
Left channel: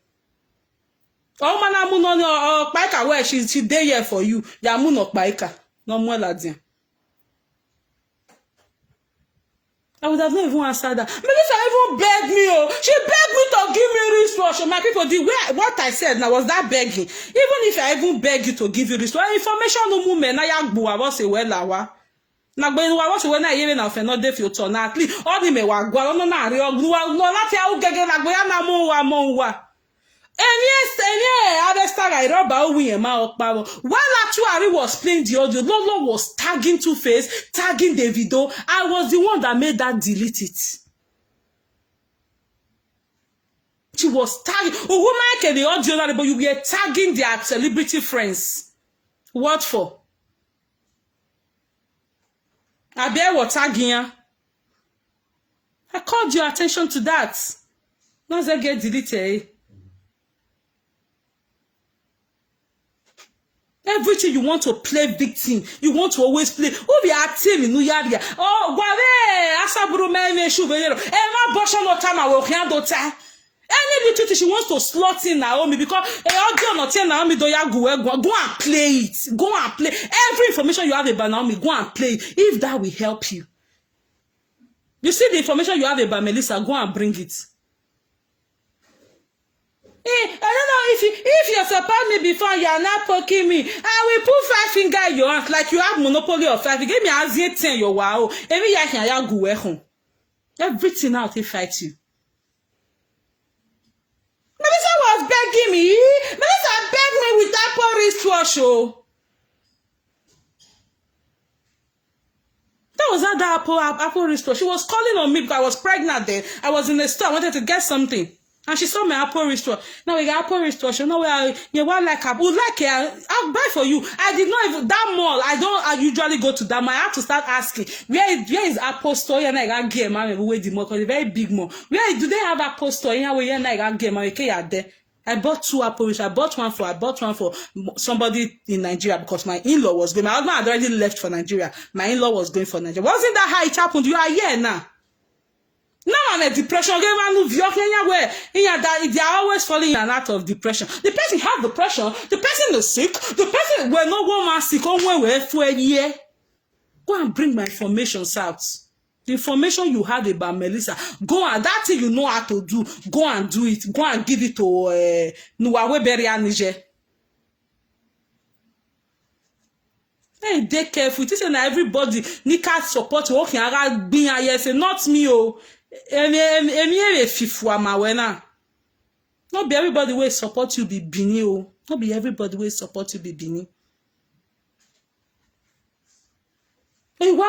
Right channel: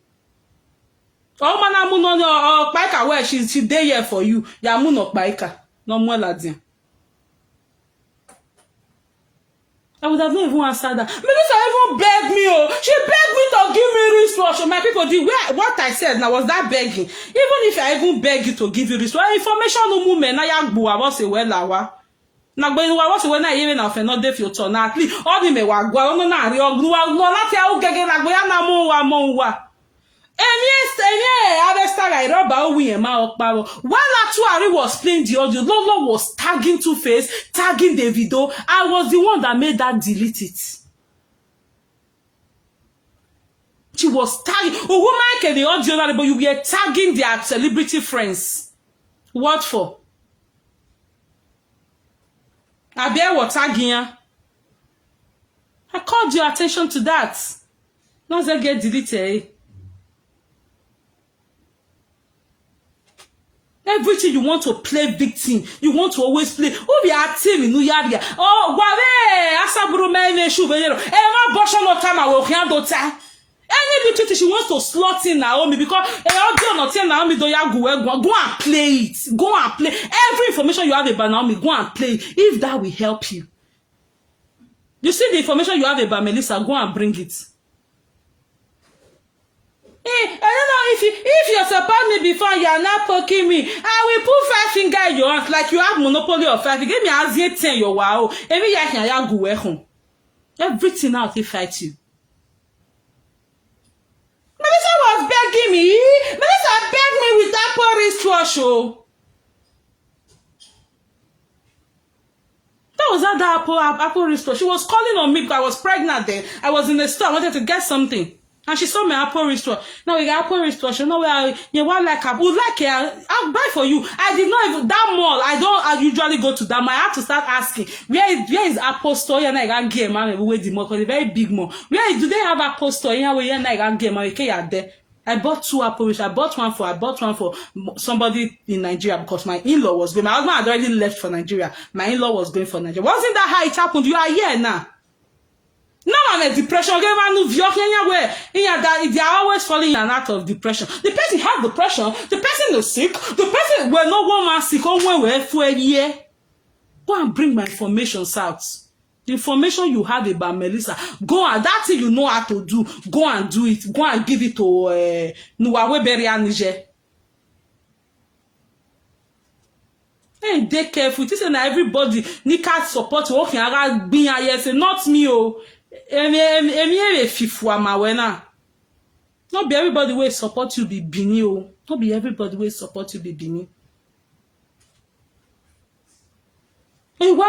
Oh man, I'm on Paika where she there here for you. Yamun of Paika. No more laddie. I would have not even answered that. Melissa even begged me. Oh, she begged me to give me wristwatch. My people did what I said now was that begging. Even if I even beg you to give you wristwatch, information no movement. Na yagbu I was a well hour. Na gbe wa was when I even na fe no dey filter na at least all the me wa gwa no na ri ogru wa no lati a o gege na gbo ya na mo wa. While Atuari was playing the audio, Lolo was tagging Two-Face, tagging Davido. I was the one that made that delete it. She was tagging. Oh, woman can the audio, but you were tagging their celebrity friends. What for? I bear what tagging ya. I called your attention to that. Not that get deleted. Everything you want to play victim, you want to always play. Oh, be a team in New York. Oh, wale, asaburu me shu be. Ema bosho no time I will handle time. Any little thing she wants to slot in Naomi because all do not tell Naomi do ya go and play it. Go and play. Every information you have about Naomi, go and play it. If that will help you. You see the information you have about Melissa, go and bring it. I don't know if you're support me before you are not poking me. I will put 5 fingers in your hands like you have monopoly of 5. You give me a 10 your wow. Every year can you go home. Everything out he fight you. Melissa was begging me. Melissa begged me with that poor wristwatch. Oh. That was that Apple wristwatch. She was calling on me because I was pregnant then. I was in the store. I wanted to get something. And she saw my Apple wristwatch. Now we got Apple wristwatch. You know where you want like I would like it. I'll buy for you. I did not even that mall. I usually go to that mall. I have to start asking where is Apple store? And I got game man we the mall because it's a very big mall. Where do they have Apple store? Here we I got game man. Okay, there. I bought 2 Apple wristwatch. I bought one for somebody in Nigeria because my in-law was going. My husband had already left for Nigeria. My in-law was going for Nigeria. Wasn't that how it happened? You are here now. Now I'm a depression. Where they are always falling in and out of depression. The person have depression. The person is sick. The person when no one man sick. For a year. Go and bring my information out. The information you have about Melissa. Go and that thing you know how to do. Go and do it. Go and give it to Nuwawe Beria Niger. Hey, they careful. This is everybody. Nika support working. I got being here. Say not me. Oh. Not be everybody will support you be bini o. Not be everybody will support you be bini. Hey, why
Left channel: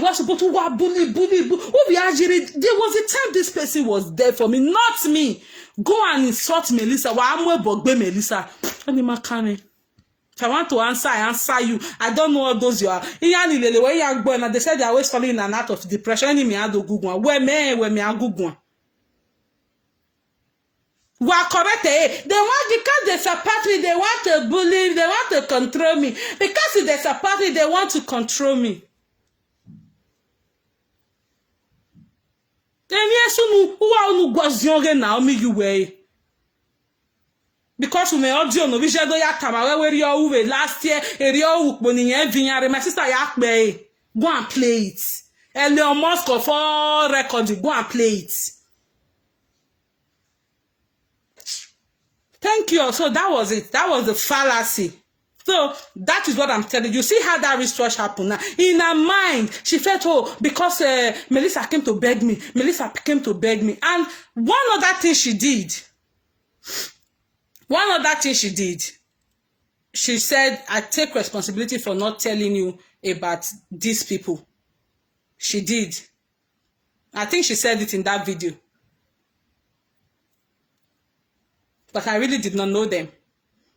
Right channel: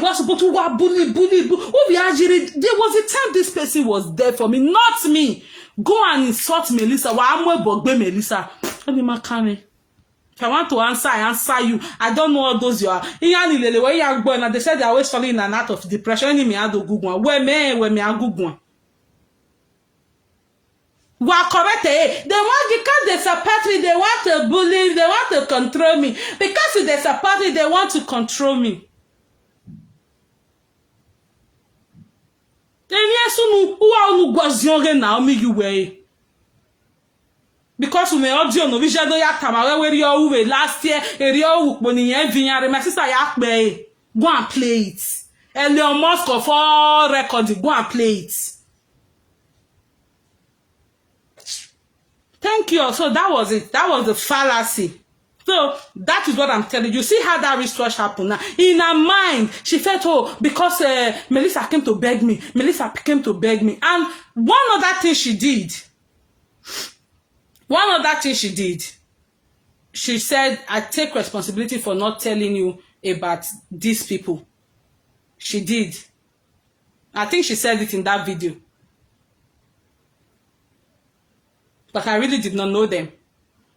was supposed to bully. There was a time this person was there for me, not me. Go and insult Melissa. Why am I bogbe Melissa? If I want to answer, I answer you. I don't know all those you are. They said they're always falling in and out of depression. Where me are Google. We are correct. They want because they support me, they want to bully, they want to control me. Because if they support me, they want to control me. Because we may audio no we jado ya tama we uwe last year area ukponi yen vinyare my sister ya pe go and play it. Elon Musk of all records go and play it. Thank you. So that was it. That was the fallacy. So that is what I'm telling you. See how that research happened now. In her mind, she felt, oh, because Melissa came to beg me. Melissa came to beg me. And one other thing she did. She said, I take responsibility for not telling you about these people. She did. I think she said it in that video. But I really did not know them.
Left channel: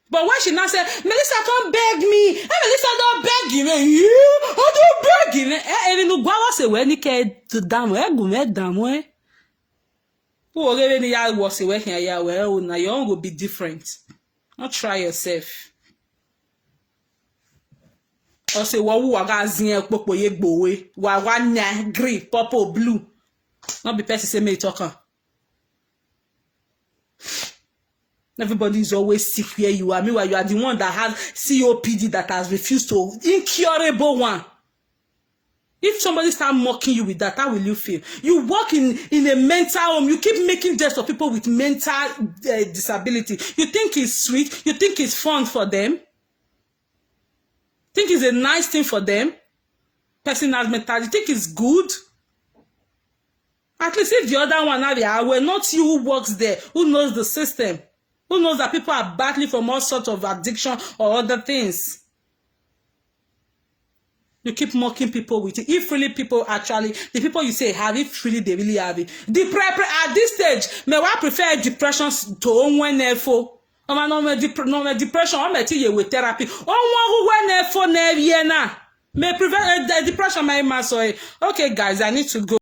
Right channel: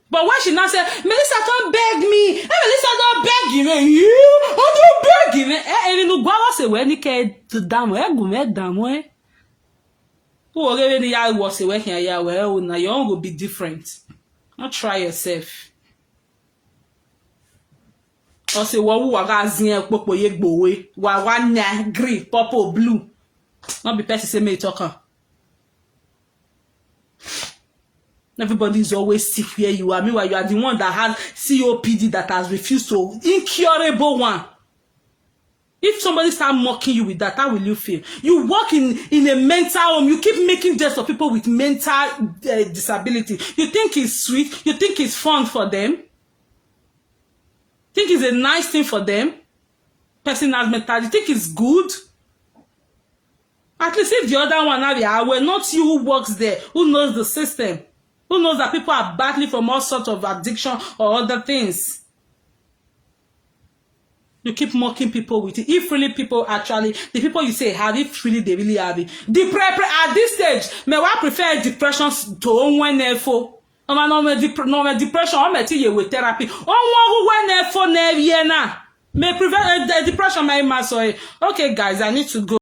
But when she now said, Melissa don't beg me. Hey, Melissa don't beg you. You don't beg you. And you go say when you get to down where go me down where. Who already ya was say when here well now your own will be different. Not try yourself. Or say what who waga zin popo ye gbowe. Wa nya green, purple, blue. Not be person say me talker. Everybody is always sick where you are. Meanwhile, you are the one that has COPD that has refused to incurable one. If somebody start mocking you with that, how will you feel? You work in a mental home. You keep making jest of people with mental disability. You think it's sweet? You think it's fun for them? Think it's a nice thing for them? Person has mental. You think it's good? At least if the other one are there, well, not you who works there, who knows the system. Who knows that people are battling from all sorts of addiction or other things? You keep mocking people with it. If really people actually, the people you say have, if really they really have it. At this stage, may I prefer depression to onwenefo. No depression, I'm going to you with therapy. Onwenefo neviena. May prevent depression, my master. Okay, guys, I need to go.